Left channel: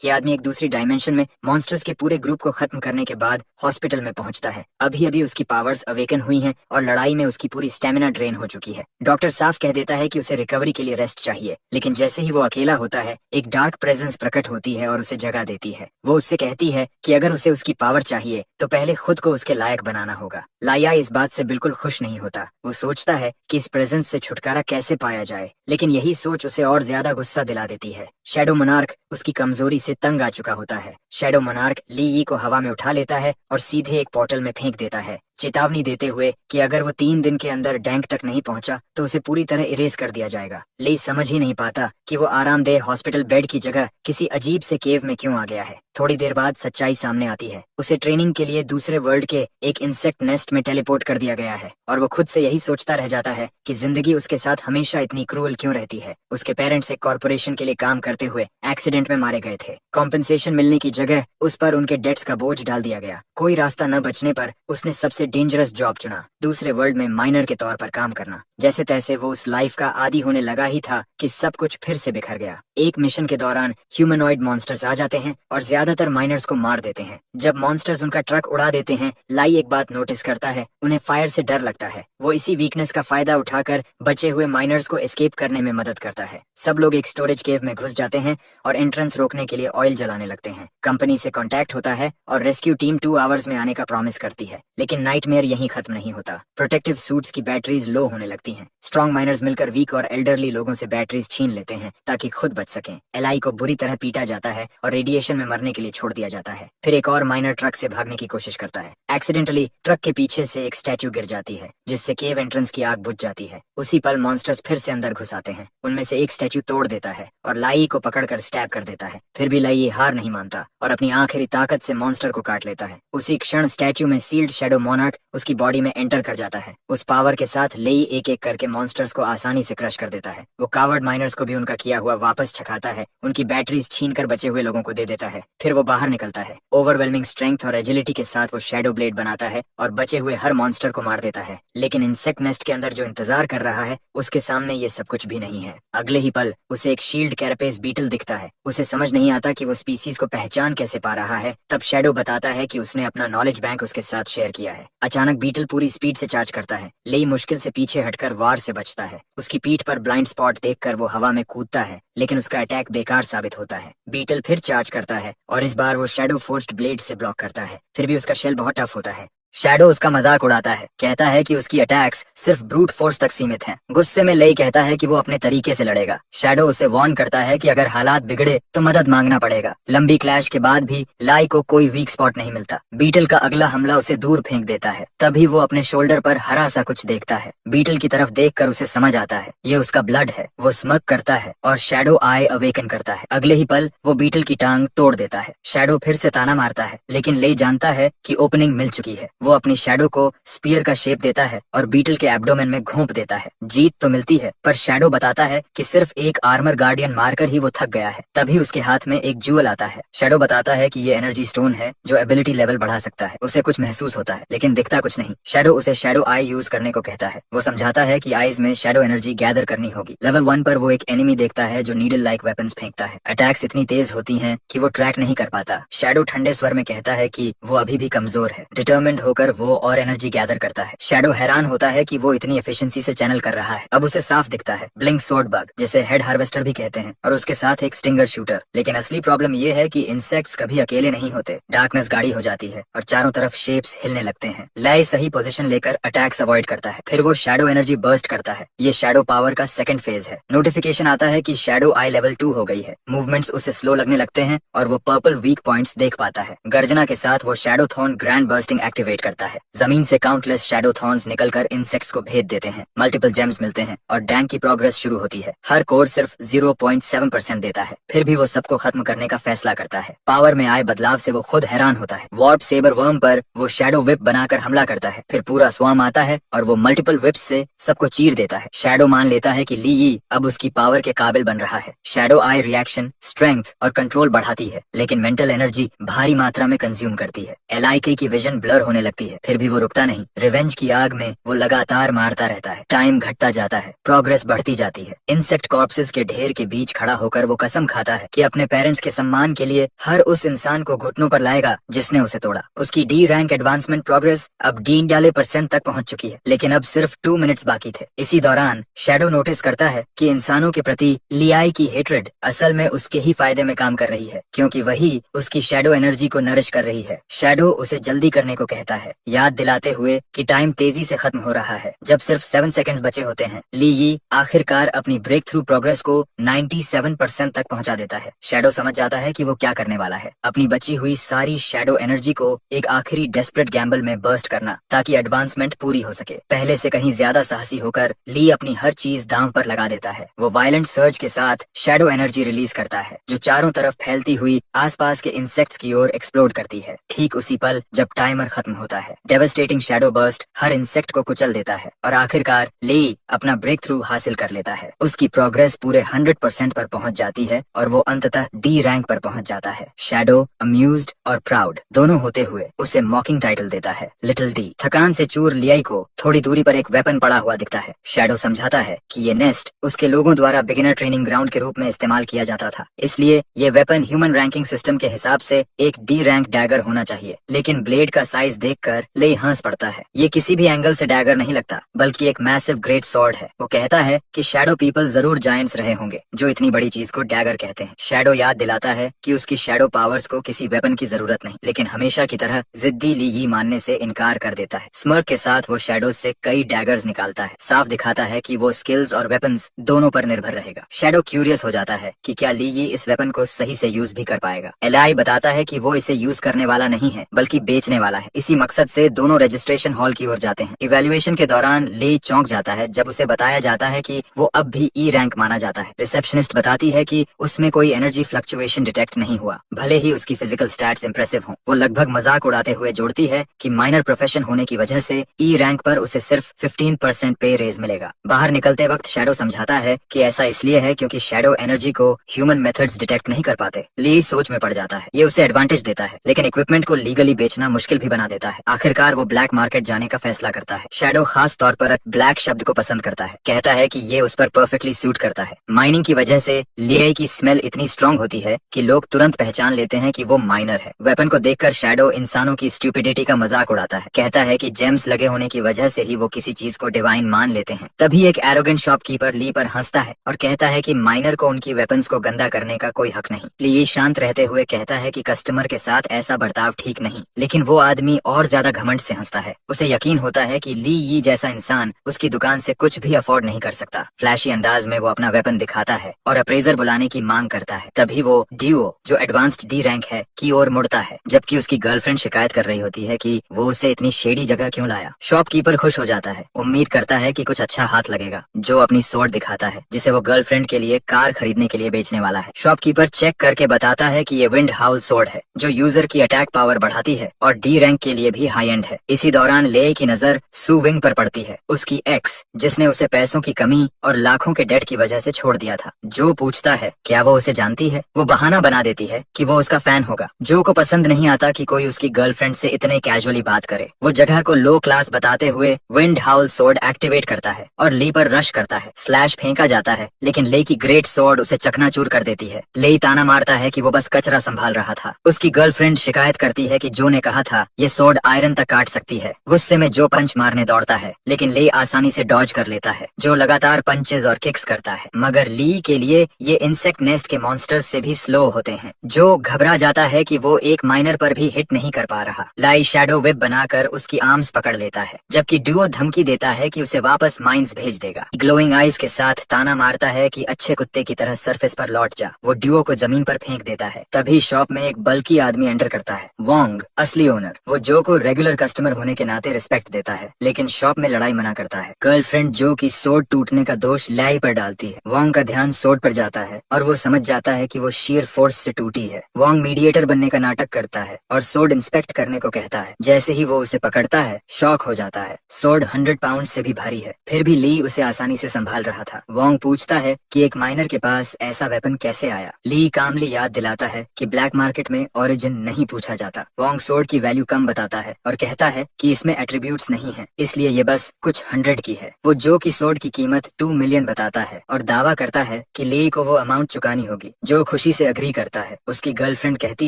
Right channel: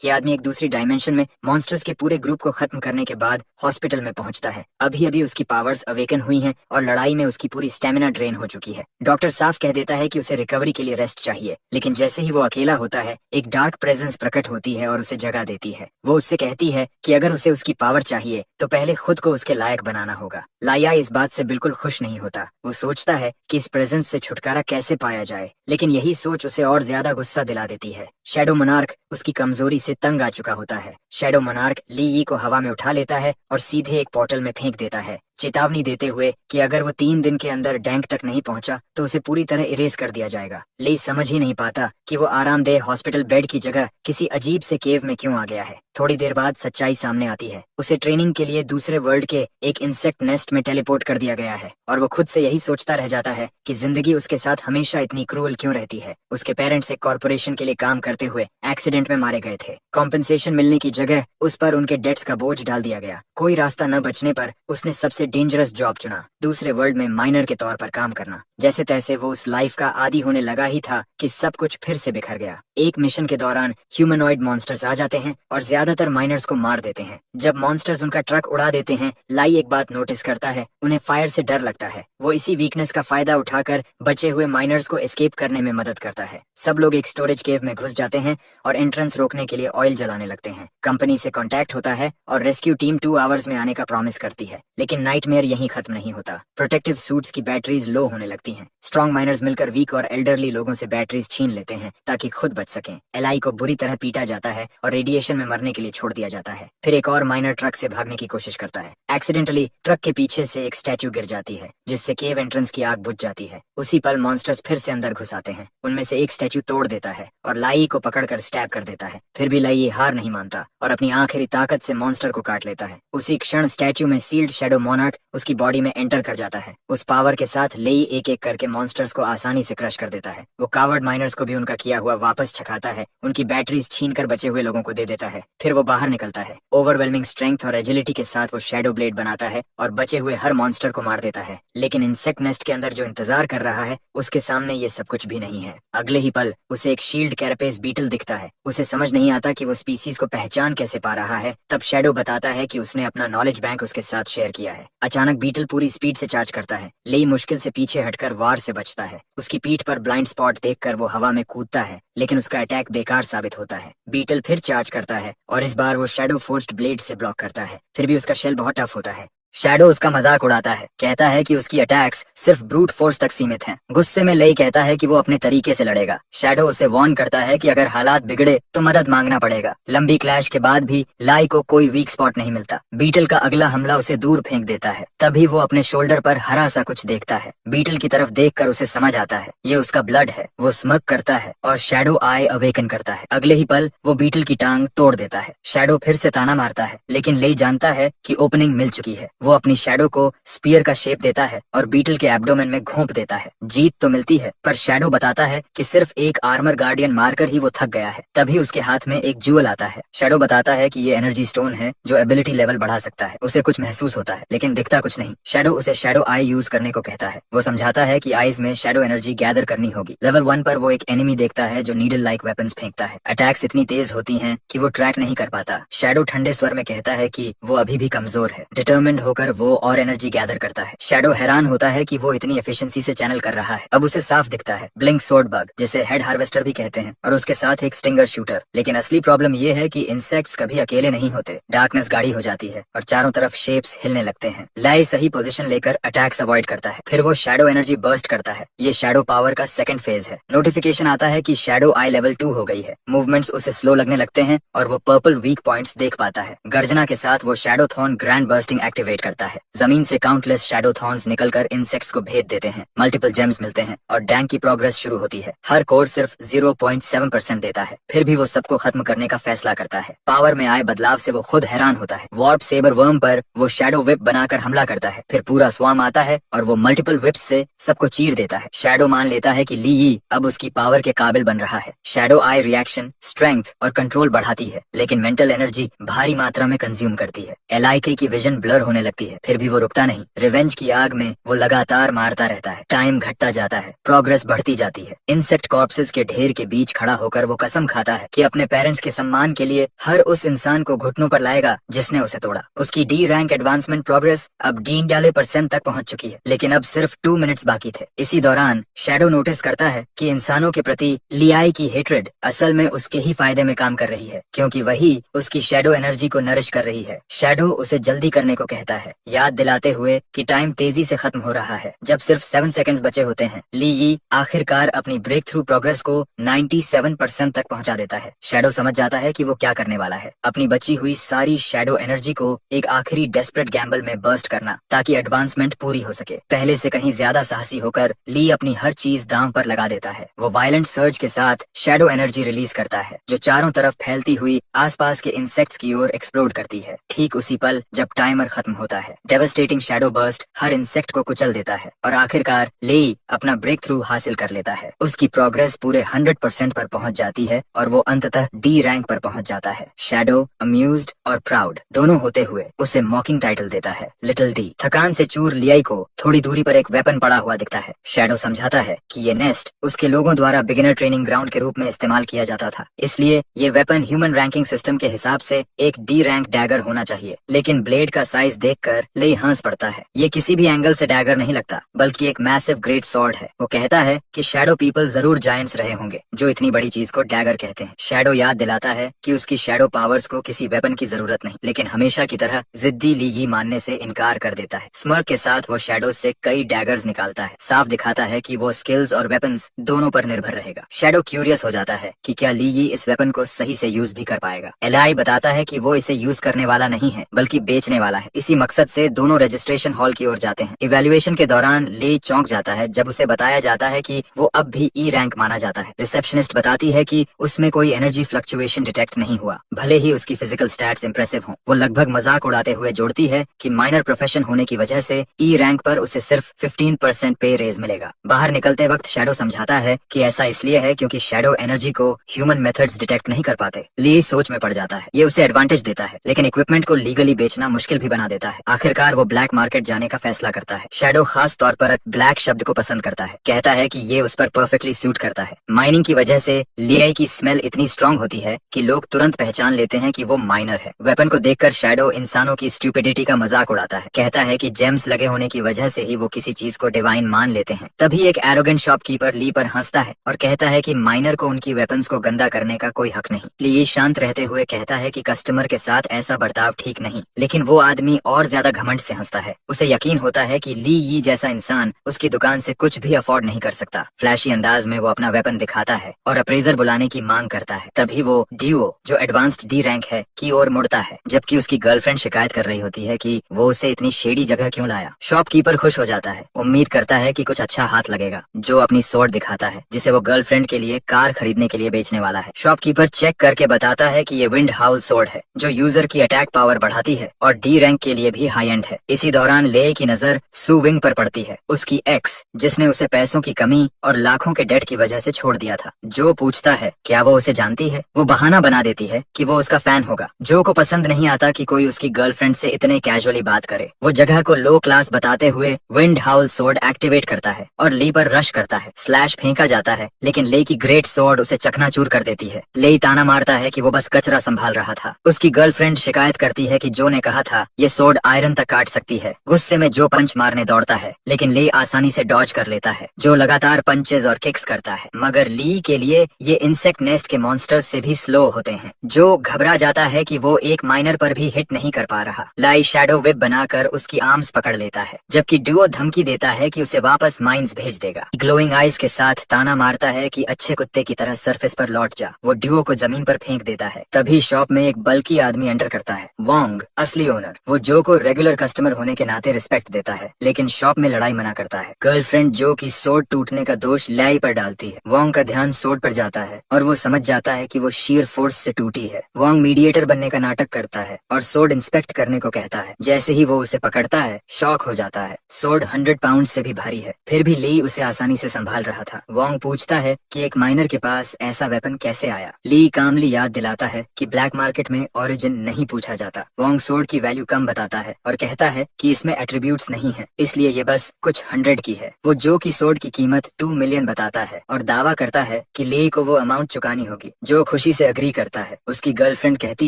ये आदमी एक दूसरी डायमेंशन में मॉन्स्टर्स के पूरे ग्रुप को खत्म करने के बाद हॉस्पिटल में पहुंचता है। अभी अभी उसकी पावर्स अवेकन हुई हैं और लड़ाई में उसकी पूरी स्टेमिना ड्रेन हो चुकी है। डॉक्टर साफ कह देता है कि उसे रिकवरी के लिए रेस्ट चाहिए, लेकिन जैसे ही वो अकेला होता है एक डार्क प्रेजेंस प्रकट होती है और उसे जगा देती है। वो उससे कहती है कि अगर उसे उसकी पावर चाहिए तो पहले खुद को उसके लायक बनाना होगा। लाया इस बात से बिल्कुल खुश नहीं होता। वो सोचता है कि इस प्रेजेंस से छुटकारा कैसे पाया जाए, लेकिन यही सोच उसे और ज्यादा गुस्सा दिला देती है। शैडो मोनार्क उसकी कमजोरी से तंग आ चुका होता है। शैडो मोनार्क ली यी को हवा में उठा लेता है और सीधे एक पोर्टल में फेंक देता है, चेतावनी देते हुए कि अगर वो 3 दिन के अंदर डैंक तक नहीं पहुंचा तो उसे पूरी तरह इरेज कर दिया जाएगा। ली समझ ही नहीं पाता कि वो आरामदेह हॉस्पिटल बेड की जगह किसी अजीब से केव में क्यों आ गया है। थोड़ी देर बाद सच्चाई सामने आती है। उसे ट्रेनिंग के लिए दूसरे वर्ल्ड के एक इंसेक्ट नेस्ट में टेलीपोर्ट कर दिया गया है और वो खुद से यही सोचता रह जाता है कि जिंदगी उसके साथ हमेशा इतनी क्रूअल क्यों रहती है। उसके पेरेंट्स एक कॉर्पोरेशन के लिए काम करते हुए एक्सीडेंट में मारे गए थे। कॉम्पेंसेशन मिलने की जगह उस पर उनके डेट्स का बोझ डाल दिया गया। कोई रास्ता न बचने पर उसने सबसे डेंजरस जॉब चुना, दूसरे वर्ल्ड में माइनर के तौर पर काम करना। जैसे तैसे वो उस लाइफ का आदी होने लगा ही था कि सब कुछ फिर से बिखर गया। एक मिशन के दौरान ह्यूमनॉइड मॉन्स्टर्स आ जाते हैं और ज्यादातर माइनर्स को मार देते हैं। जब मॉन्स्टर्स उनका ट्रक उड़ा देते हैं, लाई एक बात नोटिस करता है, उन्हें फायर से डर लगता है। वो इसी वीकनेस का फायदा उठाकर बचे हुए माइनर्स को एस्केप करने में मदद करता है। सब लोग एक स्टोरेज केव में घुस जाते हैं और एंट्रेंस रोकने के लिए ऑयल जलाने लगते हैं। कंपनी से कांटेक्ट होता है और रेस्क्यू टीम 2 आवर्स में आने का प्रॉमिस करती है, लेकिन नाइटमेयर यहीं खत्म नहीं होता। प्रोटेक्टिव सूट्स की बैटरीज लो होने लगती हैं। स्ट्रॉन्ग माइनर्स मिलकर वीक और एल्डरली लोगों से बैटरीज छीन लेते हैं ताकि खुद बच सकें। एलाई को बुरी तरह पीटा जाता है और रेडिएशन में मरने के लिए छोड़ दिया जाता है। फिर एक और माइनर ट्रक से भागने की कोशिश करता है। एक्सीडेंटली ट्रक के पीछे से एक स्टैचू गिर जाती है, जिससे केव एंट्रेंस की आग बुझ जाती है। उसी पल मॉन्स्टर्स फिर से अंदर घुस आते हैं। उनमें से एक स्टैचू तोड़ देता है और लाई को पकड़कर स्टैब कर देता है। फिर भी लाई हार नहीं मानता और अपनी आखिरी ताकत से मॉन्स्टर को काट लेता है। उसी क्षण स्टैचू में सील्ड शैडो मोनार्क उसकी बॉडी में एंटर कर जाता है। उस पावर के साथ लेई एक एक करके मॉन्स्टर्स को आसानी से क्रश कर देता है। वो कावर्ड माइनर्स को भी उनका किया हुआ वापस छकाता है, उनकी बैटरीज छीन कर बचे हुए लोगों को दे देता है। फिर वो बाहर निकलता है। ओवरवेलमिंग स्ट्रेंथ और एजिलिटी के साथ वो शैडो ब्लेड बनाता है और बचे हुए हर मॉन्स्टर को मार देता है। लेकिन इंसेक्ट नेस्ट के अंदर जो इंतजार कर रहा है उसके सामने ये सब कुछ भी नहीं है। अगले ही पल उसे एक शील्ड कैरेपेस बीटल दिखता है। उसे समझ नहीं आता कि वो स्पीसीज को पहचान कैसे पा रहा है। तब शैडो बताता है कि उसने अपना नॉलेज बैंक उसके साथ शेयर किया है। अचानक बीटल पूरी स्पीड से चार्ज करता है। लेई मुश्किल से पीछे हटकर वार से बचता है। उसकी पीठ पर ब्लाइंड स्पॉट देखकर वो हवा में कूदता है, लेकिन उसका अटैक बेकार साबित होता है। बीटल फिर चार्ज करता है और इस बार वो शैडो फोर्स्ड ब्लेड से ब्लॉक करता है। फिर भी उसका शेल बहुत टफ होता है। शैडो उसका मजाक उड़ाता है, कहता है कि उसकी अटैक्स सिर्फ ब्रूट फोर्स तक सीमित हैं। गुस्से में लेई कहता है कि वो अपने तरीके से लड़ेगा। शैडो उसे वार्न करता है कि अगर हालात बिगड़े तो मदद मांगना पड़ेगा। लंबी क्लैश के बाद भी लाई को कोई वीक स्पॉट नहीं मिलता। बीटल का अगला हमला उसे दूर फेंक देता है। तभी वो अपने शोल्डर पर हरा सा कुछ देखता है। बीटल की तरफ देखकर उसे समझ आता है ये उसका ब्लड है। वो स्मग करता है और शैडो आई अवेकन करता है। अगले ही पल वो बीटल की टांग तोड़ देता है। शैडो फिर से ताना मारता है, लेकिन लेई जानता है कि ओपनिंग मिल चुकी है। वो अपनी शैडो को स्पीयर का शेप देता है और बीटल के एब्डोमेन में घोंप देता है। जीत तो मिलती है, पर शैडो बताता है कि सिर्फ एक आर्मर गार्डियन मारकर ही वो थक गया है। तभी उसके हाथ में एक ज्यूअल आता है। शैडो बताता है कि ये एनर्जी स्टोन है जो एबिलिटी लेवल बढ़ा सकता है। उसे कुछ महसूस होता है, लेकिन दिखता कुछ नहीं। शैडो उसे शैडो आई यूज करने को कहता है। वो समझाता है कि आईज में शैडो एनर्जी गैदर करनी होगी। लेवल 1 पर वो एक एनिमी देखता है जो नीडल लाइक वेपन्स फेंकता है। अटैक्स इतनी तेज होती हैं कि वो ट्रैक नहीं कर पाता। शैडो ठंडे स्वर में कहता है कि वो अभी भी कमजोर है। डिटर्मिन्ड होकर वो और एनर्जी गैदर करता है। शैडो हैरान होता है कि वो इतनी एफिशिएंसी से चैनल कर रहा है। अब उसे साफ दिखता है ब्लिंक सोर्ड बग, जिसे हेड हार्वेस्टर भी कहते हैं, और उसके साथ एक स्टिंगर शूटर। लेकिन असली प्रॉब्लम ये है कि इंसेक्ट्स कभी अकेले नहीं होते। डार्कनेस गाढ़ी हो जाती है और चारों तरफ शेप्स हिलने लगते हैं। लाई सही पोजीशन लेकर अटैक्स अवॉइड करता है। फिर वो शैडो एनर्जी बर्स्ट करता है। ये शैडो पावर का सेकंड फेज है। नोटिफिकेशन आता है कि शैडो आई लेवल 2 हो गई है। मूवमेंट्स उसे स्लो लगने लगते हैं और वो पर्पल वीक पॉइंट्स देख पाता है। गर्जना के साथ वो shadow thorn grand bursting activate करता है। जमीन से काउंटलेस शैडो थॉर्न्स निकलकर इंसेक्ट्स को भेद देते हैं। मल्टीपल जेम्स मिलते हैं और डैंक की प्रोग्रेस शुरू होती है। हर कोर सिर्फ 0.7% देता है। फिर भी वो सबको खत्म करने का फैसला करता है। पावर में आए बदलाव से वो खुद हैरान होता है। वार्प सेबर वर्म पर वो शैडो विप बनाकर हमला करता है। फिर पूरा स्वार्म आता है और वो मल्टीपल विप्स से सबको चीर देता है। शैडो मान लेता है कि ली यी अब उसकी पावर के काबिल बन रहा है। शैडो आई रिएक्शन, स्ट्रेंथ और कंट्रोल बढ़ाती है, लेकिन मेंटल एनर्जी भारी मात्रा में कंज्यूम करती है। एलआईके की विजन ब्लर होने लगती है, फिर भी वो रुकता नहीं। रिवेंज की आग में वो लगातार मारता रहता है। टाइम घटता जाता है, प्रोग्रेस बढ़ती जाती है। इंसेक्ट कॉर्प्सेस के ढेर के बीच खड़ा होकर वो कसम खाता है कि अपने पेरेंट्स के सम्मान के लिए हर उस इंसान को घुटनों पर लाएगा जिसने उसे तोड़ा। उसकी डी रैंक एडवांसमेंट प्रोग्रेस अब 93% तक पहुंच चुकी है, लेकिन अब सिर्फ 2 मिनट्स बाकी थे। इसी दौरान शैडो नोटिस करता है कि इंसानों के प्रति लियाई की हेट्रेड असल में उसके ही फायदे में काम कर रही है, क्योंकि वही उसकी शैडो एनर्जी को नरिश कर रही है। शैडो उसे जल्दी करने को कहता है, याद दिलाते हुए कि टाइम तेजी से खत्म हो रहा है। जब सिर्फ 7 सेकंड्स बचे होते हैं, ली यी आखिरकार अपनी ब्रेक थ्रू प्रोग्रेस को 97% तक पहुंचा देता है। शैडो समझ जाता है कि वो क्या करने वाला है, अपनी बची हुई सारी शैडो एनर्जी को एक आखिरी डेस्परेट गैम्बल में बर्स्ट करना, ताकि एडवांसमेंट पूरी हो सके। पहले से कहीं ज्यादा साहसी होकर ली अपनी हर चीज दांव पर लगा देता है। वो वायलेंट सर्ज के साथ शैडो एनर्जी रिलीज करता है, जो चारों तरफ फैलती हुई आसपास के इंसेक्ट्स की ओर एक्सप्लोड करती है। ठीक उसी पल जब टाइमर खत्म होता है, डेवास्टेटिंग शैडो बर्स्ट हर इंसेक्ट को कुचल देता है और आखिरकार ली अपना ब्रेक थ्रू हासिल कर लेता है। उसकी प्रोग्रेस पूरे 100% पर पहुंच जाती है और वो अंततः डी रैंक पर पहुंच जाता है। शैडो अम्यूज्ड और प्राउड दोनों होते हुए उसे मॉकिंग टाइटल देता है, लिटिल डी। थकान से चूर लियाई को थोड़ी दूरी पर एक वेपन पड़ा हुआ दिखता है। शैडो समझाता है कि ये नेस्ट उसके लोगों द्वारा बिगिनर ट्रेनिंग ग्राउंड के रूप में इस्तेमाल किया जाता था, इसलिए ये वेपन ह्यूमन रैंकिंग सिस्टम के हिसाब से एक डी रैंक डैगर होना चाहिए। लेकिन ब्लेड का साइज देखकर ले हंस पड़ता है। ये किसी भी एंगल से डैगर नहीं लगता, बल्कि एक मैसिव ग्रेट सॉर्ड है। वो कहता है कि शैडो पीपल जरूर जायंट्स रहे होंगे जो इतनी बड़ी चीज को डैगर कहते हैं। शैडो याद दिलाता है कि उसकी शैडो पावर्स को किसी वेपन की जरूरत नहीं, लेकिन हमेशा की तरह जिद्दी ली यी मानने से इनकार कर देता है। स्मर्क के साथ वो शैडो से कई डैगर्स निकालता है, साफ दिखाता है कि वो स्किल्स और वेपन्स दोनों पर निर्भर रहेगा। शैडो क्यूरियस हो जाता है कि क्या ली यी इस वेपन को सही से यूज भी कर पाएगा। एलाई बताता है कि वो इसे यूज करने वाला नहीं है, बल्कि बेचने वाला है। इसी मकसद से दोनों रजिस्ट्रेशन हॉल की ओर जाते हैं। इवैल्यूएशन के दौरान ले चौंक जाता है जब उसे बताया जाता है कि वो अब भी ई रैंक माना जाता है। रिसेप्शनिस्ट बताती है कि उसमें कोई एनर्जी फ्लक्चुएशन डिटेक्ट नहीं हुआ, भले ही उसकी फिजिकल स्टैट्स इंप्रेसिव हों। वो लगभग मजाक उड़ाते हुए जोड़ती है कि माइनर प्रोफेशन होने की वजह से ई रैंक पर उसे सिर्फ 15% पे रेज मिलेगा। बाहर निकलते वक्त शैडो समझाता है कि ऐसा इसलिए है क्योंकि शैडो एनर्जी को ह्यूमन मेथड्स डिटेक्ट नहीं कर पाते। ली सोच में पड़ जाता है। ये उसे एडवांटेज देता है, लेकिन इक्विपमेंट को लीगली बेचना मुश्किल भी बना देता है। आखिरकार वो ब्लैक मार्केट जाने का फैसला करता है। शैडो खास तौर पर ब्लैक शब्द को पसंद करता है, कहता है कि ये उस पर परफेक्टली सूट करता है। माइनिंग की वजह से लियाई की स्मेल इतनी स्ट्रांग होती है कि लोग तुरंत पहचान लेते हैं कि वो माइनर है। वेपन को देखकर शैडो इंसानों की स्टूपिडिटी का मजाक उड़ाता है, कहता है कि जेम्स लगे होने की वजह से ही वो किसी चीज को डिवाइन मान लेते हैं। तभी एक एरोगेंट शॉपकीपर ली पर हंसता है और कहता है कि माइनर को उनकी वेपन्स को गंदा करने का कोई हक नहीं। ली शांत रहते हुए कहता है कि कस्टमर के साथ ऐसा बर्ताव ठीक नहीं, लेकिन वो आदमी और ज्यादा घमंड से हंसता है। उसे यकीन होता है कि ली यी जैसा इंसान उसकी दुकान से कुछ भी अफोर्ड नहीं कर सकता। फ्लैशी अंदाज में वो अपना वेपन दिखाता है और अप्रेजर बुलाने की मांग करता है। तभी वो ड्यूओ, जो एडवांस्ड डी रैंक है, की ओर मुड़ता है, जबकि उसकी गर्लफ्रेंड शिकायत कर रही होती है कि वो उसे इतनी शेडी जगह क्यों लाया। शॉपकीपर खुश हो जाता है, उम्मीद करता है कि कुछ अच्छा हाथ लगेगा। जो अपनी स्वॉर्ड दिखाता है, जिसे वो गर्लफ्रेंड के लिए कार खरीदने के लिए बेचने वाला है। शॉपकीपर चेक करके बताता है कि ये विंड हाउल स्वॉर्ड है, जो यूजर की अटैक पावर बढ़ाती है और डी रैंक के लिए भी हाई एंड है। इसी दौरान ले की नजर सू विंग पर पड़ती है, उसकी एक्स, जिसने उसे पैसों की कमी और लाखों के डेट की वजह से छोड़ दिया था। जो पूछता है क्या वो उसे जानती है। वो बहाना बना देती है कि वो उसका फैन होगा। जो को पसंद नहीं आता कि कोई उसकी गर्लफ्रेंड से इतने कैजुअली बात करे। वो जगह को लो क्लास बताते हुए विंड हाउल स्वॉर्ड एक्टिवेट करता है और ली पर रश करता है। स्लैश फेंका जाता है, लेकिन ले की ग्रेट स्वॉर्ड उसे चकनाचूर कर देती है। ले ताना मारता है कि वो बस कचरा संभाल रहा था। उसकी गर्लफ्रेंड शिकायत करती है कि जो ने कहा था ये स्वॉर्ड आयरन तक काट सकती है। गुस्से में जो पंच मारने दौड़ता है, लेकिन ले आसानी से डॉज कर लेता है। जो लगातार पंचेस और किक्स करता है, मगर ली के लिए ये इंसेक्ट नेस्ट के मॉन्स्टर्स से भी स्लो होते हैं। जो घबरा जाता है कि वो एक माइनर पर भी हिट नहीं कर पा रहा। लाई शैडो वेब बनाकर उसकी आर्म्स पकड़ लेता है, जबकि ड्यूओ धमकी देता है कि उसे वापस माइंस भेज देगा। ग्लोइंग आईज के साथ ताना मारता है कि अच्छे कुत्ते की तरह सरफेस पर लौट जा। वो ड्यूओ को जमीन पर फेंक देता है। तभी शॉप में एक बल्कि आदमी एंटर करता है, वोंग, असली ओनर। वो जो को रेगुलर कस्टमर होने के नाते रिस्पेक्ट देता है, लेकिन शॉप में लड़ाई मना करता है। गर्लफ्रेंड जो की सोड टूटने का दोष लाई पर डालती है। वोंग का ध्यान सोड पर जाता है और वो समझ जाता है कि वो शीर फोर्स से टूटी है। वोंग मीडिएटर बनने का नाटक करता है और सोड इंस्पेक्ट करने को कहता है। जैसे ही वो उसे पकड़ता है, शॉक हो जाता है। सोड 100 पाउंड से भी भारी है, फिर भी ली उसे आसानी से संभाल रहा था। वोंग पूछता है कि एक माइनर के पास ऐसा वेपन कैसे आया। ली कामली याद दिलाता है कि ब्लैक मार्केट में ओरिजिन नहीं पूछा जाता। वोंग सोड की वैल्यू कम बताता करता है और कहता है कि इसमें एट्रीब्यूट्स नहीं है, इसलिए ये बस कुछ 100 की है। वो जो की सोड की कीमत 2 मिलियन बताता है और दावा करता है कि लेई को वो अमाउंट चुकानी होगी। जो खुशी से अग्री करता है। उसकी गर्लफ्रेंड कहती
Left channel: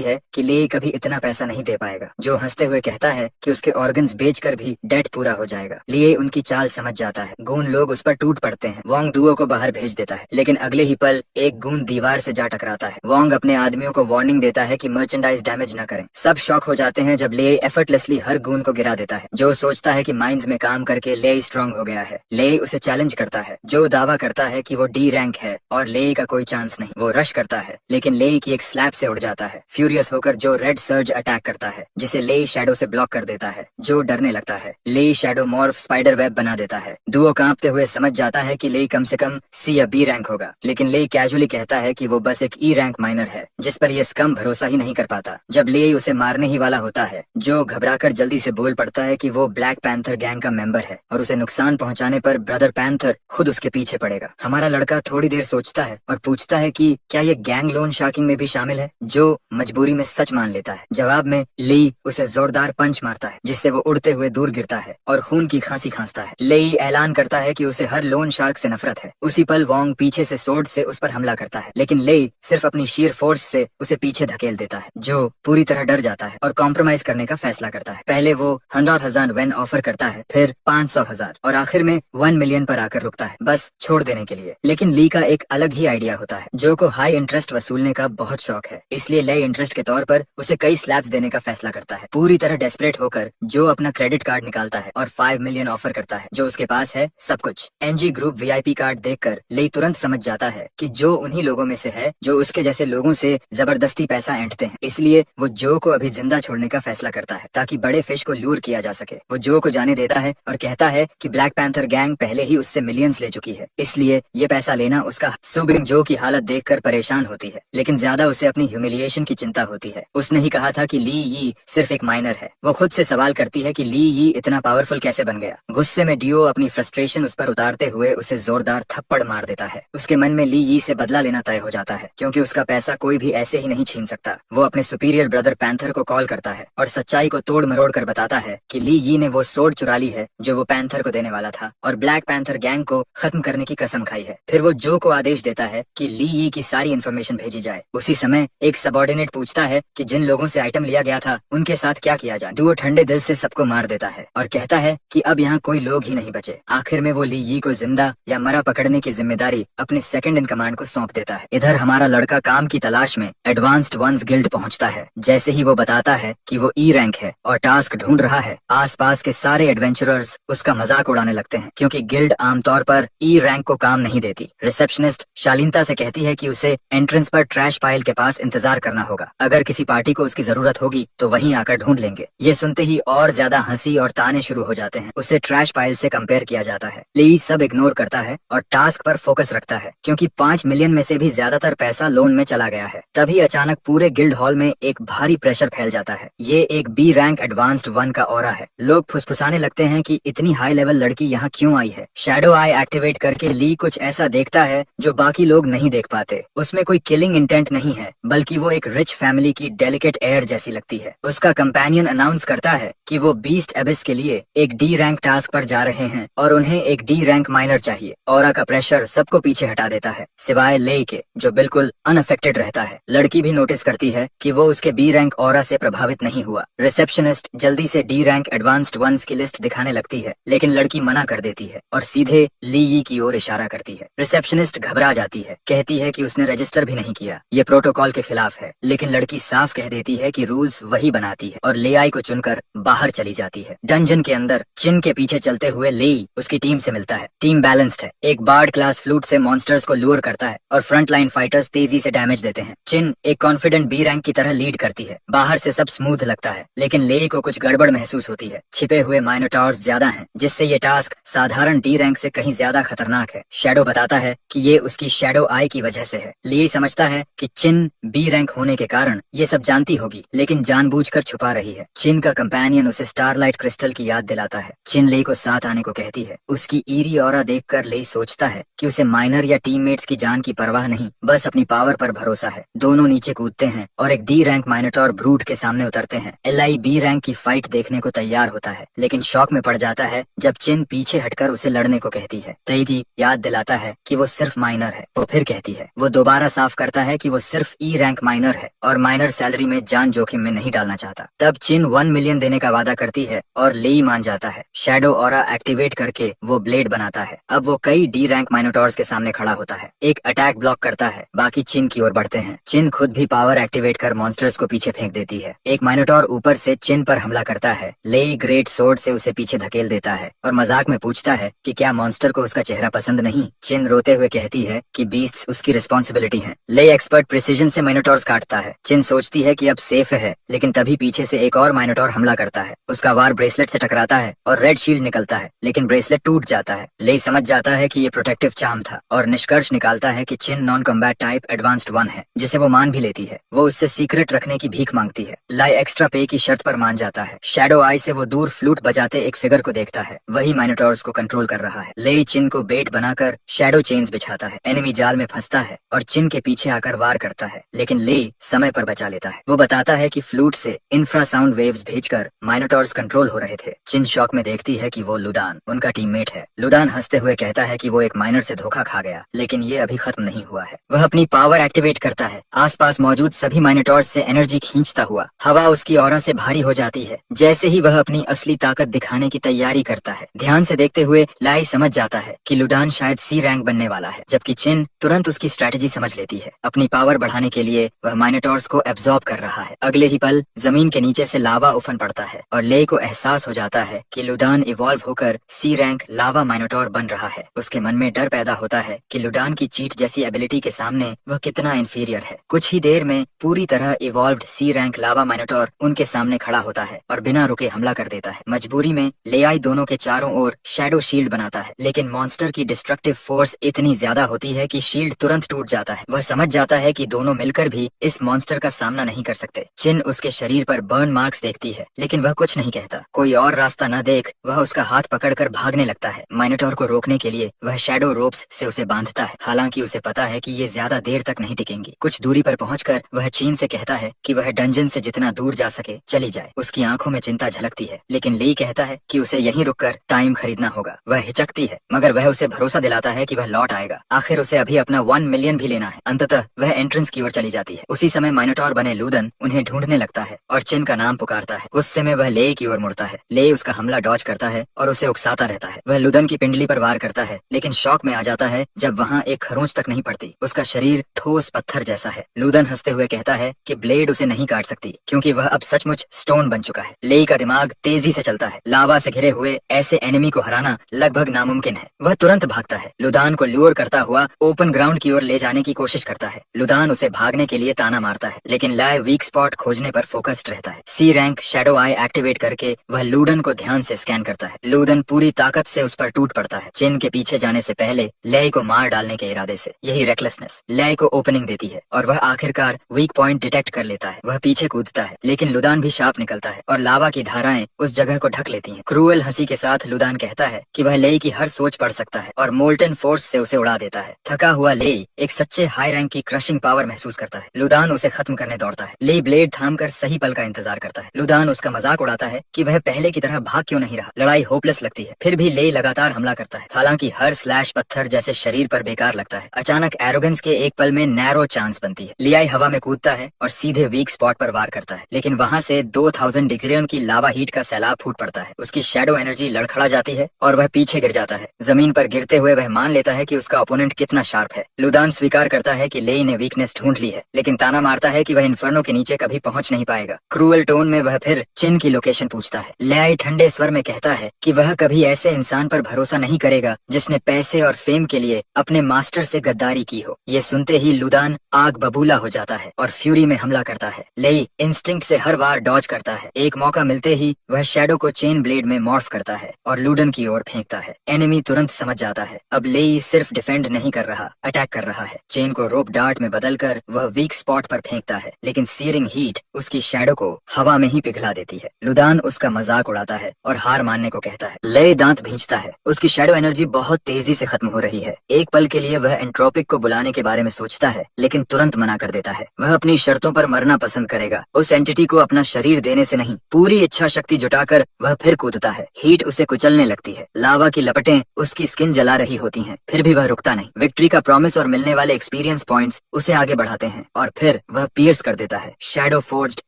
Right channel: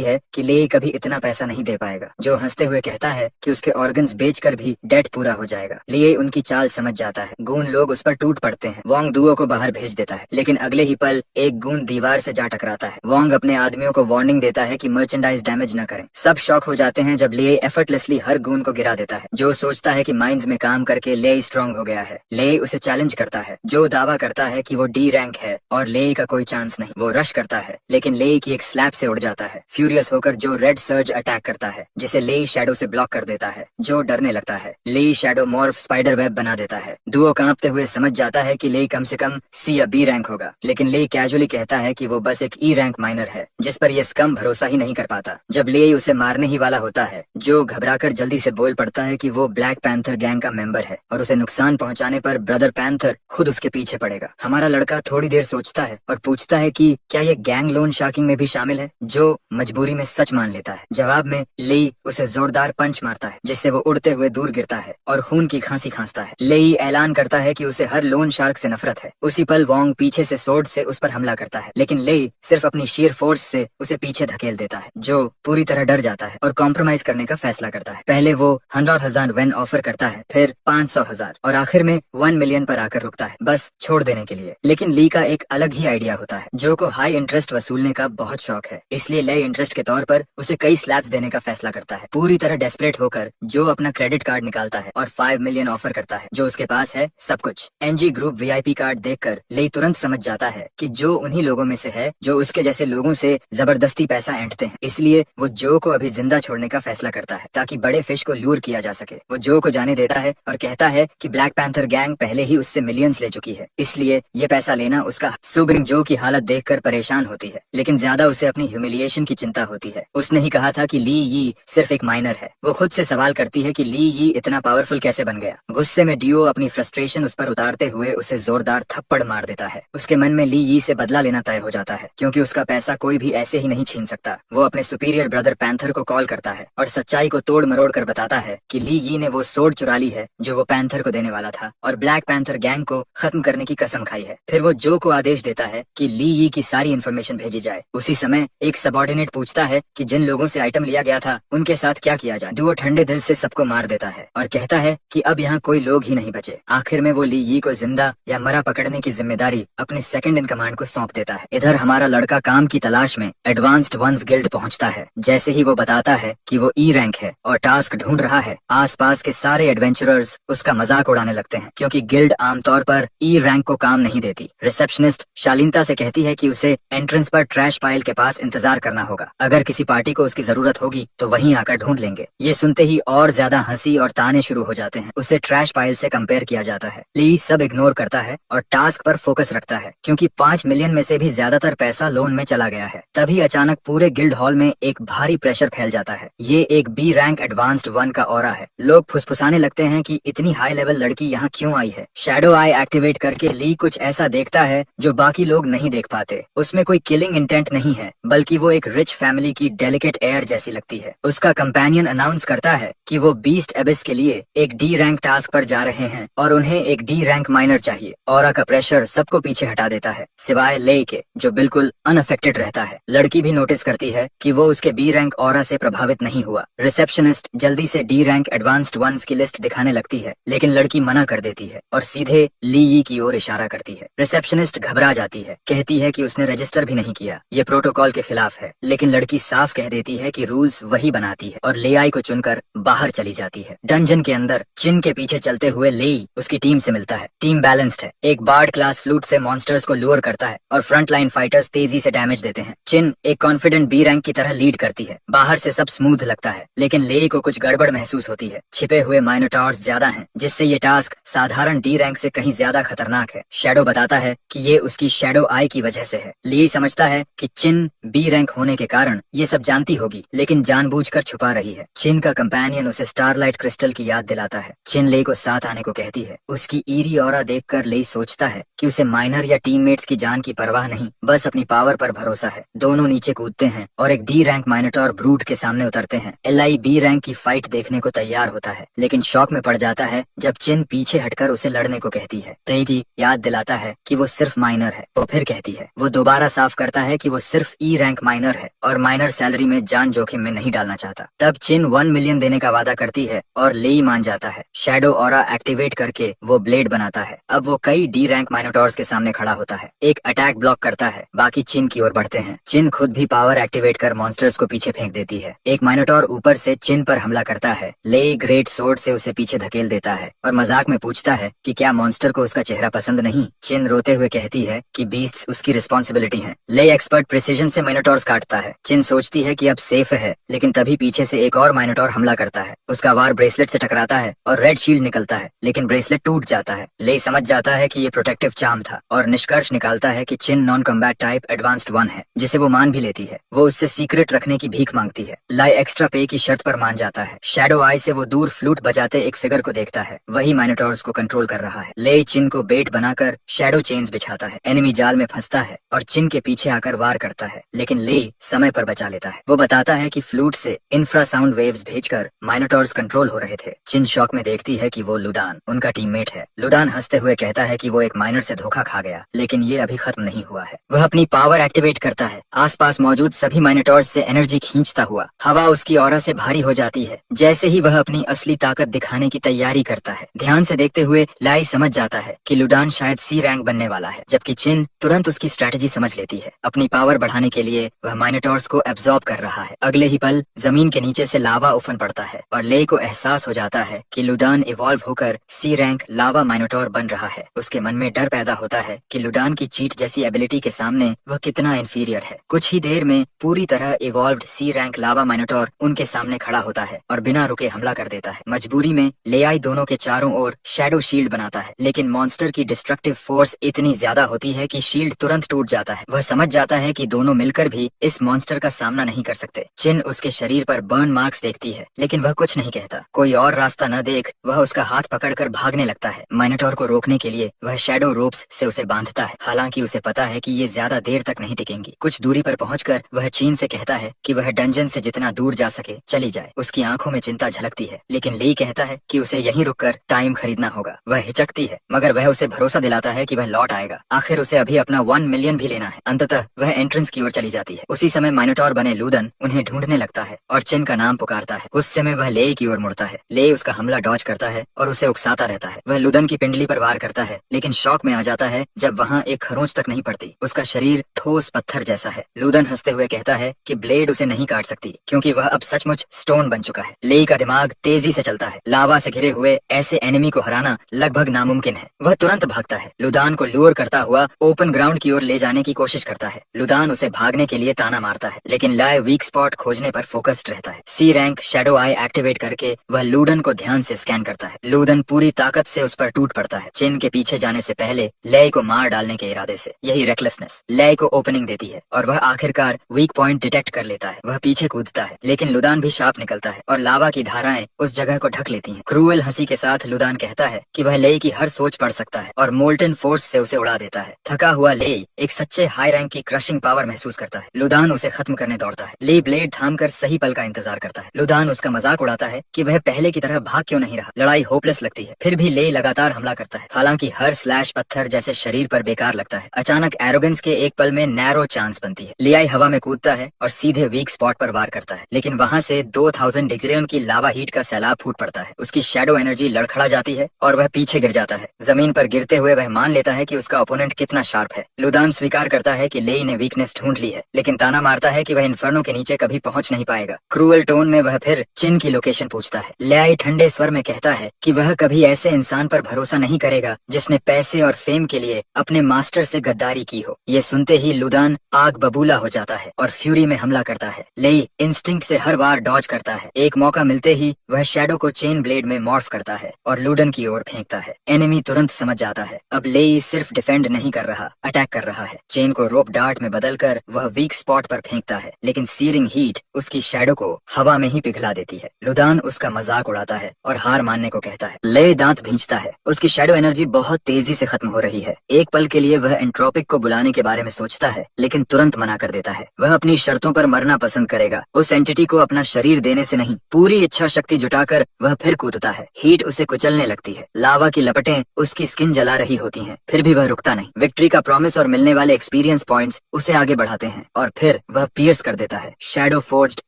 है कि लेई कभी इतना पैसा नहीं दे पाएगा। जो हंसते हुए कहता है कि उसके ऑर्गन्स बेचकर भी डेट पूरा हो जाएगा। लेई उनकी चाल समझ जाता है। गून लोग उस पर टूट पड़ते हैं। वोंग दुओ को बाहर भेज देता है, लेकिन अगले ही पल एक गून दीवार से जा टकराता है। वोंग अपने आदमियों को वार्निंग देता है कि मर्चेंडाइज डैमेज न करें। सब शॉक हो जाते हैं जब लेई एफर्टलेसली हर गून को गिरा देता है। जो सोचता है कि माइंस में काम करके लेई स्ट्रांग हो गया है। लेई उसे चैलेंज करता है। जो दावा करता है कि वो डी रैंक है और लेई का कोई चांस नहीं। वो रश करता है, लेकिन लेई की एक स्लैब से उड़ जाता है। फ्यूरियस होकर जो रेड सर्ज अटैक करता है, जिसे लेई शैडो से ब्लॉक कर देता है। जो डरने लगता है। लेई शैडो मॉर्फ स्पाइडर वेब बना देता है। दुओ कांपते हुए समझ जाता है कि लेई कम से कम सी या बी रैंक होगा, लेकिन लेई कैजुअली कहता है कि वो बस एक ई रैंक माइनर है, जिस पर यह स्कम भरोसा ही नहीं कर पाता। जब लेई उसे मारने ही वाला होता है, जो घबराकर जल्दी से बोल पड़ता है कि वो ब्लैक पैंथर गैंग का मेंबर है और उसे नुकसान पहुंचाने पर ब्रदर पैंथर खुद उसके पीछे पड़ेगा। हमारा लड़का थोड़ी देर सोचता है और पूछता है कि क्या ये गैंग लोन शार्किंग में भी शामिल है। जो मजबूरी में सच मान लेता है। जवाब में ली उसे जोरदार पंच मारता है, जिससे वो उड़ते हुए दूर गिरता है और खून की खांसी खांसता है। लेई ऐलान करता है कि उसे हर लोन शार्क से नफरत है। उसी पल वोंग पीछे से सोर्ड से उस पर हमला करता है, लेकिन लेई सिर्फ अपनी शीर फोर्स से उसे पीछे धकेल देता है। जो पूरी तरह डर जाता है और कॉम्प्रोमाइज करने का फैसला करता है। पहले वो 100,000 वेन ऑफर करता है, फिर 500,000 और आखिर में 1 मिलियन पर आकर रुकता है, बस छोड़ देने के लिए। लेकिन ली का एक अलग ही आइडिया होता है। जो को हाई इंटरेस्ट वसूलने का बहुत शौक है, इसलिए ले इंटरेस्ट के तौर पर उसे कई स्लैब्स देने का फैसला करता है। पूरी तरह डेस्परेट होकर जो अपना क्रेडिट कार्ड निकालता है और 5 मिलियन ऑफर करता है। जो उसके पास है सब कुछ। एनजी ग्रुप वीआईपी कार्ड देखकर ली तुरंत समझ जाता है कि जो उन्हीं लोगों में से है जो उसके जैसे लोगों से जबरदस्ती पैसा ऐंठते हैं। इसलिए वो जो को अभी जिंदा छोड़ने का फैसला करता है, ताकि बड़े फिश को लूर किया जा सके। वो जो को जाने देता है और कहता है कि ब्लैक पैंथर गैंग पहले ही उससे मिलियंस ले चुकी है, इसलिए ये पैसा लेना उसका। सुबिंग जो की हालत देखकर परेशान होती है, लेकिन ज्यादा उसे अपनी ह्यूमिलिएशन की चिंता होती है। उसने ही कहा था कि ली यी सिर्फ एक माइनर है। वो खुद से सवाल करती है कि ली यी इतना पावरफुल कैसे बन गया। गुस्से में डियो अपनी फ्रस्ट्रेशन उस पर उतारते हुए उसे जोरदार थप्पड़ मार देता है। उसके मन में ली यी से बदला लेना तय हो जाता है, क्योंकि उसका पैसा कोई भी ऐसे ही नहीं छीन सकता। वो अपने सुपीरियर ब्रदर पैंथर को कॉल करता है और सच्चाई को तोड़ मरोड़ कर बताता है कि ली यी ने वो सोड चुरा ली है जो वो पैंथर को देने वाला था और ब्लैक पैंथर गैंग को खत्म करने की कसम खाई है। फिर वो जो को आदेश देता है कि ली यी की सारी इन्फॉर्मेशन भेजी जाए। उसी समय एक सबऑर्डिनेट पूछता है कि जिन लोगों से आइटम लिया गया था उनके साथ क्या किया जाए। दुओ ठंडे दिल से सबको मार देता है और कहता है कि अब यहाँ कोई लोग ही नहीं बचे। आखिर में वो ली यी को जिंदा या मरा पकड़ने की जिम्मेदारी अपने सेकंड इन कमांड को सौंप देता है। इधर हमारा लड़का काम की तलाश में एडवांस्ड वंस गिल्ड पहुंचता है। जैसे ही वो बताता है कि वो ई रैंक है और टास्क ढूंढ रहा है, आसपास के सारे एडवेंचरर्स उसका मजाक उड़ाने लगते हैं, क्योंकि गिल्ड आमतौर पर ई रैंक को काम नहीं देती। रिसेप्शनिस्ट शालीनता से कहती है कि उसे एंट्रेंस पर ट्रैश पाइल के पास इंतजार करना होगा। अगर किसी पार्टी को उसकी जरूरत होगी तो वहीं आकर ढूंढ लेंगे। ये सुनते ही और ज्यादा हंसी और ताने शुरू हो जाते हैं। उसे ट्रैश पाइल से कंपेयर किया जाता है। ली सब इग्नोर करता है और टास्क पर फोकस रखता है, क्योंकि 5 मिलियन में से भी ज्यादातर पैसा लोन में चला गया है। तभी अचानक पूरे गिल्ड हॉल में एक भारी प्रेशर फैल जाता है। ये एक बी रैंक एडवांस्ड 1 का ऑरा है। लोग फुसफुसाने लगते हैं कि इतनी हाई लेवल लड़की यहाँ क्यों आई है। शैडो आई एक्टिवेट करके ली कुछ ऐसा देखता है जो बाकी लोग नहीं देख पाते। उसमें कोई किलिंग इंटेंट नहीं है, बल्कि वो एक रिच फैमिली की डेलिकेट एयर जैसी लगती है। उसका कंपेनियन अनाउंस करता है कि वो बीस्ट एबिस के लिए एक डी रैंक टास्क पर जा रहे हैं और उन्हें एक डी रैंक माइनर चाहिए। ऑरा का प्रेशर सबको पीछे हटा देता है, सिवाय ले के, जो बिल्कुल अनअफेक्टेड रहता है। लड़की भी नोटिस करती है कि वो उसके बी रैंक ऑरा से प्रभावित नहीं हुआ। रिसेप्शनिस्ट जल्दी से डी रैंक एडवांस्ड वंस की लिस्ट दिखाने लगती है, लेकिन लड़की मना कर देती है और सीधे ली यी की ओर इशारा करती है। रिसेप्शनिस्ट घबरा जाती है, कहती है कि उसने रजिस्टर भी नहीं किया, ये प्रोटोकॉल के खिलाफ है। लेकिन लड़की साफ कह देती है कि रूल्स वही बनाती है और लेआई को चुनकर बाहर चली जाती है। डंजन के अंदर चिन के पीछे चलते हुए लेई उसकी टीम से मिलता है। टीम बैलेंस्ड है। एक बार्ड क्लास फ्लूट से मॉन्स्टर्स को लूर करता है और फ्रंट लाइन फाइटर्स तेजी से डैमेज देते हैं। चिन एक कॉन्फिडेंट बी रैंक की तरह लीड करती है। बाहर से सब स्मूथ लगता है, लेकिन लेई को कुछ गड़बड़ महसूस होती है। छिपे हुए माइनोटॉर्स ज्यादा हैं, जिससे ये टास्क साधारण डी रैंक से कहीं ज्यादा खतरनाक है। शैडो बताता है कि ये उसकी शैडो आई की वजह से है। लेई समझता है कि चिन बी रैंक होने के कारण ये सब जानती होगी, लेकिन जानबूझकर छुपा रही है। चिन का कंपेनियन उसे स्टारलाइट क्रिस्टल की याद दिलाता है। चिन लेई को साथ आने को कहती है। उसकी ईरी ऑरा देखकर लेई सोचता है कि उसे माइनर या टीममेट्स की जान की परवाह नहीं, बस अपनी पावर पर भरोसा है। दोनों नीचे कूदते हैं और एक डी रैंक माइनोटॉर ब्रूट के सामने उतरते हैं। एलआई बी ई रैंक की फाइट देखने को तैयार होता है, लेकिन शॉक में पड़ जाता है जब चिन पीछे हटकर उसे लड़ने को कहती है। तेजी याद दिलाता है कि वो सिर्फ माइनर है। वो फिर कहती है, वो दोबारा साफ करता है कि वो सिर्फ ई रैंक माइनर है और माइनर सैलरी में जान जोखिम में नहीं डालना चाहता। तब चिन 1 मिलियन देने का वादा करती है और लेई मान जाता है। शैडो ऑरा एक्टिवेट करके वो ब्लेड बनाता है। अब वो कई डी रैंक माइनोटॉर्स के सामने खड़ा होता है। एक अटैक ब्लॉक करता है, बाकी चिन की ओर बढ़ते हैं। चिन खुद भी पावर एक्टिवेट कर मॉन्स्टर्स को पीछे फेंक देती है। एक माइनोटॉर ऊपर से चिन पर हमला करता है। लेई ग्रेट सोर्ड से उसे पीछे धकेल देता है और मजाक में पूछता है कि क्या मॉन्स्टर को उसका चेहरा पसंद नहीं। चिन रोते हुए कहती है कि बीस्ट्स उसकी रिस्पॉन्सिबिलिटी है। लेई एक्सपर्ट प्रिसीजन से माइनोटॉर्स काटता है। चिन सोचती है कि अब सेफ है, लेकिन तभी पीछे से एक और माइनोटॉर हमला करता है। उसका वार ब्रेसलेट से टकराता है और रेड शील्ड निकलता है, लेकिन ब्रेसलेट टूट जाता है। लेई समझ जाता है कि ये प्रोटेक्टिव चार्म था और निष्कर्ष निकालता है कि चिन नॉन कॉम्बैट टाइप एडवांस्ड 1 है, जिसे वो मान भी लेती है। वो उससे सीक्रेट रखने की भीख मांगती है। लाई एक्स्ट्रा पे की शर्त पर मान जाता है। शैडो आई से वो दूर फ्लूट बजाते एक फिगर को देखता है, वही माइनोटॉर्स को कंट्रोल कर रहा है। लेई चिन को बेट बनाकर शैडो चेन्स बिछाता है। एनिमी जाल में फंसता है और चिन के पीछे आकर वार करता है, लेकिन लेई समय पर बचा लेता है। वो बताता है कि फ्लूट से इंफ्रासाउंड वेव्स भेजकर माइनोटॉर्स कंट्रोल हो रहे थे। चिन शॉक में देखती है कि वो लुदान उनका टीममेट है। लुदान हंसते हुए कहता है कि वो एक माइनर से धोखा खा गया, लेकिन ये अभी खत्म नहीं हुआ है। वह अपनी पावर एक्टिवेट करता है। आसपास मौजूद सभी माइनोटॉर्स से एनर्जी खींचता हुआ हवा उसकी ऑरा से भारी हो जाती है। जैसे ही वह अपनी असली ताकत दिखाने की तैयारी करता है, ध्यान से देखते हुए लाई समझ जाता है कि लुडान शायद सी रैंक बनने वाला है, जबकि चिन तुरंत उसकी स्ट्रेटेजी समझ लेती है। अपनी पावर बढ़ाने के लिए वह माइनोटॉर्स को एब्जॉर्ब कर रहा है। अगले ही पल जमीन के नीचे से लावा उफन पड़ता है और ले को एहसास हो जाता है कि लुडान इवॉल्व होकर सी रैंक लावा माइनोटॉर बन रहा है। उसके मन में डर पैदा होता है कि लुडान की चीट जैसी एबिलिटी के सामने वह कितना इंफीरियर है। कुछ ही देर में पूरी तरह इवॉल्व्ड सी रैंक लावा माइनोटॉर उनके सामने खड़ा होता है और बिना रुके हमला कर देता है। मजबूरी में लेआई दोनों के चारों ओर शैडो शील्ड बनाता है, लेकिन मॉन्स्टर की डिस्ट्रक्टिव फोर्स इतनी ज्यादा होती है कि शील्ड तुरंत टूट जाता है। वह समझ जाता है कि दोनों मिलकर भी इस मॉन्स्टर का सामना नहीं कर सकते। चिन उसके शरीर पर बर्न मार्क्स देखती है, लेकिन वह कुछ नहीं कहता। कोई और रास्ता न देख वह उसका हाथ पकड़कर भागने लगता है। माइनोटॉर को रोकने के लिए वह शैडो रोप्स से उसे बांधता है, हालांकि उसे पता है कि ये ज्यादा देर तक नहीं टिकेंगी। कुछ दूरी पर पहुंचकर वह चीन से कहता है कि वह डंजन से जितना दूर जा सके चली जाए। उसकी आंखों में चिंता झलकती है, लेकिन लेई कहता है कि उसे यहीं रुककर टाइम खरीदना होगा। वह हिचकती है, मगर वह उसे भरोसा दिलाता है कि वह लौट आएगा। आखिर उसे अभी अपना 1 मिलियन भी लेना है। अंततः वह एंट्रेंस की ओर चली जाती है। उसी समय माइनोटॉर बने लूदन उन्हें ढूंढने लगता है और चिन का नाम पुकारता है। उस समय वह ले की ओर मुड़ता है। ले उसका हमला डॉज करता है और उसे उकसाता रहता है। वह लूदन की पिंडली पर वार करता है, लेकिन शॉक में आ जाता है जब वहाँ एक खरोंच तक नहीं पड़ती। उसका शरीर ठोस पत्थर जैसा है। लूदन हंसते हुए कहता है कि ब्लेड उसे नहीं काट सकती, क्योंकि वह अब सचमुच स्टोन बन चुका है। लेई का दिमाग तेजी से चलता है। लावा से घिरे हुए ऐसे एनिमी को हराना लगभग नामुमकिन है। वह तुरंत भागता है। लुदान को लूर करता हुआ ओपन ग्राउंड की ओर ले जाने की कोशिश करता है। लुदान उसे भागने के लिए ताना मारता है, लेकिन लाय वीक स्पॉट खोजने पर फोकस्ड रहता है। सी रैंक शैडो आई एक्टिवेट करके वह लूडन को ध्यान से स्कैन करता है। लूडन पूरी ताकत से उस पर टूट पड़ता है। चिन के पीछे जाने से पहले लय को मार डालने के इरादे से। यही रेकलेसनेस लय को ओपनिंग देती है और वह आखिरकार वीक पॉइंट डिटेक्ट कर लेता है। वह पीछे कूदता है, लेकिन लुदान भी शार्प निकलता है और लावा की धाराएं उस जगह को ढक लेती हैं। क्रूअल हंसी के साथ लुदान कहता है कि वह लेई की हर सोच पढ़ सकता है और मोल्टन फोर्स से उसे उड़ा देता है। थका हुआ लेई एक सच्चे हाई रैंक की क्रशिंग पावर महसूस करता है। लुदान उसे खत्म करने दौड़ता है। ली ब्लेड थामकर सही पल का इंतजार करता है। लुदान उसका मजाक उड़ाता है कि वह पहले की तरह भाग क्यों नहीं रहा। लड़ाई होपलेस लगती है, फिर भी लेई लगातार हमला करता है। हालांकि हर स्लैश पत्थर जैसे शरीर पर बेकार लगता है। अचानक एरोगेंस के एक पल में नैरो चांस बनती है। लियाई हवा में कूदता है और सीधे वीक स्पॉट पर वार करता है, लेकिन वहाँ से 2000 डिग्रियन की लावा हीट का सैलाब फूट पड़ता है। उसकी शैडो एनर्जी लड़खड़ा जाती है और वह पीछे गिर जाता है। जमीन पर गिरते हुए वह मान लेता है कि उसका ओपोनेंट कितना शार्प है। लुदान स्वीकार करता है कि लेई ने वीकनेस ढूंढ ली है, लेकिन ताना मारता है कि वह इन्फर्नो के नीचे कभी पहुंच नहीं पाएगा। क्रूअल टोन में वह फिर चिन की लोकेशन पूछता है। लियाई ठंडे स्वर में कहता है कि वह कभी ऐसे इंसान पर भरोसा नहीं करेगा जिसने पैसे और फेम के लिए अपने मास्टर से गद्दारी की हो। ये सुनते ही लुदान आग बबूला हो जाता है और फ्यूरी में हमला करता है। लेई इंस्टिंक्ट से हर बार डॉज करता है। एक मौका मिलते ही वह शैडो को चेन ब्लेड में मॉर्फ करता है और लुडन की ओर फेंकता है। एनिमी तुरंत समझ जाता है अब लेई सिर्फ डिफेंड नहीं कर रहा, अटैक कर रहा है। चेन को रोप डार्ट में बदलकर वह वीक स्पॉट पर फेंकता है, लेकिन सीरिंग हीट उसकी शैडो को हवा में ही पिघला देती है। लुदान उसका मजाक उड़ाता है और हार मानने को कहता है। लेई दांत भींचता है। उसकी शैडो एनर्जी बहुत तेजी से खत्म हो रही है। एक पल के लिए वह एंट्रोपिक को बुलाने के बारे में सोचता है, लेकिन तुरंत मना कर देता है। वह अपनी शर्तों पर मरना पसंद करेगा। उस एंटिटी को अपना शरीर देने से नहीं, पूरी इच्छा शक्ति जुटाकर वह फिर कूदता है। हीट उसे कुचलने लगती है, लावा की लपटें उसकी स्किन जला रही होती हैं, फिर भी वह रुकता नहीं। विक्ट्री का प्रॉमिस और मिलने वाले एक्सपीरियंस पॉइंट्स उसे आगे बढ़ाते हैं और फिर वह पियर्स कर देता है। शैडो फोर्ज्ड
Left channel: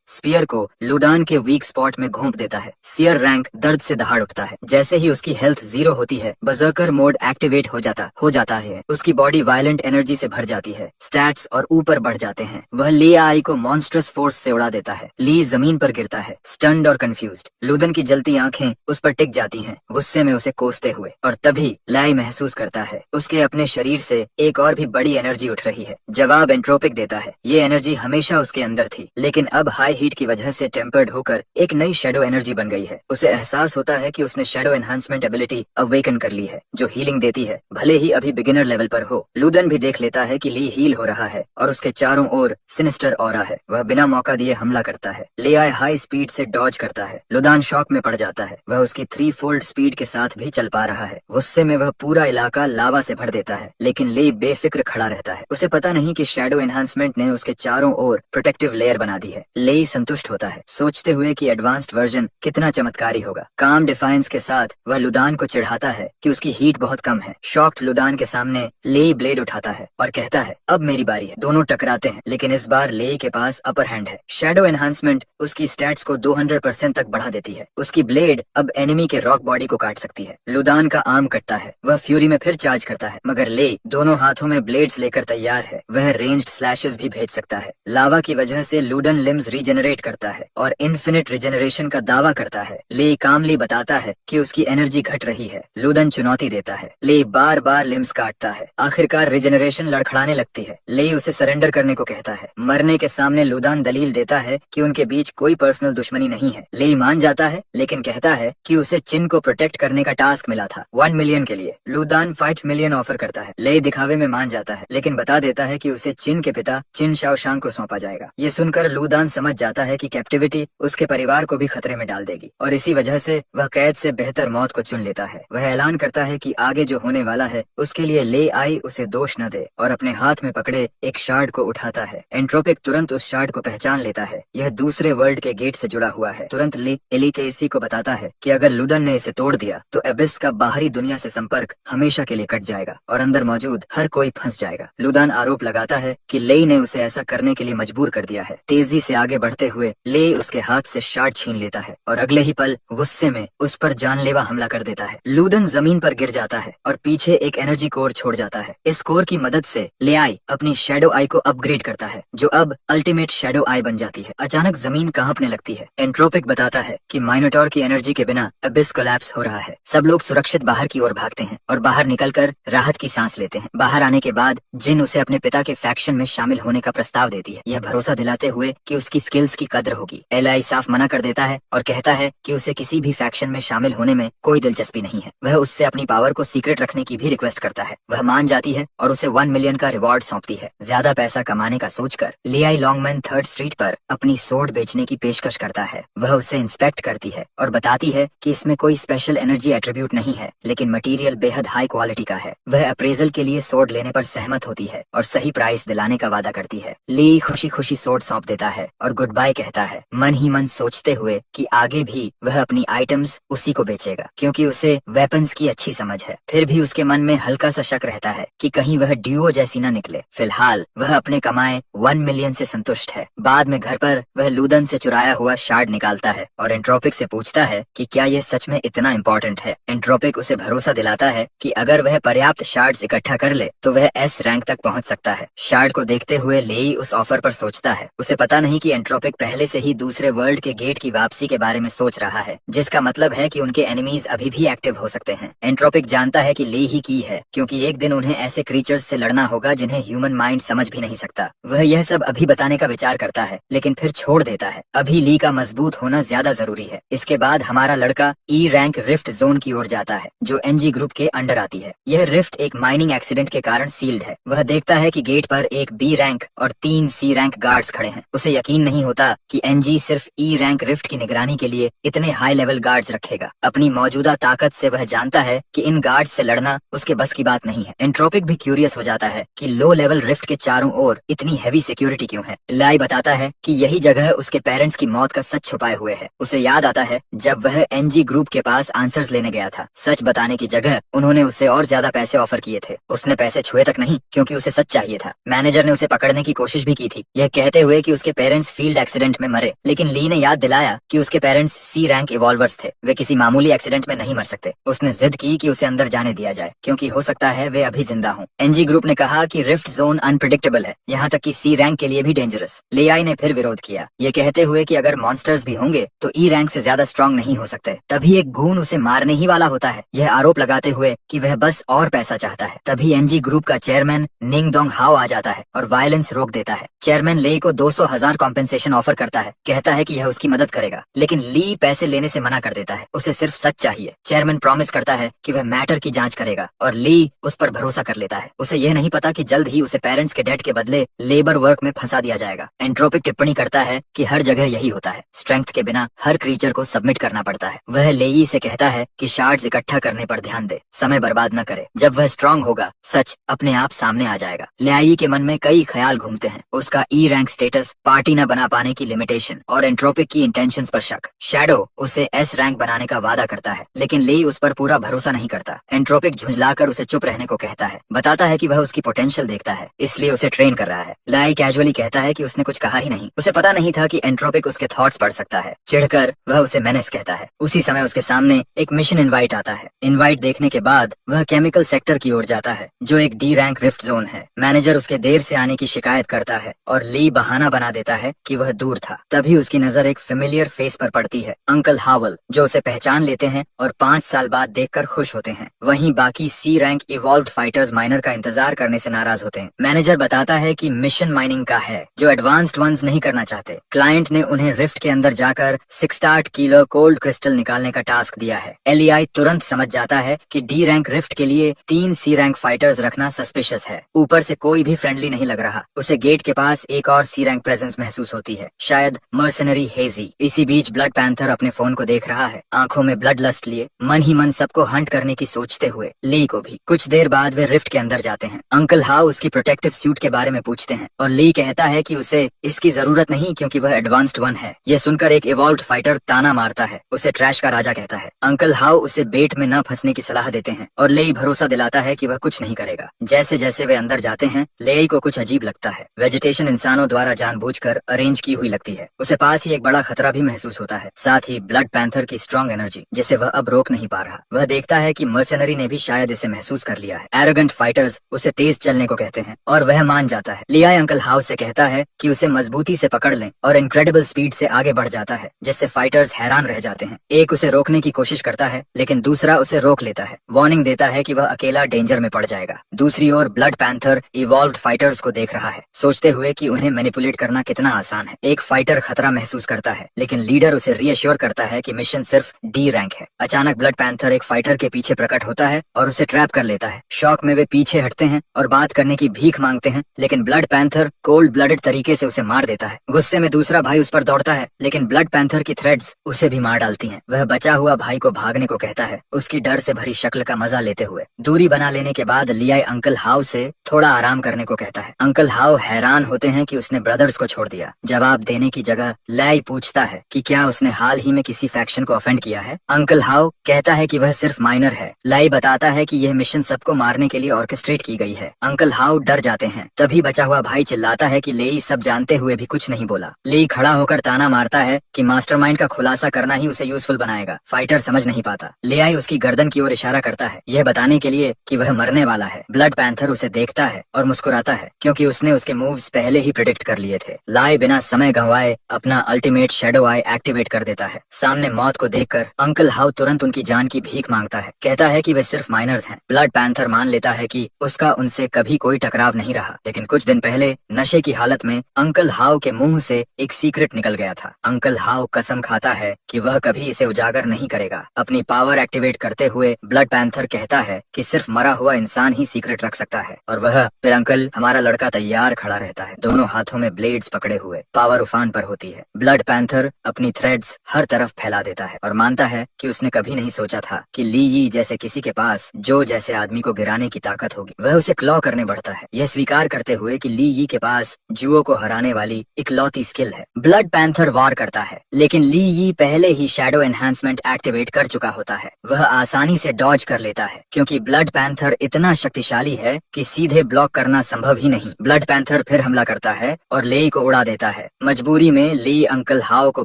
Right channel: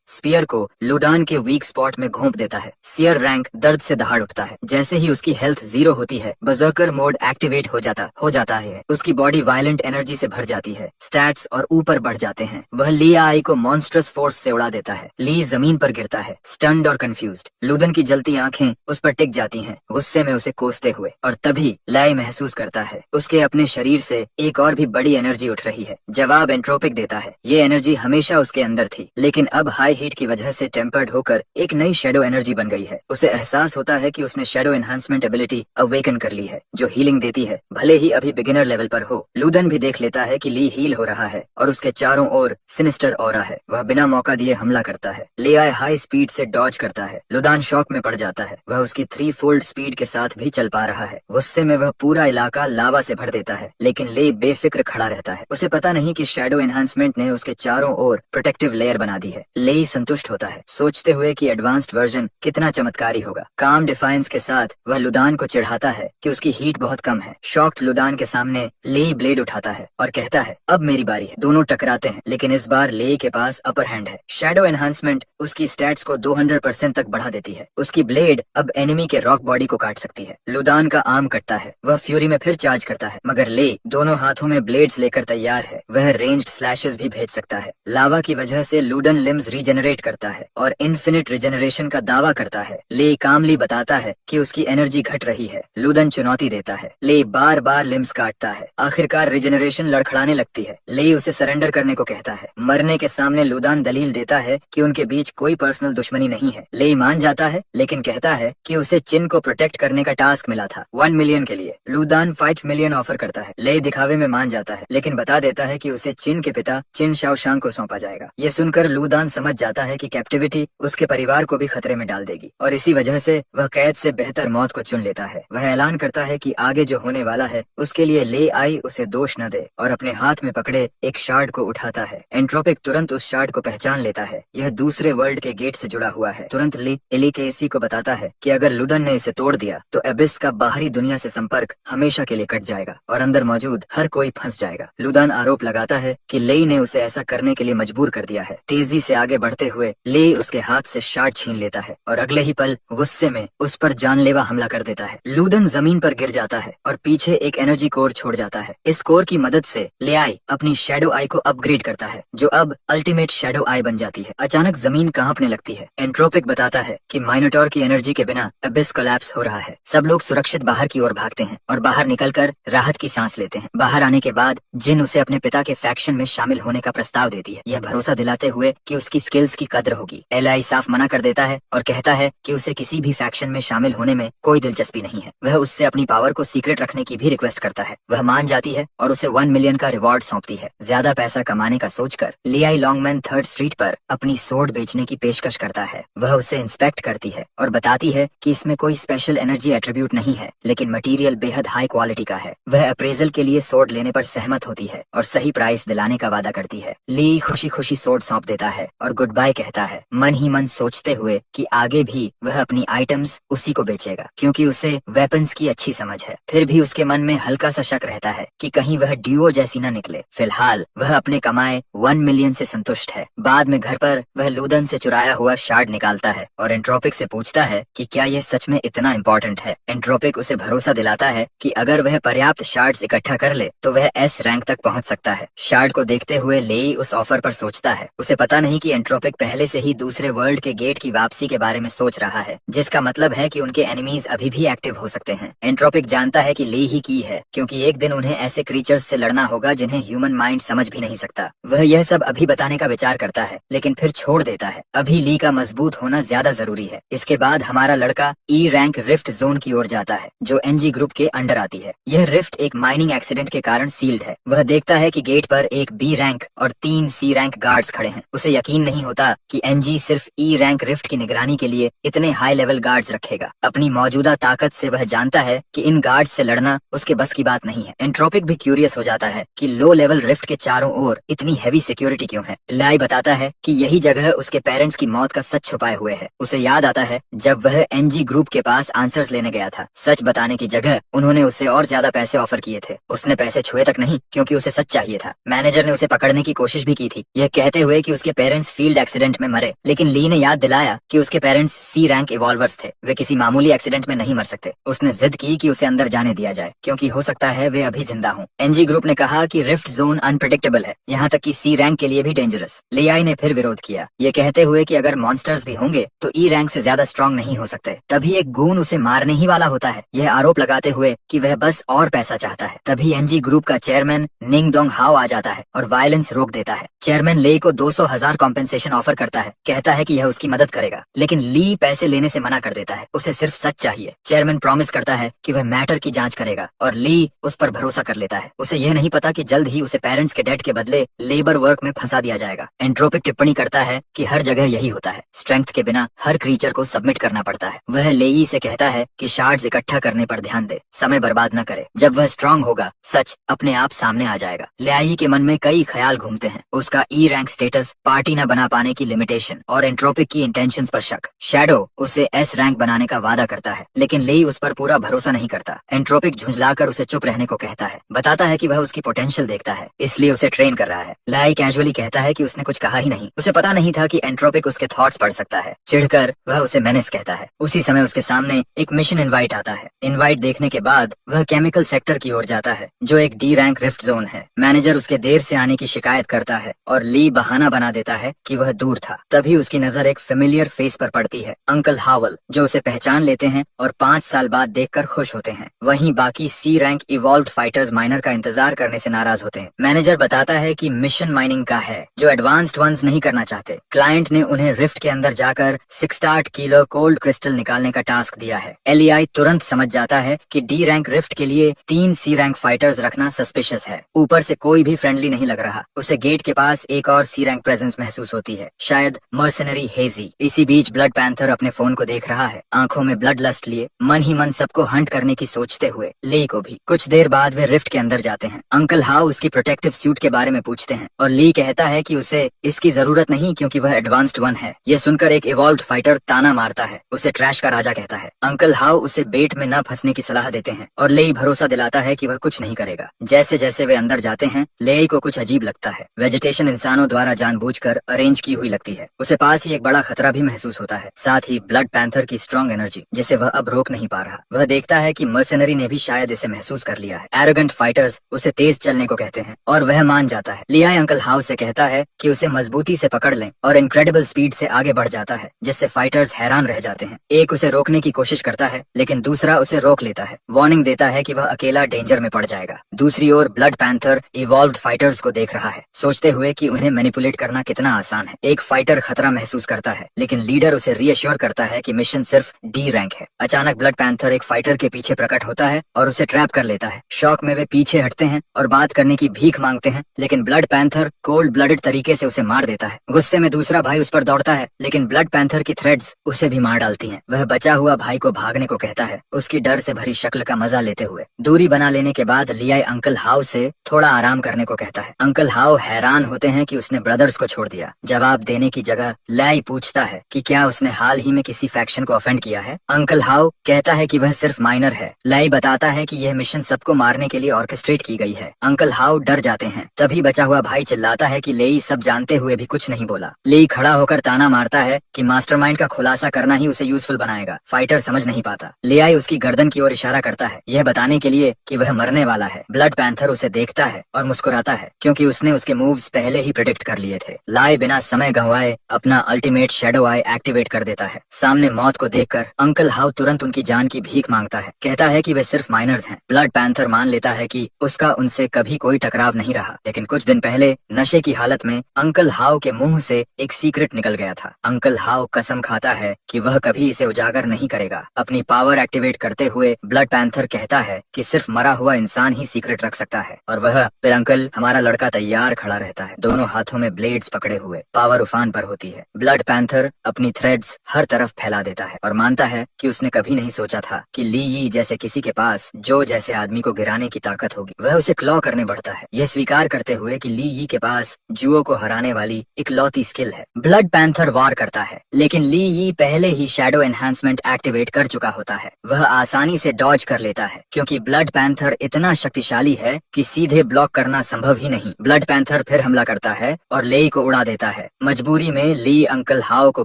स्पीयर को लुडान के वीक स्पॉट में घोंप देता है। सियर रैंक दर्द से दहाड़ उठता है। जैसे ही उसकी हेल्थ 0 होती है, बर्जर्कर मोड एक्टिवेट हो जाता है। उसकी बॉडी वायलेंट एनर्जी से भर जाती है, स्टैट्स और ऊपर बढ़ जाते हैं। वह ली आई को मॉन्स्ट्रस फोर्स से उड़ा देता है। ली जमीन पर गिरता है, स्टन्ड और कंफ्यूज्ड। लुदन की जलती आंखें उस पर टिक जाती हैं, गुस्से में उसे कोसते हुए। और तभी लाई महसूस करता है उसके अपने शरीर से एक और भी बड़ी एनर्जी उठ रही है। जवाब एंट्रोपिक देता है। ये एनर्जी हमेशा उसके अंदर थी, लेकिन अब हाई हीट की वजह से टेम्पर्ड होकर एक नई शैडो एनर्जी बन गई है। उसे एहसास होता है कि उसने शैडो एनहांसमेंट एबिलिटी अवेकन कर ली है, जो हीलिंग देती है, भले ही अभी बिगिनर लेवल पर हो। लुदन भी देख लेता है कि ली हील हो रहा है और उसके चारों ओर सिनिस्टर ऑरा है। वह बिना मौका दिए हमला करता है। ले आए हाई स्पीड से डॉज करता है। लुदान शॉक में पड़ जाता है। वह उसकी 3 फोल्ड स्पीड के साथ भी चल पा रहा है। गुस्से में वह पूरा इलाका लावा से भर देता है, लेकिन ले बेफिक्र खड़ा रहता है। उसे पता नहीं कि शैडो एनहांसमेंट ने उसके चारों ओर प्रोटेक्टिव लेयर बना दी है। ले संतुष्ट होता है, सोचते हुए कि एडवांस्ड वर्जन कितना चमत्कारी होगा। काम डिफाइंस के साथ वह लुदान को चिढ़ाता है कि उसकी हीट बहुत कम है। शॉक्ड लुदान के सामने ले ब्लेड उठाता है और कहता है, अब मेरी बारी है। दोनों टकराते हैं, लेकिन इस बार ले के पास अपर हैंड है। शैडो एनहांसमेंट उसकी स्टैट्स को 200% तक बढ़ा देती है। उसकी ब्लेड अब एनिमी के रॉक बॉडी को काट सकती है। लुदान का आर्म कटता है। वह फ्यूरी में फिर चार्ज करता है, मगर ले दोनों हाथों में ब्लेड्स लेकर तैयार है। वह रेंज्ड स्लैशेस भी भेज सकता है। लावा की वजह से लुडन लिम्स रीजनरेट करता है और इन्फिनिट रिजनरेशन का दावा करता है। ले कामली बताता है कि उसकी एनर्जी घट रही है। लुदन चुनौती देता है। ले बार बार लिम्स काटता है। आखिरकार रिजनरेशन लड़खड़ाने लगती है। ले उसे सरेंडर करने को कहता है। मरने के सामने लुदान दलील देता है कि उनके बीच कोई पर्सनल दुश्मनी नहीं है। ले मान जाता है, लेकिन कहता है कि उसे चिन को प्रोटेक्ट करने का टास्क मिला था 1 मिलियन के लिए। लुदान 5 मिलियन ऑफर करता है। ले दिखावे में मान जाता है, लेकिन बता देता है कि उसे चिन के पिता चिन शाओशांग को सौंपा जाएगा। ये सुनकर लुदान समझ जाता है कि कैप्टिविटी उसके परिवार को भी खतरे में डाल देगी और इसी वजह से वह कैद से बेहतर मौत को चुन लेता है। वह ऐलान करता है कि आगे जो होने वाला है उसके लिए ले आई उसे दोष न दे और अपने हाथ में पकड़े एक शार्ड को उठाता है। एंट्रोपिक तुरंत उस शार्ड को पहचान लेता है। यह दूसरे वर्ल्ड के गेट से जुड़ा हुआ है। तुरंत ले एली के इसी को बताता है कि अगर लुदन ने इसे तोड़ दिया तो एबिस का बाहरी दुनिया से संपर्क हमेशा के लिए कट जाएगा और अंदर मौजूद हर कोई फंस जाएगा। लुदान आरोप लगाता है कि लेई ने उसे ऐसा करने के लिए मजबूर कर दिया है। तेजी से आगे बढ़ते हुए ले उसके हाथ से शार्ड छीन लेता है और अगले ही पल गुस्से में उस पर जानलेवा हमला कर देता है। लुदन जमीन पर गिर जाता है और पीछे एक एनर्जी कोर छोड़ जाता है। इस कोर की मदद से ले आई अपनी शैडो आई को अपग्रेड करता है, जो अब अल्टीमेट शैडो आई बन जाती है। अचानक जमीन कांपने लगती है। एंट्रोपिक बताता है कि माइनोटॉर की एनर्जी के बिना अबिस कोलैप्स हो रहा है। सब लोग सुरक्षित बाहर की ओर भागते हैं और बाहर निकलकर राहत की सांस लेते हैं। बाहर आने के बाद जिन उसे अपने पिता के फैक्शन में शामिल होने का प्रस्ताव देती है, यह भरोसा दिलाते हुए कि उसकी स्किल्स की कद्र होगी। एलाई साफ मना कर देता है और कहता है कि उसे किसी भी फैक्शन में शामिल होने में कोई दिलचस्पी नहीं है। वह उससे अपनी पावर को सीक्रेट रखने की भी रिक्वेस्ट करता है। वह मान जाती है और उसे 1 मिलियन का रिवॉर्ड सौंपती है। ज्यादा पैसा कमाने का सोचकर लियाई लॉन्गमैन 3rd स्ट्रीट पर अपनी सोर्ड बेचने की पेशकश करता है। वह उसे इंस्पेक्ट करती है और बताती है कि इसमें कोई स्पेशल एनर्जी एट्रीब्यूट नहीं है, लेकिन मटेरियल बेहद हाई क्वालिटी का है। वह अप्रेजल के लिए सोर्ड लेने पर सहमत होती है और सही प्राइस दिलाने का वादा करती है। ली खुशी खुशी सोर्ड सौंप देता है और गुड बाय कहता है, मन ही मन सोचते हुए कि आगे भी वह अपनी आइटम्स उसी को बेचेगा, क्योंकि उसे वेपन्स की अच्छी समझ है। फिर भी उसके मन में हल्का सा शक रहता है कि कहीं वह ड्यूओ जैसी न निकले। फिलहाल वह अपने कमाए 1 मिलियन से संतुष्ट है। बाद में घर पर वह लुदन से चुराया हुआ शार्ड निकालता है और एंट्रोपिक से पूछता है कि क्या यह सच में इतना इम्पोर्टेंट है। एंट्रोपिक उसे भरोसा दिलाता है कि अगर वह पर्याप्त शार्ड्स इकट्ठा कर ले तो वह S रैंक तक पहुंच सकता है। शार्ड को देखते हुए लेई उस ऑफर पर सोचता है। उसे पता नहीं कि एंट्रोपिक पहले से ही दूसरे वर्ल्ड के गेट की वापसी के बारे में सोच रहा है, जिसका मतलब है कि उनके एनिमीज अभी भी एक्टिव हो सकते हैं। एंट्रोपिक जानता है कि ले ही की है, क्योंकि एक दिन उन्हें ऐसे क्रीचर्स से लड़ना होगा जिन्हें ह्यूमन माइंड समझ भी नहीं सकता। वह यह सब अभी बताने का विचार करता है, लेकिन फिर छोड़ देता है। अभी ली का मजबूत होना ज्यादा जरूरी है। इसके बाद हमारा लड़का E रैंक रिफ्ट जोन की ओर जाता है, जो NG ग्रुप के अंडर आती है। यह रिफ्ट एक माइनिंग एक्सीडेंट के कारण सील्ड है। वह देखता है कि गेट पर एक B रैंक और 3 C रैंक गार्ड्स खड़े हैं। उसे यकीन नहीं होता कि NG सिर्फ E रैंक रिफ्ट की निगरानी के लिए इतने हाई लेवल गार्ड्स रखेगा। अपनी मौजूदा ताकत से वह जानता है कि इन गार्ड्स से लड़ना उसके बस की बात नहीं है। एंट्रोपिक भी क्यूरियस हो जाता है कि लो लेवल रिफ्ट के चारों ओर इतनी हैवी सिक्योरिटी क्यों है। लाई बताता है कि यही जगह उसके पेरेंट्स की मौत का सच छुपाए हुए है। उसे याद आता है जब वह एनजी ग्रुप के पास आंसर्स लेने गया था। सच बताने की जगह उन्होंने उससे और ज्यादा पैसे ऑफर किए थे। उसने पैसे छुए तक नहीं, क्योंकि उसे सच चाहिए था। मैनेजर ने उसे पकड़ने की कोशिश भी की थी, यह कहते हुए कि उसके पेरेंट्स फील्ड एक्सीडेंट में मरे, लेकिन ली ने याद दिलाया कि उसके पेरेंट्स सी रैंक इवॉल्वर्स थे, वे किसी मामूली एक्सीडेंट में नहीं मर सकते। उसने जिद की कि उसे अंदर जाने दिया जाए, क्योंकि हो सकता है वे अभी जिंदा हों। एनजी ग्रुप ने कहा कि रिफ्ट जोन अनप्रिडिक्टेबल है, यहाँ तक कि सी रैंक के लिए भी डेंजरस। लियाई ने फिर विरोध किया, ये कहते हुए कि अगर मॉन्स्टर्स भी होंगे तो ई रैंक से ज्यादा स्ट्रांग नहीं हो सकते। तभी एक गून उसे मारने ही वाला होता है, यह आरोप लगाते हुए कि वह बस और पैसा चाहता है। तभी एनजी ग्रुप का चेयरमैन निंग डोंग हाओ आ जाता है और वायलेंस रोक देता है। चेयरमैन ली को 200,000 कॉम्पेंसेशन ऑफर करता है, कहता है कि यह उसकी मदद करेगा, लेकिन ली पैसे लेने से मना कर देता है। उसे सिर्फ सच चाहिए। चेयरमैन प्रॉमिस करता है कि वह मैटर की जांच करेगा और ली उस पर भरोसा कर लेता है। उसे यह नहीं पता कि जल्द ही उसे पेरेंट्स के डेट के बदले लेबर वर्क में फंसा दिया जाएगा। एंट्रोपिक टिप्पणी करता है कि हर जगह यही होता है, स्ट्रेंथ के बिना हर क्रीचर को सबमिट करना पड़ता है। वह लेई से कहता है कि शार्ड्स इकट्ठा करने पर ध्यान दे, समय बर्बाद न करे। जब वह स्ट्रांग होगा सच अपने आप सामने आ जाएगा। लेई के मन में कई ख्याल घूमते हैं, उसका ई रैंक स्टेटस, पार्टी न बना पाने की लिमिटेशन और एंट्रोपिक की इंटेंशंस पर शक। शैडो उसे एस रैंक बनाने का वादा करता है, लेकिन लेई उस पर पूरा भरोसा नहीं करता। एंट्रोपिक झुंझलाकर उसे चुप रहने को कहता है, बताता है कि वह उसकी पोटेंशियल देखता है, इसलिए उसे ट्रेन कर रहा है। लेई कैजुअली कहता है कि उसने कुछ कहा ही नहीं, उसे पता नहीं था कि एंट्रोपिक उसके थॉट्स पढ़ सकता है। चिढ़कर वह उसे मेनेस कहता है। उसी समय उसके सामने एक मिशन इनवाइट आता है। इनवाइट देखने के बाद वह केमिकल सेक्टर की ओर जाता है, जो एक डी रैंक रिफ्ट जोन है। मैनेजर उसके देर से आने की शिकायत करता है और ली बहाना बना देता है कि वह दूर था। तभी उसकी नजर एक फेमिलियर फेस पर पड़ती है, अंकल हावल, जो उसे पहचान लेते हैं और 5 साल बाद देखकर खुश होते हैं। वहीं बाकी सी रैंक इवॉल्व्ड फाइटर्स माइनर का इंतजार करने से नाराज होते हैं। मैनेजर बताता है कि मिशन माइनिंग का है, जो एडवांस्ड वंस नहीं करना चाहते। क्लाइंट ने उन्हें रिफ्ट के अंदर जाकर 68 किलो कोल्ड क्रिस्टल निकालने का टास्क दिया है। एलईआई तुरंत समझ जाता है कि डी रैंक रिफ्ट के लिए 3 सी रैंक फाइटर्स रखना सस्पिशियस है। ऊपर से कोई भी फ्रेंडली नहीं लग रहा। उसे गेट के पास एक और सी रैंक प्रेजेंस महसूस होती है, शायद मर्सनरी हेजी। इसी बीच ब्लड पैंथर अपने फोन को देख रहा है, आंखों में ब्लड लस्ट लिए, मन ही मन सबको हंट करने की सोचते हुए। ली को भी। कुछ देर बाद वे रिफ्ट के अंदर जाते हैं। अंकल हाउ उसकी प्रोटेक्टिव सूट के बारे में पूछते हैं और ली कहता है कि उसे इसकी जरूरत नहीं, क्योंकि वह एडवांस्ड वन है। यह सुनकर एक इवॉल्व्ड फाइटर ताना मारता है, उसे ट्रैश का राजा कहता है। अंकल हाउ उसे बेट में न फंसने की सलाह देते हैं और लेई भरोसा दिलाता है कि वह कुछ नहीं करेगा। जैसे जैसे वे अंदर जाते हैं, लेई को कुछ अजीब लगता है। वेजिटेशन इंसानों द्वारा जानबूझकर अरेंज की हुई लगती है। उसे पास ही एक बड़ा खतरा भी महसूस होता है, साथ ही ब्लड पैंथर की स्ट्रॉन्ग एनर्जी, जिसे वह अब रोक नहीं पा रहा। वह देखता है कि मर्सनरी ने भी शायद इसे महसूस कर लिया है। एरोगेंट फाइटर्स उसे तेज चलने को कहते हैं और वह मान जाता है। लियाई अंकल हाउ से कहता है कि उसे मजबूती से पकड़ लें और इनक्रेडिबल स्पीड से आगे बढ़ जाता है, जिससे फाइटर्स हैरान रह जाते हैं। एक उसे रोकने की कोशिश करता है, लेकिन दूसरा उसे रोक लेता है, वार्निंग देता है कि वह अकेला डेंजर में पड़ जाएगा। दूसरी ओर ब्लड पैंथर इवॉल्व्ड फाइटर्स को देख रहा है, सोचते हुए कि उन्हें मैनिपुलेट करना कितना आसान है। एक फाइटर खतरा महसूस करता है, लेकिन लीडर उसे रीअश्योर करता है कि मिशन सिर्फ डी रैंक है। अचानक ब्लड पैंथर एक फाइटर के पीछे प्रकट होता है और उसे ट्रैप कर लेता है। शॉक में वे पीछे हटते हैं और बात करने की भीख मांगते हैं, लेकिन ब्लड पैंथर कोल्ड ब्लडेड तरीके से उसे मार देता है। गुस्से में दूसरा भाई उस पर दौड़ता है, लेकिन ब्लड पैंथर की थ्रेड्स उसे भी मार डालती हैं। वह बचा हुआ भाई को भागने को कहता है, उसकी डर से भरी शक्ल का मजा लेते हुए। दूरी बना लेने के बाद लियाई अंकल हाउ से थोड़ा आराम करने को कहता है। अंकल हाउ हैरान होते हैं कि उसने ब्रदर्स को छोड़ दिया। जवाब देने की जगह लियाई पूछता है कि क्या उसने हाल ही में किसी फैक्शन को ऑफेंड किया है। अंकल हाउ कहता है कि वह सिर्फ माइनर है। लियाई बताता है कि यह मिशन सबको मारने के लिए ऑर्केस्ट्रेट की गई है। अंकल हाउ डर जाते हैं। तभी बचा हुआ भाई चिल्लाता है कि लेई सब जानते हुए भी कुछ नहीं बोला। लेई खड़ा होकर ताना मारता है कि मास्टरमाइंड का खुलासा करना ही उसे यूजफुल बनाएगा। फाइटर समझ नहीं पाता। लियाई उसकी गर्दन की ओर इशारा करता है, यह बताने के लिए कि वह मरने वाला है। ब्लड पैंथर उसे देखता है और मुस्कुराता है, क्योंकि उसने उसके मूव्स पहले ही प्रेडिक्ट कर लिए थे। लाई बिना समय गंवाए अपना अल्टीमेट शैडो आई एक्टिवेट कर देता है। सामने मौत को देखकर अंकल हाउ तुरंत उनकी जान की भीख मांगता है, कहता है कि वे सिर्फ माइनर्स हैं। ब्लड पैंथर मान लेता है कि उसका उनसे कभी कोई टकराव नहीं रहा, लेकिन कुछ दिन पहले नशे की हालत में अंकल हाउ के मुंह से एक सीक्रेट निकल गया था। अंकल हाउ कसम खाता है कि वह कभी इसे उजागर नहीं करेगा। अपनी पावर एक्टिवेट करते हुए ब्लड पैंथर कहता है कि सिर्फ मरा हुआ इंसान ही सीक्रेट रख सकता है, और वह फिर अंकल हमारा लड़का तैयार खड़ा रहता है, दोनों हाथों में ब्लेड्स पकड़े हुए। पावर उफान पर होती है। ब्लड पैंथर अपनी थ्रेड्स हर तरफ फैला देता है और मानता है कि उसने कभी नहीं सोचा था कि ली यी जैसे किसी के पास जो जैसे आदमी को गिराने की ताकत होगी। वह उसे क्लॉ करने बढ़ता है, यह स्वीकार करते हुए कि ली यी के पास जुओ को हराने वाली इकलौती स्किल है। ब्लड पैंथर वार करता है, लेकिन ली यी पहले ही शैडो एनहांसमेंट एक्टिवेट कर चुका होता है। वह आसानी से डॉज कर लेता है क्योंकि ब्लड पैंथर इतना शक्तिशाली है कि सीधे ब्लॉक करना संभव ही नहीं। ब्लड पैंथर फिर हमला करता है और लेई को उड़ा देता है। मजबूरी में ली अंकल हाओ को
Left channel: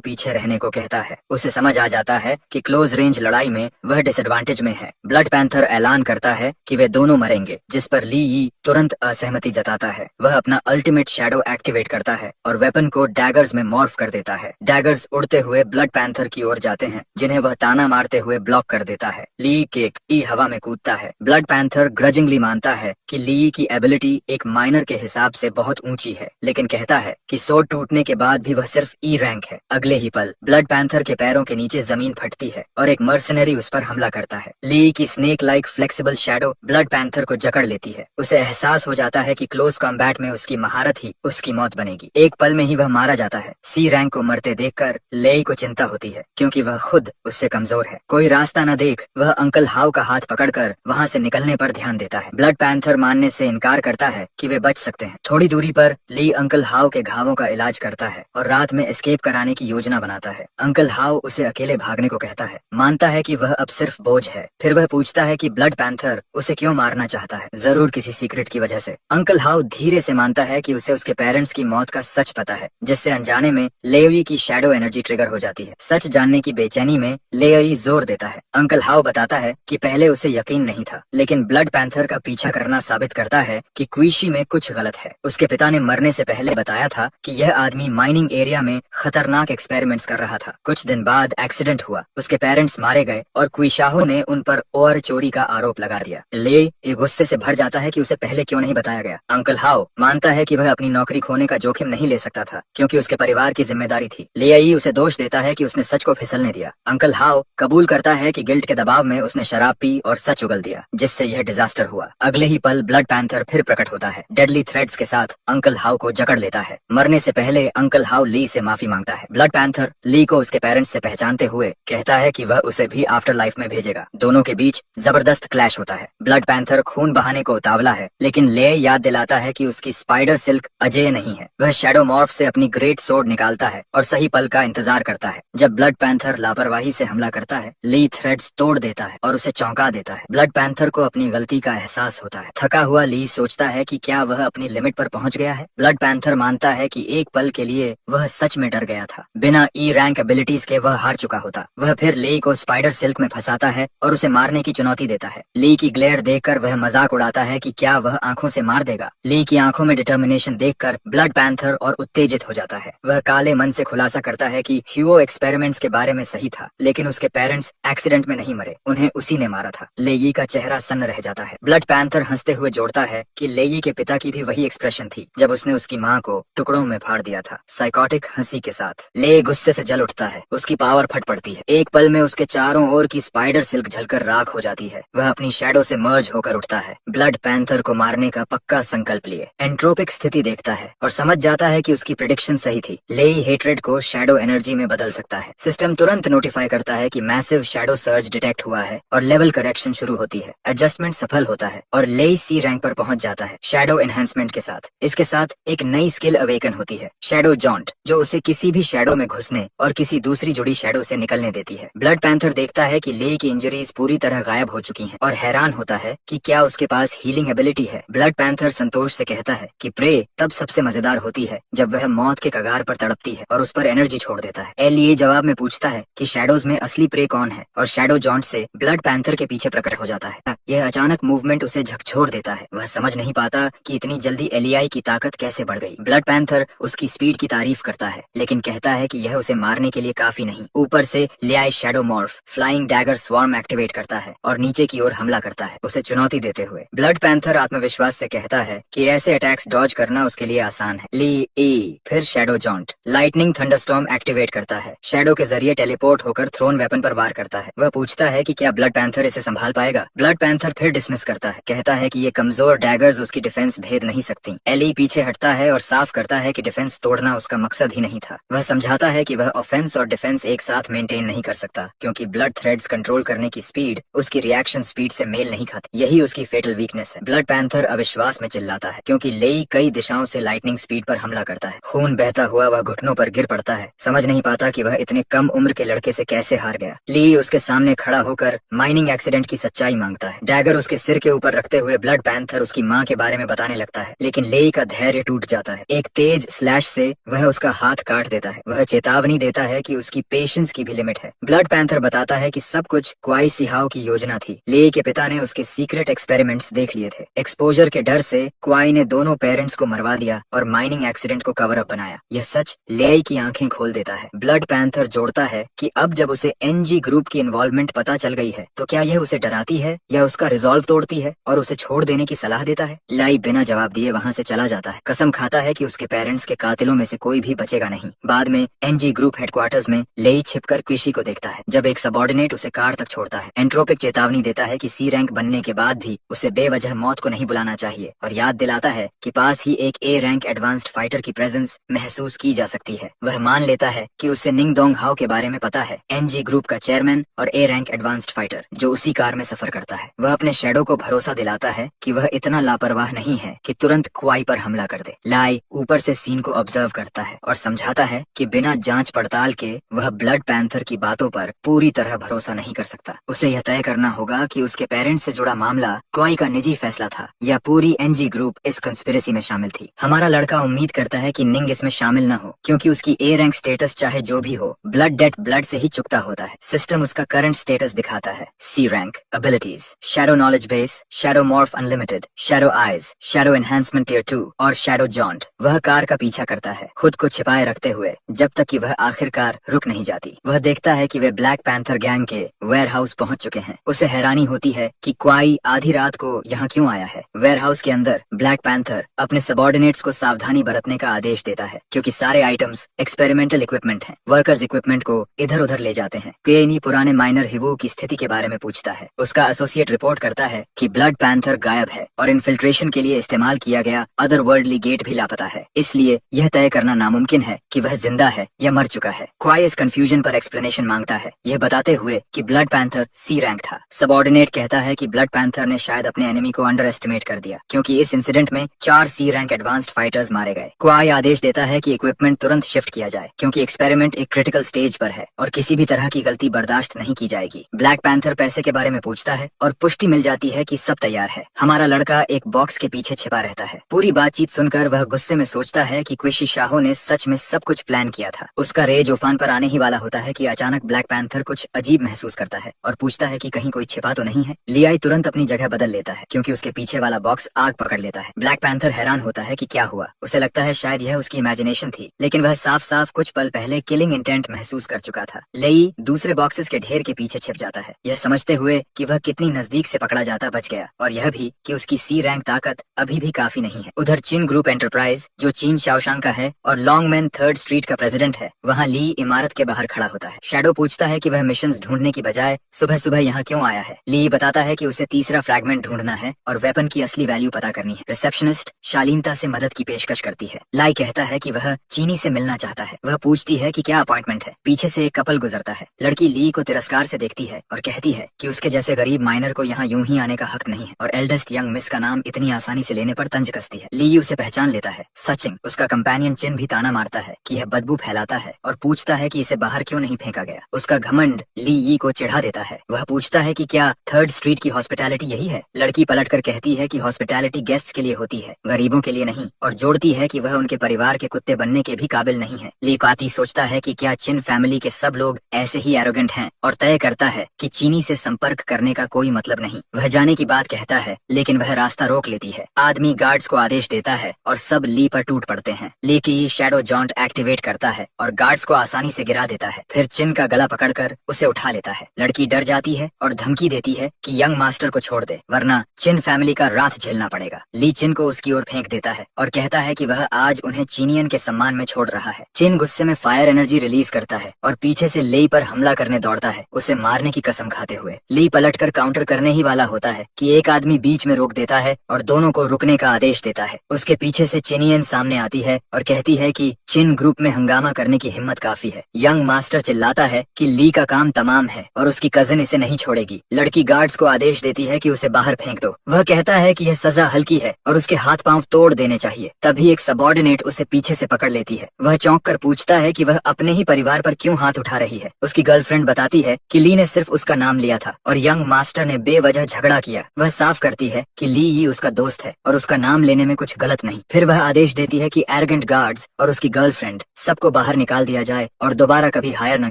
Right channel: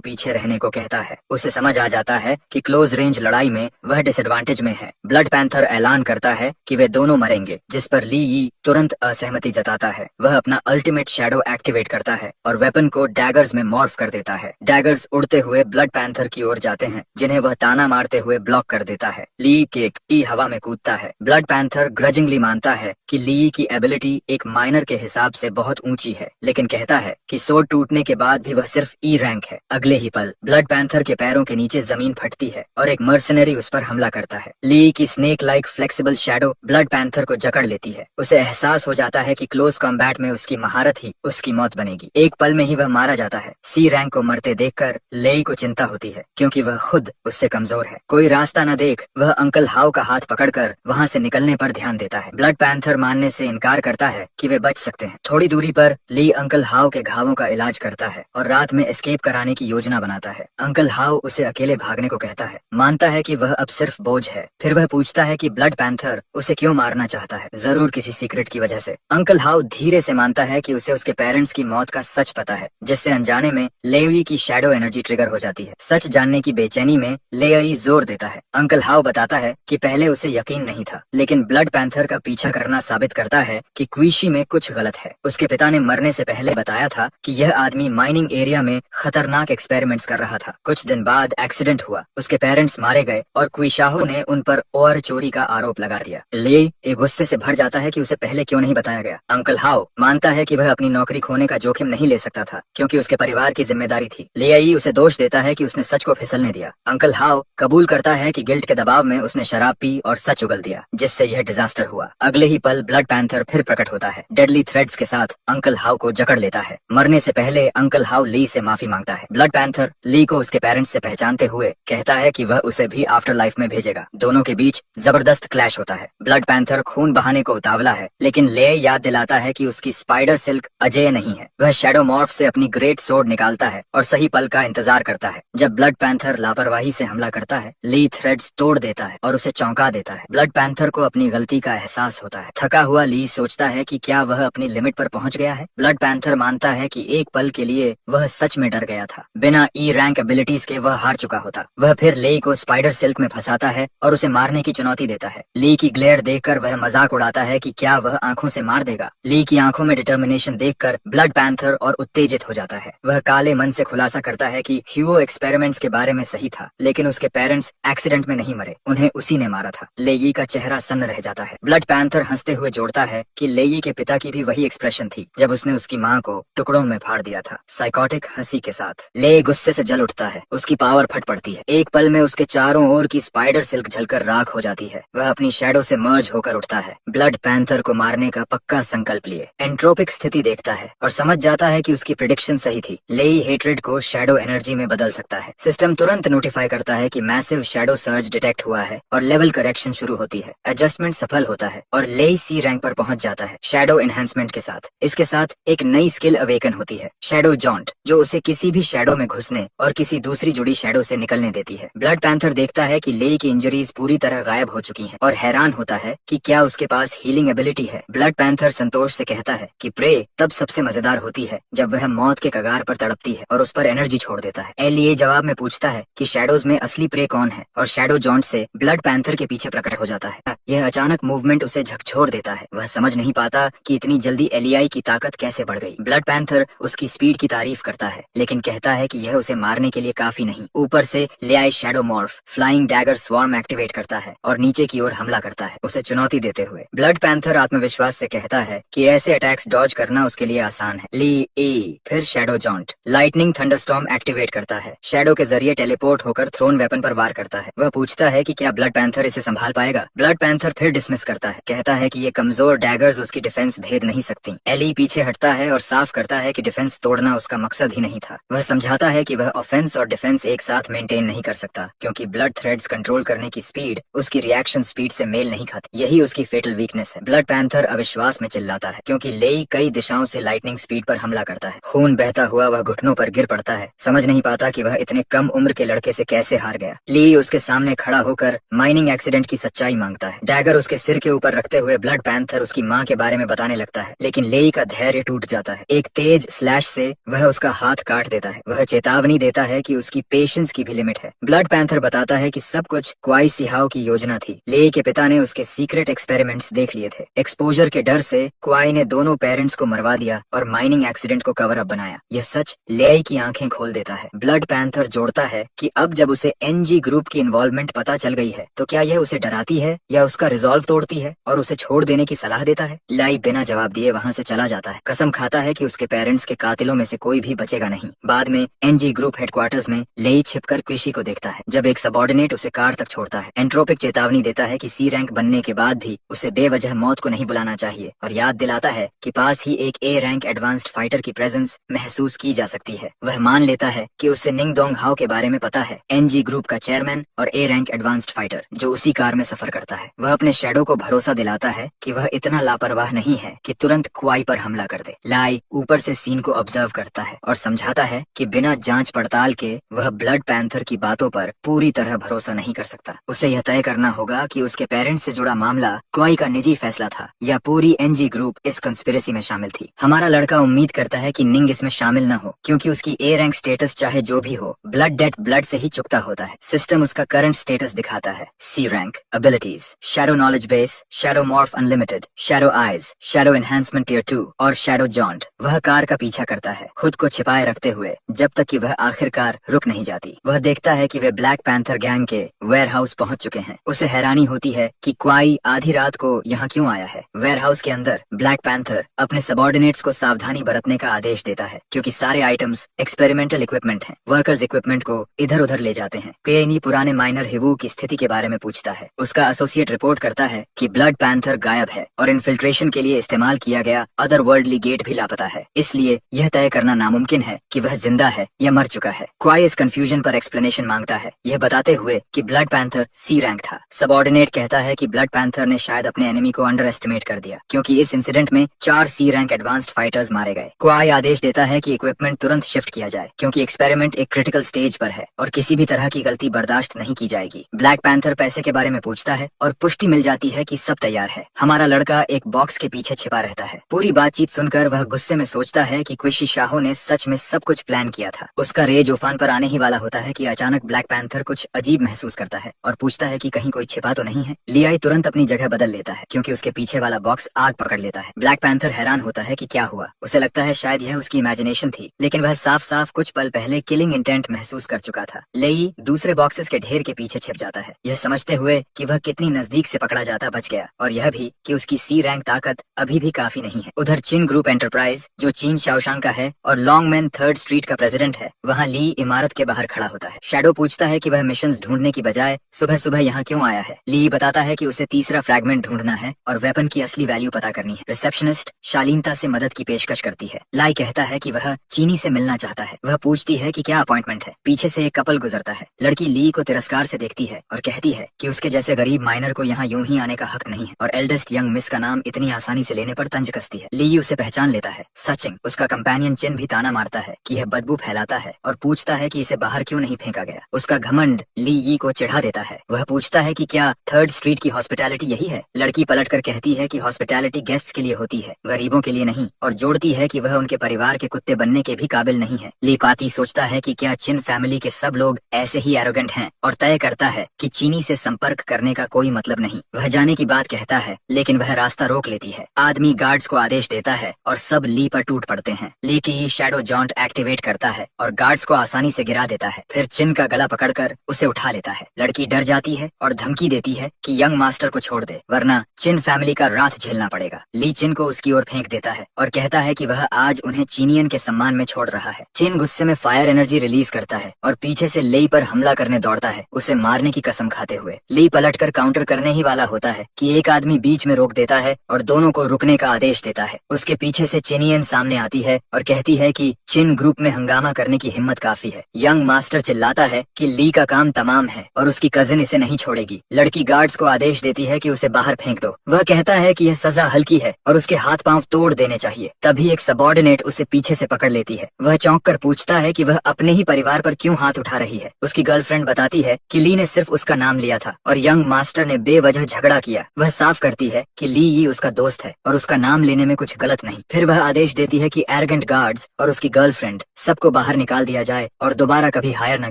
पीछे रहने को कहता है। उसे समझ आ जाता है कि क्लोज रेंज लड़ाई में वह डिसएडवांटेज में है। ब्लड पैंथर ऐलान करता है कि वे दोनों मरेंगे, जिस पर ली यी तुरंत असहमति जताता है। वह अपना अल्टीमेट शैडो एक्टिवेट करता है और वेपन को डैगर्स में मॉर्फ कर देता है। डैगर्स उड़ते हुए ब्लड पैंथर की ओर जाते हैं, जिन्हें वह ताना मारते हुए ब्लॉक कर देता है। ली केक ई हवा में कूदता है। ब्लड पैंथर ग्रजिंगली मानता है कि ली की एबिलिटी एक माइनर के हिसाब से बहुत ऊंची है, लेकिन कहता है कि सोड टूटने के बाद भी वह सिर्फ ई रैंक है। अगले ही पल ब्लड पैंथर के पैरों के नीचे जमीन फटती है और एक मर्सनरी उस पर हमला करता है। ली की snake like flexible shadow blood panther को जकड़ लेती है। उसे एहसास हो जाता है कि क्लोज कॉम्बैट में उसकी महारत ही उसकी मौत बनेगी। एक पल में ही वह मारा जाता है। सी रैंक को मरते देखकर लेई को चिंता होती है क्योंकि वह खुद उससे कमजोर है। कोई रास्ता न देख वह अंकल हाउ का हाथ पकड़कर वहां से निकलने पर ध्यान देता है। ब्लड पैंथर मानने से इनकार करता है कि वे बच सकते हैं। थोड़ी दूरी पर ली अंकल हाउ के घावों का इलाज करता है और रात में एस्केप कराने की योजना बनाता है। अंकल हाउ उसे अकेले भागने को कहता है, मानता है कि वह अब सिर्फ बोझ है। फिर वह पूछता है कि ब्लड पैंथर उसे क्यों मारना चाहता है। जरूर किसी सीक्रेट की वजह से। अंकल हाउ धीरे से मानता है कि उसे उसके पेरेंट्स की मौत का सच पता है, जिससे अनजाने में लेई की शैडो एनर्जी ट्रिगर हो जाती है। सच जानने की बेचैनी में लेई जोर देता है। अंकल हाउ बताता है कि पहले उसे यकीन नहीं था, लेकिन ब्लड पैंथर का पीछा करना साबित करता है कि क्विशी में कुछ गलत है। उसके पिता ने मरने से पहले बताया था कि यह आदमी माइनिंग एरिया में खतरनाक एक्सपेरिमेंट्स कर रहा था। कुछ दिन बाद एक्सीडेंट हुआ, उसके पेरेंट्स मारे गए और क्विशाहो ने उन पर और चोरी का आरोप लगा दिया। ले एक गुस्से से भर जाता है कि उसे पहले क्यों नहीं बताया गया। अंकल हाउ मानता है कि वह अपनी नौकरी खोने का जोखिम नहीं ले सकता था क्योंकि उसके परिवार की जिम्मेदारी थी। लेई उसे दोष देता है कि उसने सच को फिसलने दिया। अंकल हाउ कबूल करता है कि गिल्ट के दबाव में उसने शराब पी और सच उगल दिया, जिससे यह डिजास्टर हुआ। अगले ही पल ब्लड पैंथर फिर प्रकट होता है। डेडली थ्रेड्स के साथ अंकल हाउ को जकड़ लेता है। मरने से पहले अंकल हाउ ली से माफी मांगता है। ब्लड पैंथर ली को उसके पेरेंट्स से पहचानते हुए कहता है कि वह उसे भी आफ्टर लाइफ में भेजेगा। दोनों के बीच जबरदस्त क्लैश होता है। ब्लड पैंथर खून बहाने को उतावला है, लेकिन ले याद दिलाता है कि उसकी स्पाइडर सिल्क अजेय नहीं है। वह शैडो मॉर्फ से अपनी ग्रेट सोर्ड निकालता है और सही पल का इंतजार करता है। जब ब्लड पैंथर लापरवाही से हमला करता है, ली थ्रेड्स तोड़ देता है और उसे चौंका देता है। ब्लड पैंथर को अपनी गलती का एहसास होता है। थका हुआ ली सोचता है कि क्या वह अपनी लिमिट पर पहुंच गया है। ब्लड पैंथर मानता है कि एक पल के लिए वह सच में डर गया था। बिना ई रैंक एबिलिटीज के वह हार चुका होता। वह फिर ली को स्पाइडर सिल्क में फंसाता है और उसे मारने की चुनौती देता है। ली की ग्लेयर देखकर वह मजाक उड़ाता है कि क्या वह आंखों से मार देगा। ली की आंखों में डिटर्मिनेशन देखकर ब्लड पैंथर और उत्तेजित हो जाता है। वह काले मन से खुलासा करता है कि ह्यूओ एक्सपेरिमेंट्स के बारे में सही था, लेकिन उसके पेरेंट्स एक्सीडेंट में नहीं मरे, उन्हें उसी ने मारा था। लेई का चेहरा सन्न रह जाता है। ब्लड पैंथर हंसते हुए जोड़ता है कि लेई के पिता की भी वही एक्सप्रेशन थी जब उसने उसकी माँ को टुकड़ों में फाड़ दिया था। साइकोटिक हंसी के साथ लेई गुस्से से जल उठता है। उसकी पावर फट पड़ती है। एक पल में उसके चारों ओर की स्पाइडर सिल्क झलकर राख हो जाती है। वह अपनी शैडो से मर्ज होकर उठता है। ब्लड पैंथर को मारने का पक्का संकल्प लिए एंट्रोपिक स्थिति देखता है और समझ जाता है कि उसकी प्रेडिक्शन सही थी। लेई हेट्रेड को शैडो एनर्जी में बदल सकता है। सिस्टम तुरंत नोटिफाई करता है कि मैसिव शैडो सर्ज डिटेक्ट हुआ है और लेवल करेक्शन शुरू होती है। एडजस्टमेंट सफल होता है और लेई सी रैंक पर पहुंच जाता है शैडो एनहांसमेंट के साथ। इसके साथ एक नई स्किल अवेकन होती है, शैडो जॉन्ट, जो उसे किसी भी शैडो में घुसने और किसी दूसरी जुड़ी शैडो से निकलने देती है। ब्लड पैंथर देखता है कि लेई की इंजरीज पूरी तरह गायब हो चुकी हैं और हैरान होता है कि क्या उसके पास हीलिंग एबिलिटी है। ब्लड पैंथर संतोष से कहता है कि प्रे तब सबसे मजेदार होती है जब वह मौत के कगार पर तड़पती है और उस पर एनर्जी छोड़ देता है। एलिए जवाब में पूछता है कि शैडोज में असली प्रे कौन है और शैडो जॉन्ट से ब्लड पैंथर के पीछे प्रकट हो जाता है। यह अचानक मूवमेंट उसे झकझोर देता है। वह समझ नहीं पाता कि इतनी जल्दी एलियाई की ताकत कैसे बढ़ गई। ब्लड पैंथर उसकी स्पीड की तारीफ करता है, लेकिन कहता है कि यह उसे मारने के लिए काफी नहीं। ऊपर से लियाई shadow morph flying dagger swarm activate करता है और नीचे की ओर हमला करता है, उसे चुनौती देते हुए। ब्लड पैंथर आत्मविश्वास से कहता है कि ऐसे अटैक्स डॉज करना उसके लिए आसान है। ली ई फिर shadow joint lightning thunderstorm activate करता है। शैडो के जरिए टेलीपोर्ट होकर थ्रोन वेपन पर वार करता है। वह पूछता है कि क्या ब्लड पैंथर इसे संभाल पाएगा। ब्लड पैंथर फिर डिसमिस करता है, कहता है कि ये कमजोर डैगर्स उसकी डिफेंस भेद नहीं सकती। एली पीछे हटता है और साफ करता है कि डिफेंस तोड़ना उसका मकसद ही नहीं था। वह समझाता है कि वह ऑफेंस और डिफेंस एक साथ मेंटेन नहीं कर सकता क्योंकि ब्लड थ्रेड्स कंट्रोल करने की स्पीड उसकी रिएक्शन स्पीड से मेल नहीं खाती। यही उसकी फेटल वीकनेस है। ब्लड पैंथर अविश्वास में चिल्लाता है क्योंकि लेई कई दिशाओं से लाइटनिंग स्पीड पर हमला करता है। खून बहता हुआ वह घुटनों पर गिर पड़ता है, समझ नहीं पाता कि वह इतने कम उम्र के लड़के से कैसे हार गया। ली उसके सामने खड़ा होकर माइनिंग एक्सीडेंट की सच्चाई मांगता है। डैगर उसके सिर के ऊपर रखते हुए ब्लड पैंथर उसकी माँ के बारे में बताने लगता है, लेकिन लेई का धैर्य टूट जाता है। एक तेज स्लैश से वह उसका हाथ काट देता है। वह चेतावनी देता है कि उसकी पेशेंस की भी लिमिट है। ब्लड पैंथर बताता है कि सब कुछ क्वाई सिहाओ की योजना थी। लेई के पिता ने उसके सीक्रेट एक्सपेरिमेंट्स देख लिए थे। एक्सपोजर के डर से क्वाई ने दोनों पेरेंट्स को मरवा दिया और माइनिंग एक्सीडेंट को कवर अप बनाया। यह सच लेई की आंखें खोल देता है। ब्लड पैंथर जोड़ता है कि अब जब उसे एनजी ग्रुप की इन्वॉल्वमेंट पता चल गई है तो क्या यह उसे डराती है या उसका रिजॉल्व तोड़ती है और उसे छोड़ देने की सलाह देता है। लेई बिना जवाब दिए वहाँ से चला जाता है। कसम खाता है कि उसके पेरेंट्स के कातिलों में से कोई भी बचेगा नहीं। बाद में एनजी ग्रुप हेडक्वार्टर्स में लेई छिपकर क्विशी को देखता है जब एक सबॉर्डिनेट उसे कार तक छोड़ता है। एंट्रोपिक चेतावनी देता है कि सी रैंक बनने के बाद भी उसे बेवजह मौत को नहीं बुलाना चाहिए और याद दिलाता है कि पास ही एक ए रैंक एडवांस्ड फाइटर की प्रेजेंस महसूस की जा सकती है। वह मान लेता है कि उसे निंग दोंग हाओ के बारे में पता है, एनजी ग्रुप का चेयरमैन और ए रैंक एडवांस्ड फाइटर जो उसी कार में सफर करता है। वह अपने शैडो को भरोसा दिलाता है कि वह इतना लापरवाह नहीं है कि तुरंत क्वाई पर हमला कर दे। लाई ऊपर से सीन को ऑब्जर्व करता है और समझाता है कि बिना जांच पड़ताल के वह ब्लड पैंथर की बातों पर पूरी तरह भरोसा नहीं कर सकता। उसे यह तय करना होगा कि उसके पेरेंट्स से जुड़ा मामला क्वाई का निजी फैसला था या पूरी एनजी ग्रुप इस कंस्पिरेसी में शामिल थी। हमारा लड़का उम्मीद करता है कि निंग इसमें शामिल न हो क्योंकि उसकी ए रैंक स्टेटस चाहे जो भी हो, ब्लड डेट ब्लड से ही चुकता होता है। सिस्टम उसका करंट स्टेटस दिखाता है। C rank, abilities, shadow knowledge base, shadow morph unlimited, shadow eyes, shadow enhancement tier 2 और शैडो जॉन्ट। वह कार का पीछा करता है खुद को छिपाए रखते हुए जब तक कि वह आखिरकार रुक नहीं जाती। वह देखता है कि वे ब्लैक पैंथर गैंग के वेयर हाउस पहुँच चुके हैं। उसे हैरानी होती है कि क्वाई आधी रात को यहाँ क्यों आया है। वेयर हाउस के अंदर ब्लैक पैंथर अपने सबॉर्डिनेट्स को सावधानी बरतने का आदेश देता है क्योंकि सारे आइटम्स एक्सपेरिमेंटल इक्विपमेंट हैं। वर्कर्स इक्विपमेंट को इधर उधर ले जाते हैं। केनी पुराने माइनर हिवो की स्थिति के बारे में पूछता है। उसका एसोसिएट रिपोर्ट करता है कि ब्लड पैंथर गायब है और इन्फिल्ट्रेशन के लिए इस्तेमाल किया गया अदर वर्ल्डली गेट भी लापता है। इसलिए यह तय करना नामुमकिन है कि वह जिंदा है या मर चुका है। क्वाई इस कंफ्यूजन पर एक्सप्लेनेशन मांगता है, यह बताते हुए कि ब्लड पैंथर सी रैंक था। सबॉर्डिनेट कहता है कि ब्लड पैंथर ने शायद अपने एनिमी को अंडर एस्टिमेट कर दिया क्योंकि इस इंसिडेंट में 4 सी रैंक एडवांस्ड फाइटर्स मारे गए। क्वाई आदेश देता है कि इक्विपमेंट तुरंत शिफ्ट किया जाए क्योंकि एक्सपेरिमेंट एक क्रिटिकल स्टेज पर है और किसी भी तरह की गलती बर्दाश्त नहीं की जाएगी। ब्लैक पैंथर पैसे के बारे में पूछता है और पुष्टि मिल जाती है कि सब तैयार है। हमारा लड़का एक बॉक्स के पीछे छिपा रहता है। पूरी बातचीत सुनकर वह गुस्से में सोचता है कि क्विशी शाहो ने सच में सब कुछ प्लान किया था। उसका रेज उफान पर आने ही वाला होता है कि अचानक ब्लैक पैंथर कुछ अजीब महसूस करता है और पूछता है कि कहीं कोई छिपा तो नहीं है। लियाई तुरंत अपनी जगह बदल लेता है क्योंकि उसके पीछे वाला बॉक्स आग पकड़ लेता है। ब्लैक पैंथर हैरान होता है कि क्या हुआ। उसे लगता है शायद यह उसकी इमेजिनेशन थी, लेकिन वह साफ साफ कुछ पल पहले किलिंग इंटेंट महसूस कर चुका था। लेई दूसरे बॉक्सेस के ढेर के पीछे छिप जाता है, यह समझते हुए कि वह कितनी नजदीक से पकड़ा जाता बच गया और यह भी कि उसकी सी रैंक ताकत अभी भी काफी नहीं है। उधर चिन ग्रुप एंटरप्राइज जो चीन शाओशांग का है और लॉन्गमैन 3rd स्ट्रीट का प्रेसिडेंट है, वहाँ ली इमारत के बाहर खड़ा होता है। शैडो पूछता है कि वह मिशंस ढूंढने की बजाय सुबह सुबह यहाँ क्यों आया है। ली बताता है कि उसे तीसरा फ्रैगमेंट ढूंढना है और वेपन की असली वैल्यू पता करनी है। रिसेप्शनिस्ट शालीनता से मदद की पेशकश करती है। लाई कहता है कि वह चीनी से मिलना चाहता है। वह पूछती है कि क्या अपॉइंटमेंट है। पीछे से एक कपल गुजरता है। लड़की ली को तिरस्कार से देखती है और कहती है कि उसके जैसे गरीब माइनर को यहाँ यूं ही आने का हक नहीं है और एल्डेस्ट यंग मिस का नाम इतनी आसानी से लेने पर तंज कसती है। ली उसे पहचान लेता है। सचिंग उसका कंपेनियन चिन भी ताना मारता है कि यह बदबू फैलाता है और पूछता है कि इसे बाहर क्यों नहीं फेंका गया। उसका घमंड ली यी को चिढ़ा देता है। वह पूछता है कि क्या 3rd स्ट्रीट की हॉस्पिटैलिटी यही है। लड़की पलटकर कहती है कि हॉस्पिटैलिटी गेस्ट्स के लिए होती है, गरीबों के लिए नहीं, और जोड़ती है कि वह उनके परिवार के कुत्ते बनने के भी काबिल नहीं है। ली पाती सोचता है कि क्या चिन फैमिली के सब लोग ऐसे ही एरोगेंट हैं और तय करता है कि चीनी से संपर्क करने का कोई मतलब नहीं। वह जाने की बात कहता है लेकिन वह रास्ता रोक लेती है। आदमी गार्ड्स को आदेश देता है और सब ली पर टूट पड़ते हैं। ली की शैडो जॉन्ट एक्टिवेट करता है और गार्ड्स को आसानी से गिरा देता है। फिर चिन का गला पकड़कर उसे उठा लेता है। लड़की डर जाती है और धमकी देती है कि यंग मास्टर को छोड़ दे वरना चिन फैमिली का रात झेलना पड़ेगा। ली चिन को उसकी ओर फेंक देता है और कहता है कि वह आज उन्हें चीनियन के सम्मान में छोड़ रहा है। चिन गुस्से में फायर एनर्जी रिलीज करता है और पीछे से लेई पर हमला करने दौड़ता है, उसे मारने की कसम खाते हुए। ली पलटकर काउंटर करने ही वाला होता है कि एक आदमी बीच में रोक देता है और दोनों को रुकने का आदेश देता है। उसके पीछे से चिनियन सामने आती है और कहती है कि चिन ग्रुप में हंगामा करने की हिम्मत काफी है। यंग मास्टर चिल्लाता है कि ली का काम तमाम है और उसकी कजिन इसे नहीं छोड़ेगी। लड़की गार्ड्स को आदेश देती है कि उसे बाहर फेंक दो। वह कहता है कि यह सजा हल्की है और उसके हाथ पांव तोड़ देने चाहिए। तभी एक सबॉर्डिनेट उसे पीछे से पकड़ लेती है है। वह चौंक कर पूछता है कि वह अपने ही परिवार पर क्यों हाथ उठा रही है। उसकी गर्लफ्रेंड बताती है कि ली ने सिर्फ उसका नाम लिया था और यंग मास्टर ने बेवजह झगड़ा किया। वह साफ करती है कि ली ही उसका दोस्त है और उसका नाम लेने में कुछ गलत नहीं। फिर वह आदेश देती है कि एरोगेंट गार्ड्स और उसकी गर्लफ्रेंड सबको बाहर निकाल दिया जाए और दोबारा कभी हायर न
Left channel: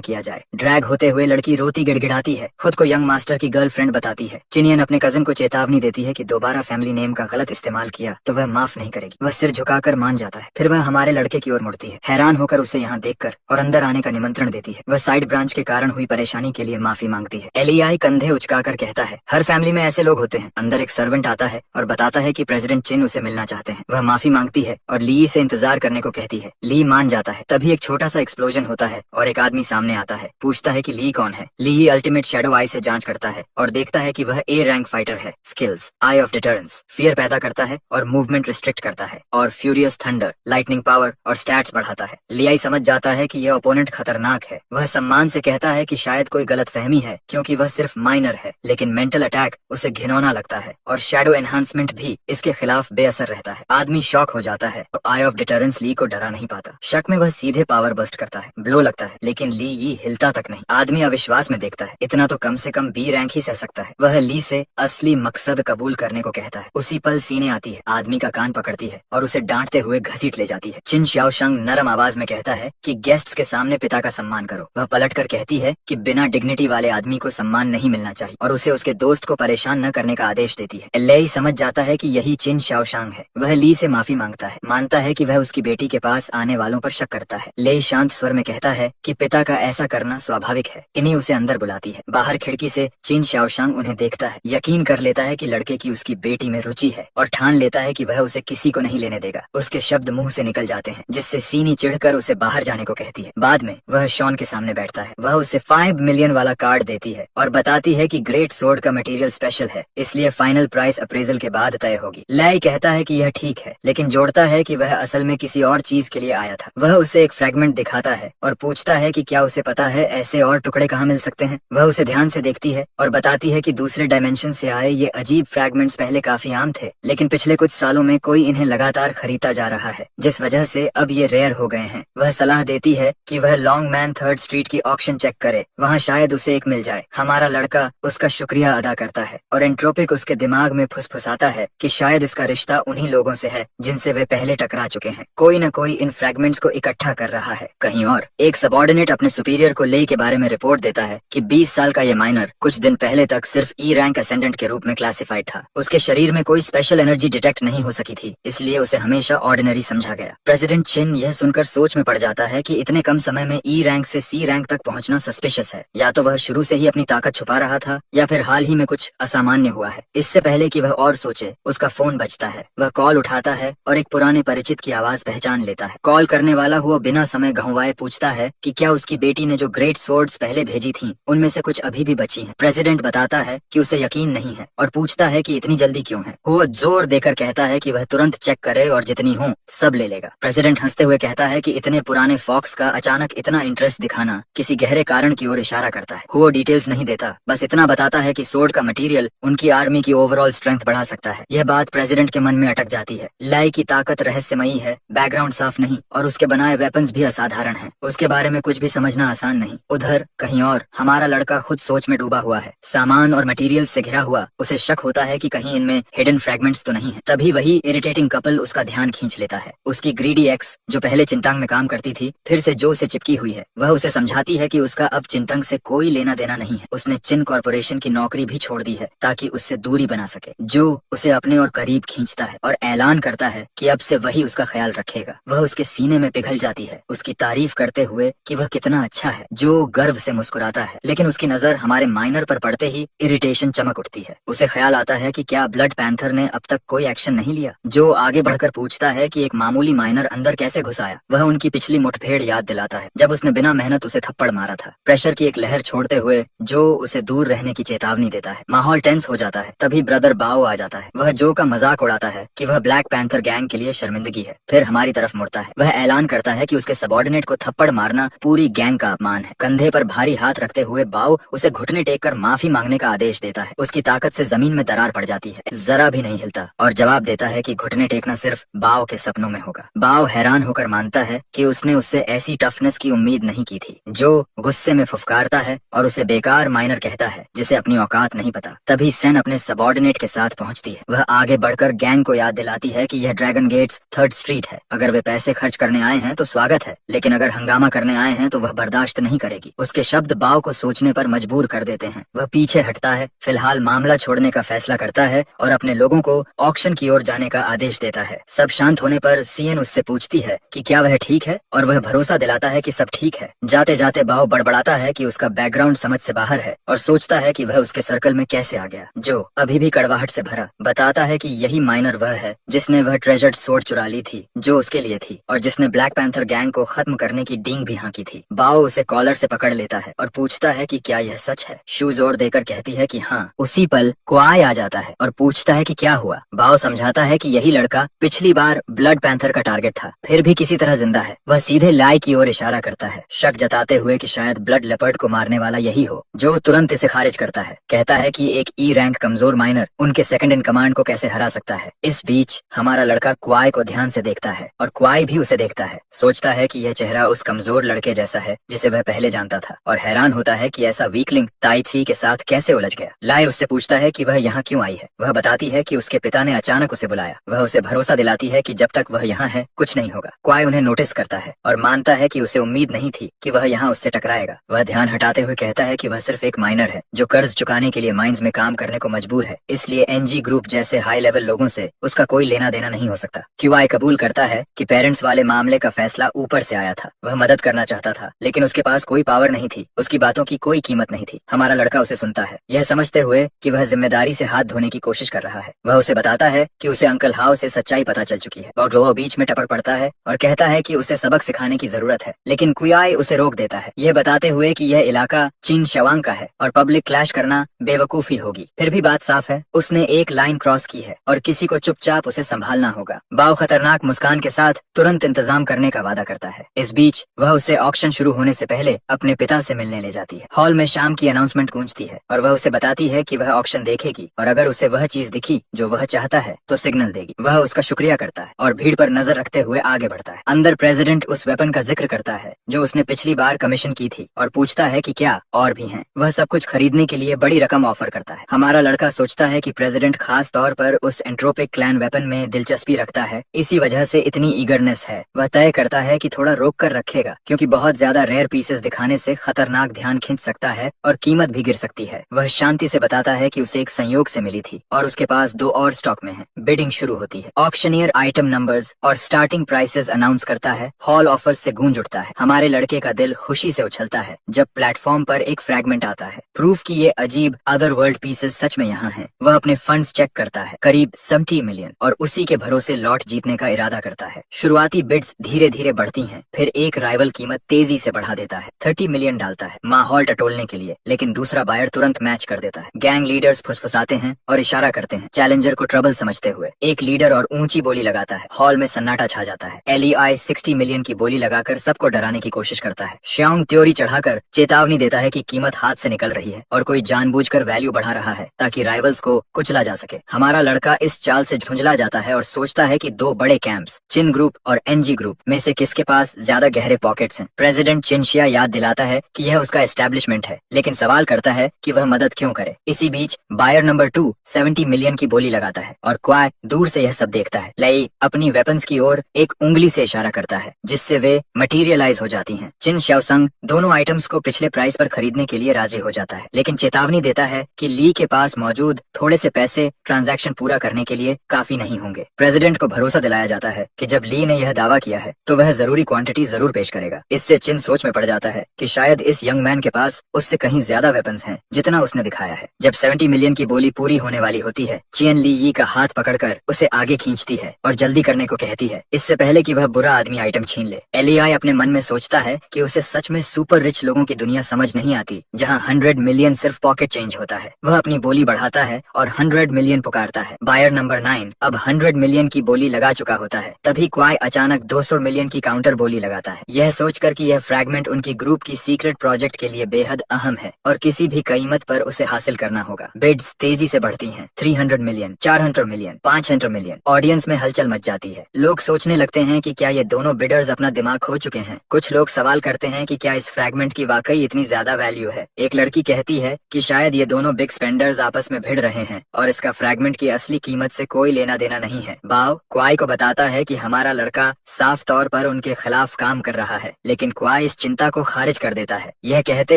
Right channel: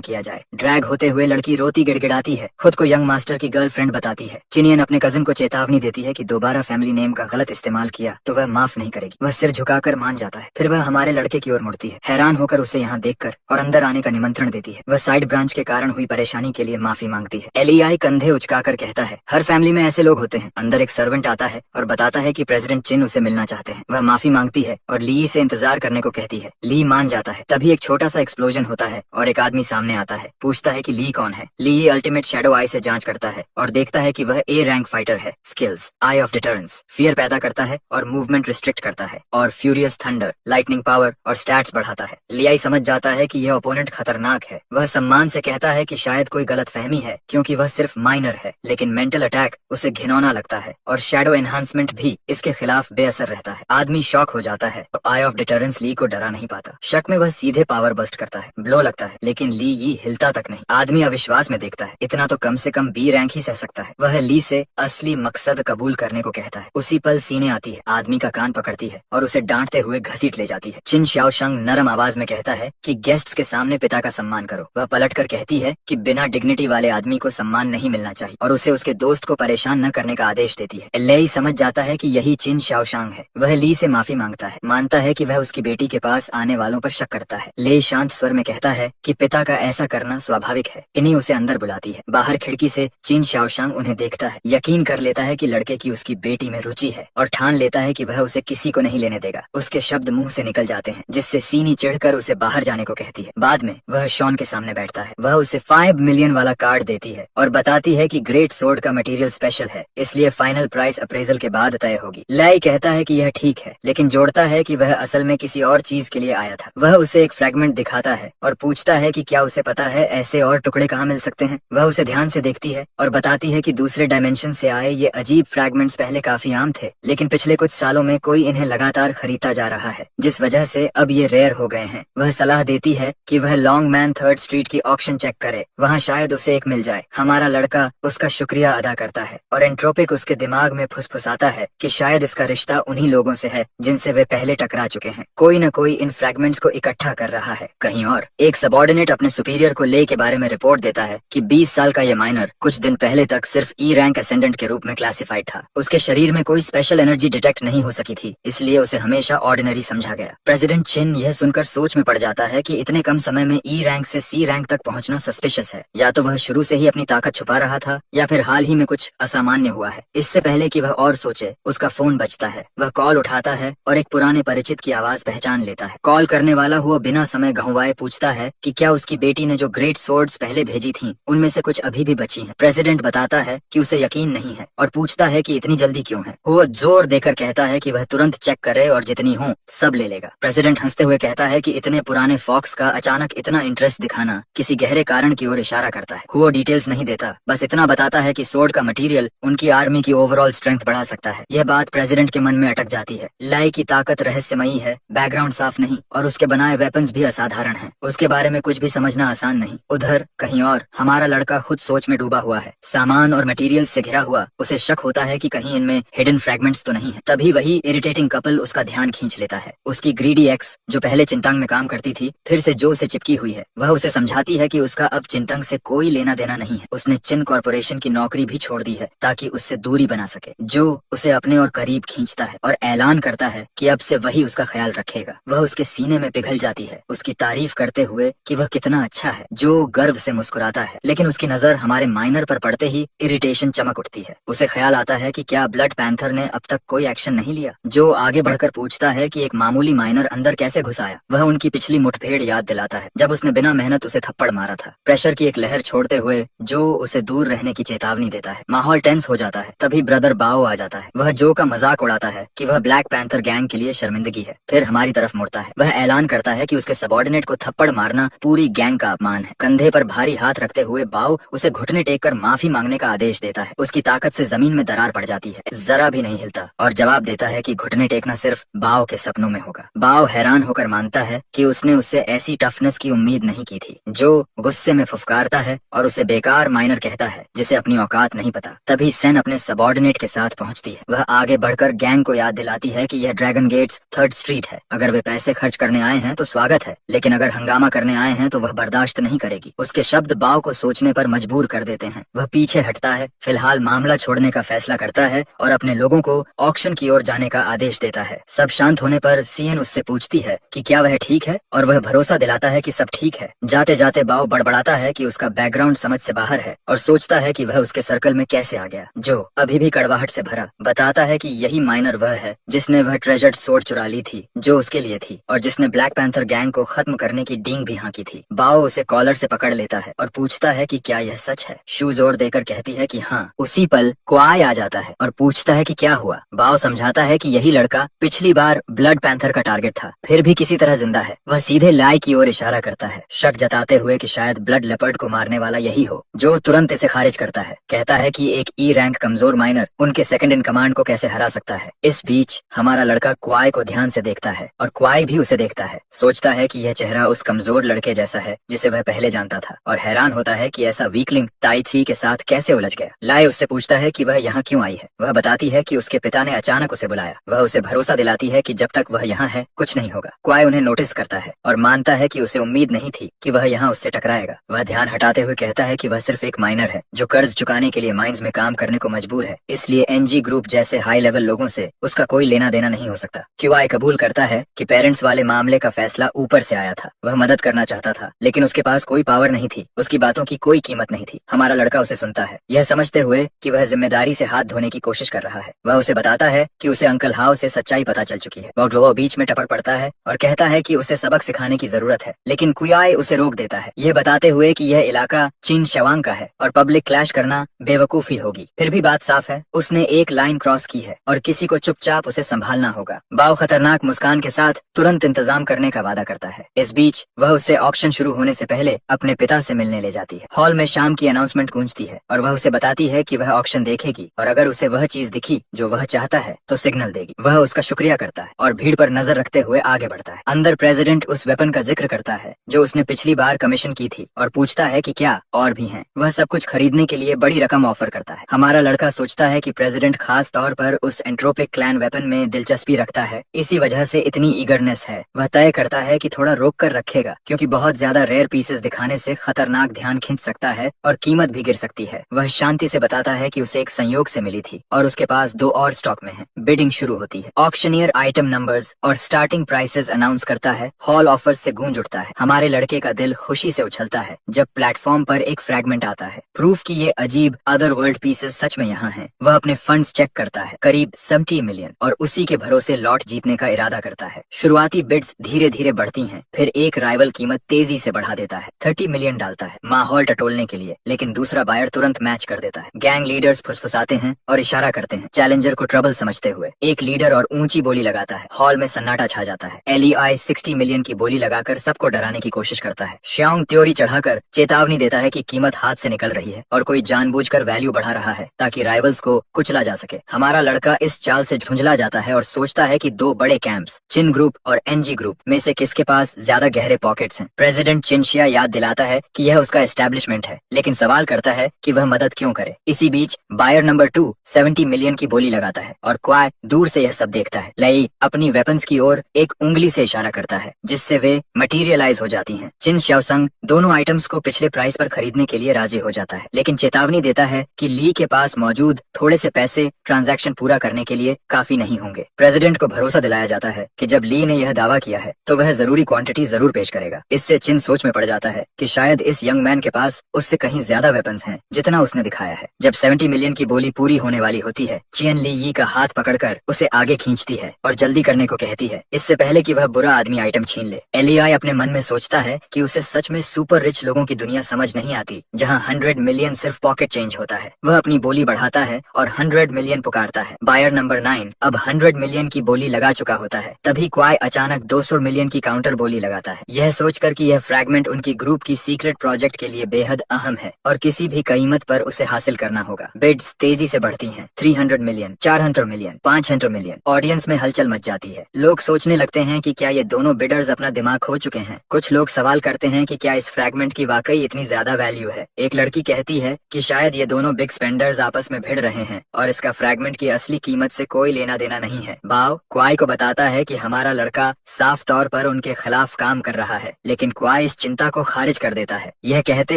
किया जाए। ड्रैग होते हुए लड़की रोती गिड़गिड़ाती है। खुद को यंग मास्टर की गर्लफ्रेंड बताती है। चिनियन अपने कजिन को चेतावनी देती है कि दोबारा फैमिली नेम का गलत इस्तेमाल किया तो वह माफ नहीं करेगी। वह सिर झुकाकर मान जाता है। फिर वह हमारे लड़के की ओर मुड़ती है, हैरान होकर उसे यहाँ देखकर, और अंदर आने का निमंत्रण देती है। वह साइड ब्रांच के कारण हुई परेशानी के लिए माफी मांगती है। एलियाई कंधे उचकाकर कहता है, हर फैमिली में ऐसे लोग होते हैं। अंदर एक सर्वेंट आता है और बताता है कि प्रेसिडेंट चिन उसे मिलना चाहते हैं। वह माफी मांगती है और ली से इंतजार करने को कहती है। ली मान जाता है। तभी एक छोटा सा एक्सप्लोजन होता है और एक आदमी सामने आता है। पूछता है कि ली कौन है। ली अल्टीमेट शैडो आई से जांच करता है और देखता है कि वह ए रैंक फाइटर है। Skills I of deterrence fear पैदा करता है और मूवमेंट रिस्ट्रिक्ट करता है, और फ्यूरियस थंडर लाइटनिंग पावर और स्टैट्स बढ़ाता है। लियाई समझ जाता है कि यह ओपोनेंट खतरनाक है। वह सम्मान से कहता है कि शायद कोई गलतफहमी है क्योंकि वह सिर्फ माइनर है, लेकिन मेंटल अटैक उसे घिनौना लगता है और शैडो एनहांसमेंट भी इसके खिलाफ बेअसर रहता है। आदमी शॉक हो जाता है तो आई ऑफ डिटरेंस ली को डरा नहीं पाता। शक में वह सीधे पावर बस्ट करता है, ब्लो लगता है, लेकिन ली ये हिलता तक नहीं। आदमी अविश्वास में देखता है, इतना तो कम से कम बी रैंक ही सह सकता है। वह ली से असली मकसद कबूल करने को कहता है। उसी पल सीने आती है, आदमी का कान पकड़ती है और उसे डांटते हुए घसीट ले जाती है। चिन शाओशंग नरम आवाज में कहता है कि गेस्ट्स के सामने पिता का सम्मान करो। वह पलटकर कहती है कि बिना डिग्निटी वाले आदमी को सम्मान नहीं मिलना चाहिए और उसे उसके दोस्त को परेशान न करने का आदेश देती है। लेई समझ जाता है कि यही चिन शाओशंग है। वह ली से माफी मांगता है, मानता है कि वह उसकी बेटी के पास आने वालों पर शक करता है। लेई शांत स्वर में कहता है कि पिता का ऐसा करना स्वाभाविक है। इन्हीं उसे अंदर बुलाती है। बाहर खिड़की से चिन शाओशंग उन्हें देखता है, यकीन कर लेता है कि लड़के की उसकी बेटी में रुचि है और ठान लेता है कि वह उसे किसी को नहीं लेने देगा। उसके शब्द मुंह से निकल जाते हैं, जिससे सीनी चिढ़कर उसे बाहर जाने को कहती है। बाद में वह शॉन के सामने बैठता है। वह उसे 5 मिलियन वाला कार्ड देती है और बताती है कि ग्रेट सोर्ड का मटेरियल स्पेशल है, इसलिए फाइनल प्राइस अप्रेजल के बाद तय होगी। लेई कहता है कि यह ठीक है, लेकिन जोड़ता है कि वह असल में किसी और चीज के लिए आया था। वह उसे एक फ्रेगमेंट दिखाता है और पूछता है कि क्या उसे पता है ऐसे और टुकड़े कहाँ मिल सकते हैं। वह उसे ध्यान से देखती है और बताती है कि दूसरे डायमेंशन से आए ये अजीब फ्रैगमेंट्स पहले काफी आम थे, लेकिन पिछले कुछ सालों में कोई इन्हें लगातार खरीदता जा रहा है, जिस वजह से अब ये रेयर हो गए हैं। वह सलाह देती है कि वह लॉन्ग मैन 3rd स्ट्रीट की ऑक्शन चेक करे, वहाँ शायद उसे एक मिल जाए। हमारा लड़का उसका शुक्रिया अदा करता है और एंट्रोपिक उसके दिमाग में फुसफुसाता है कि शायद इसका रिश्ता उन्हीं लोगों से है जिनसे वे पहले टकरा चुके हैं। कोई न कोई इन फ्रैगमेंट्स को इकट्ठा कर रहा है कहीं और। एक सबऑर्डिनेट अपने सुपीरियर को ले के बारे में रिपोर्ट देता है कि 20 साल का ये माइनर कुछ दिन पहले तक सिर्फ ई रैंक असेंडेंट के रूप में क्लासिफाइड था। उसके शरीर में कोई स्पेशल एनर्जी डिटेक्ट नहीं हो सकी थी, इसलिए उसे हमेशा ऑर्डिनरी समझा गया। प्रेसिडेंट चिन यह सुनकर सोच में पड़ जाता है कि इतने कम समय में ई रैंक से सी रैंक तक पहुंचना सस्पिशियस है। या तो वह शुरू से ही अपनी ताकत छुपा रहा था या फिर हाल ही में कुछ असामान्य हुआ है। इससे पहले कि वह और सोचे, उसका फोन बजता है। वह कॉल उठाता है और एक पुराने परिचित की आवाज पहचान लेता है। कॉल करने वाला हुआ बिना समय गंवाए पूछता है कि क्या उसकी बेटी ने जो ग्रेट स्वॉर्ड्स पहले भेजी थीं, उनमें से कुछ अभी भी बची हैं। प्रेसिडेंट बताता है कि उसे यकीन नहीं है और पूछता है कि इतनी जल्दी क्यों है। वो जोर देकर कहता है कि वह तुरंत चेक करे और जितनी हो सब ले लेगा। प्रेसिडेंट हंसते हुए कहता है कि इतने पुराने फॉक्स का अचानक इतना इंटरेस्ट दिखाना किसी गहरे कारण की ओर इशारा करता है। वो डिटेल्स नहीं देता, बस इतना बताता है कि सोर्ड का मटेरियल उनकी आर्मी की ओवरऑल स्ट्रेंथ बढ़ा सकता है। यह बात प्रेसिडेंट के मन में अटक जाती है। लाई की ताकत रहस्यमयी है, बैकग्राउंड साफ नहीं और उसके बनाए वेपन्स भी असाधारण हैं। उसके बारे में कुछ भी समझना आसान नहीं। उधर कहीं और हमारा लड़का खुद सोच में डूबा हुआ है, सामान और मटेरियल से घिरा हुआ। उसे शक होता है कि कहीं इनमें हिडन फ्रैगमेंट्स तो नहीं है। तभी वही इरिटेटिंग कपल उसका ध्यान खींच लेता है। उसकी ग्रीडी एक्स जो पहले चिंतांग में काम करती थी, फिर से जो से चिपकी हुई है। वह उसे समझाती है कि उसका अब चिंतांग से कोई लेना देना नहीं है। उसने चिन कॉर्पोरेशन की नौकरी भी छोड़ दी है ताकि उससे दूरी बना सके। जो उसे अपने और करीब खींचता है और ऐलान करता है कि अब से वही उसका ख्याल रखेगा। वह उसके सीने में पिघल जाती है, उसकी तारीफ करते हुए कि वह कितना अच्छा है। जो गर्व से मुस्कुराता है, लेकिन उसकी नजर हमारे माइनर पर पड़ते ही इरिटेशन चमक उठती है। उसे ख्याल आता है कि क्या ब्लड पैंथर ने अब तक कोई एक्शन नहीं लिया। जो आगे बढ़कर पूछता है कि एक मामूली माइनर अंदर कैसे घुस आया। वह उनकी पिछली मुठभेड़ याद दिलाता है जब उसने बिना मेहनत उसे थप्पड़ मारा था। प्रेशर की एक लहर छोड़ते हुए जो उसे दूर रहने की चेतावनी देता है। माहौल टेंस हो जाता है। तभी ब्रदर बाओ आ जाता है। वह जो का मजाक उड़ाता है कि वह ब्लैक पैंथर गैंग के लिए शर्मिंदगी है। फिर हमारी तरफ मुड़ता है। वह ऐलान करता है कि उसके सबऑर्डिनेट को थप्पड़ मारना पूरी गैंग का अपमान है। कंधे पर भारी हाथ रखते हुए बाओ उसे घुटने टेक कर माफी मांगने का आदेश देता है। उसकी ताकत से जमीन में दरार पड़ जाती है, जरा भी नहीं हिलता और जवाब देता है कि घुटने टेकना सिर्फ बाओ के सपनों में होगा। बाओ हैरान होकर देखकर मानता है कि उसने उससे ऐसी टफनेस की उम्मीद नहीं की थी। जो गुस्से में फुफकारता है और उसे बेकार माइनर कहता है जिसे अपनी औकात नहीं पता। तभी सेन अपने सबॉर्डिनेट के साथ पहुंचती है। वह आगे बढ़कर गैंग को याद दिलाती है कि यह ड्रैगन गेट्स 3rd स्ट्रीट है। अगर वे पैसे खर्च करने आए हैं तो स्वागत है, लेकिन अगर हंगामा करने आए हैं तो वह बर्दाश्त नहीं करेगी। उसके शब्द बाव को सोचने पर मजबूर कर देते हैं। वह पीछे हटता है, फिलहाल मामला छोड़ने का फैसला करता है और अपने लोगों को ऑक्शन की ओर जाने का आदेश देता है। सब शांत होने पर सीएन उससे पूछती है कि क्या वह ठीक है और वह भरोसा दिलाता है कि सब ठीक है। जाते जाते बाव बड़बड़ाता है कि उसका बैकग्राउंड समझ से बाहर है और सोचता है कि वह उसके सर्कल में कैसे आ गया। जो अभी भी कड़वाहट से भरा बताता है कि यही माइनर वह है जिसने वह ट्रेजर्ड सोर्ड चुरा ली थी जो उसके लिए थी और जिसने ब्लैक पैंथर गैंग को खत्म करने की डींग भी हाँकी थी। बाव उसे कॉलर से पकड़ लेता है और पूछता है कि क्या यह सच है। शू जोर देकर कहती है कि हाँ। उसी पल क्वाई आ जाता है और पूछता है कि क्या हुआ। बाव समझाता है कि यही लड़का पिछली बार ब्लड पैंथर का टारगेट था, फिर भी किसी तरह जिंदा है। वह सीधे लाई की ओर इशारा करता है, शक जताते हुए कि शायद ब्लड लेपर्ड को मारने वाला यही हो। जो तुरंत इसे खारिज करता है, कहता है कि एक ई रैंक कमजोर माइनर उनके सेकंड इन कमांड को कैसे हरा सकता है। इस बीच हमारा लड़का क्वाई को ध्यान से देखता है और क्वाई भी उसे देखता है। सोचता है कि यह चेहरा उस कमजोर लड़के जैसा है जिसे वह पहले जानता था और हैरान होता है कि ऐसा वीकलिंग ताइथी के साथ कैसे उलझ गया। लाई उससे पूछता है कि वह यहाँ क्यों आई है। वह बताती है कि उसके पिता ने अचानक उसे बुलाया। वह उसे भरोसा दिलाती है कि जब तक वह यहाँ है कुछ नहीं होगा। क्वाई उन्हें नोटिस करता है और मानता है कि उसे उम्मीद नहीं थी कि वह यहाँ उससे टकराएगा। वह ध्यान हटाते हुए कहता है कि वह सिर्फ एक माइनर है जो कर्ज चुकाने के लिए माइंस में काम करने को मजबूर है, इसलिए एनजी ग्रुप जैसे हाई लेवल लोगों से उसका कोई लेना देना नहीं हो सकता। क्वाई कबूल करता है कि पेरेंट्स वाले मामले का फैसला ऊपर से आया था। वह मदद करना चाहता था लेकिन उसके पास कोई पावर नहीं थी, उसकी बातों की कोई कीमत नहीं थी। हमारा लड़का उसे सुनता है, यह समझते हुए कि वह जिम्मेदारी से हाथ धोने की कोशिश कर रहा है। वह उसे बताता है कि उसे अंकल हाउ से सच्चाई पता चल चुकी है। वह बीच में टपक पड़ता है और कहता है कि उसे सबक सिखाने की जरूरत है, लेकिन क्वाई उसे रोक देता है, यह बताते हुए कि यह इलाका चीन शवांग का है और पब्लिक क्लैश करना बेवकूफी होगी। फिर भी बात साफ है, उसने एक लाइन क्रॉस की है और किसी को चुपचाप उसे संभालना होगा। बाव खतरनाक मुस्कान के साथ तुरंत इंतजाम करने का वादा करता है। इस बीच वह उसे ऑक्शन शुरू होने से पहले अपने पिता से मिलने ले जाती है। हॉल में शाम की अनाउंसमेंट गूंजती है और वह उसे बताती है कि वह ऑक्शन देखेगी और अगर उसे वह चीज दिखी जो वह चाहता है तो सिग्नल देगी। वह उसका शुक्रिया करता है और भीड़ पर नजर रखते हुए आगे बढ़ता है। अंदर प्रेसिडेंट उस वेपन का जिक्र करता है जो उसने पिछली बार कमीशन की थी और पूछता है कि क्या और भी हैं। वह सब कुछ खरीदने के लिए बड़ी रकम ऑफर करता है। हमारा लड़का सोचता है कि प्रेसिडेंट खास तौर पर उस एंट्रोपिक क्लैन वेपन में दिलचस्पी रखता है, इसी वजह से इतनी ईगरनेस है। वह तय करता है कि थोड़ा रोक कर रखेगा क्योंकि बहुत ज्यादा रेयर पीसेस दिखाने से खतरनाक ध्यान खींच सकता है और कीमत भी गिर सकती है। वह शांति से बताता है कि उसे एक संयोग से मिली थी और उसके पास 2 और स्टॉक में है। बिडिंग शुरू होती है। ऑक्शनियर आइटम नंबर्स और स्टार्टिंग प्राइसेस अनाउंस करता है। हॉल ऑफर्स से गूंज उठता है। हमारे लड़के का दिल खुशी से उछलता है जब प्लेटफॉर्म पर एक फ्रैगमेंट आता है, प्रूफ कि ये अजीब अदर वर्ल्ड पीसेस सच में यहाँ हैं। वह अपने फंड्स चेक करता है, करीब 70 मिलियन, और उसी के भरोसे लॉट जीतने का इरादा करता है। शुरुआती बिड्स धीरे धीरे बढ़ती हैं, फिर एक राइवल कीमत तेजी से बढ़ा देता है। 30 मिलियन डालता है माहौल टटोलने के लिए, लेकिन दूसरा बायर तुरंत मैच कर देता है। गैंग लीडर्स फुसफुसाते हैं और इशारा करते हैं, चैलेंजर को ट्रबल समझते हुए। एक लीडर और ऊंची बोली लगाता है। हॉल में सन्नाटा छा जाता है। एलईआई 60 मिलियन की बोली लगाकर सबको डराने की कोशिश करता है। श्यांग त्योरी चढ़ाकर चेतावनी देता है कि कीमत हाथ से निकल रही है और कोई जानबूझकर वैल्यू बढ़ा रहा है ताकि राइवल्स को कुचला जा सके। हमारा लड़का इस चाल से झुंझला जाता है और सोचता है कि 2 बड़े कैंप्स, चिन ग्रुप और एनजी ग्रुप में से किसके पास ज्यादा गहरे पॉकेट्स हैं। प्रेसिडेंट चिनशिया याद दिलाता है कि यह उसका एस्टेब्लिशमेंट है, लेकिन सवाल करता है कि वह मदद क्यों करे। इसी बीच बायर नंबर 2 70 मिलियन की बोली लगाता है और क्वाई दूर से यह सब देखता है। लई अपनी वेपन्स की ओर एक उंगली से इशारा करता है जिससे वे मटीरियलाइज हो जाती हैं। चिन श्याओसंग दोनों आइटम्स को पिछले प्राइस पर खरीदने के लिए राजी हो जाता है, लेकिन चेतावनी देता है कि ली के पास मौजूद थोड़े से पैसे ट्रांजैक्शन पूरा करने के लिए काफी नहीं होंगे। प्रेसिडेंट को भरोसा दिलाया जाता है कि जब ली ने यह दावा किया है तो वह जरूरी क्वांटिटी जरूर पेश करेगा। इससे चिन सोच में पड़ जाता है कि शायद इस यंग मैन के पास उससे कहीं ज्यादा वेपन्स हैं जितना उसने दिखाया है। जब 70 मिलियन की बोली पूरी होने वाली होती है, चियन ली यी का हाथ पकड़कर उसे आगे खींचती है और जल्दी करने को कहती है, इससे पहले कि वह बुरा आदमी आइटम छीन ले। एलईआई अपने मन में सोचता है कि उसे सच में सुपर रिच लोगों की दुनिया समझ नहीं आती जहां 100 मिलियन सिर्फ पॉकेट चेंज होता है। वह अपनी बोली बढ़ाता है और 100 मिलियन पुकारता है। बायर नंबर 9 अब 100 मिलियन की बोली लगा चुका होता है। तभी क्वाई अचानक 200 मिलियन की काउंटर बोली लगाता है, यह सोचकर कि यह फ्रैगमेंट उनकी ग्रुप की सीक्रेट प्रोजेक्ट के लिए बेहद अहम है और किसी भी कीमत पर उसे हासिल करना होगा। बिड्स तेजी से बढ़ती हैं। 300 मिलियन, 400 मिलियन, 500 मिलियन। ऑडियंस में हलचल मच जाती है। लोग सोचने लगते हैं कि क्या ये दोनों बिडर्स अपना दिमाग खो चुके हैं। कुछ लोग सवाल करते हैं कि क्या इस फ्रैगमेंट की वाकई इतनी ज्यादा वैल्यू है। एक लड़की कहती है कि शायद ये दोनों बिग स्पेंडर्स आपस में भिड़ रहे हैं और इसका फ्रैगमेंट की असली कीमत से कोई लेना देना नहीं है। बाव क्वाई को बताता है कि हमारा लड़का साफ तौर पर उनके खिलाफ काम कर रहा है, लेकिन क्वाई इस चिंता को खारिज कर देता है, यह कहते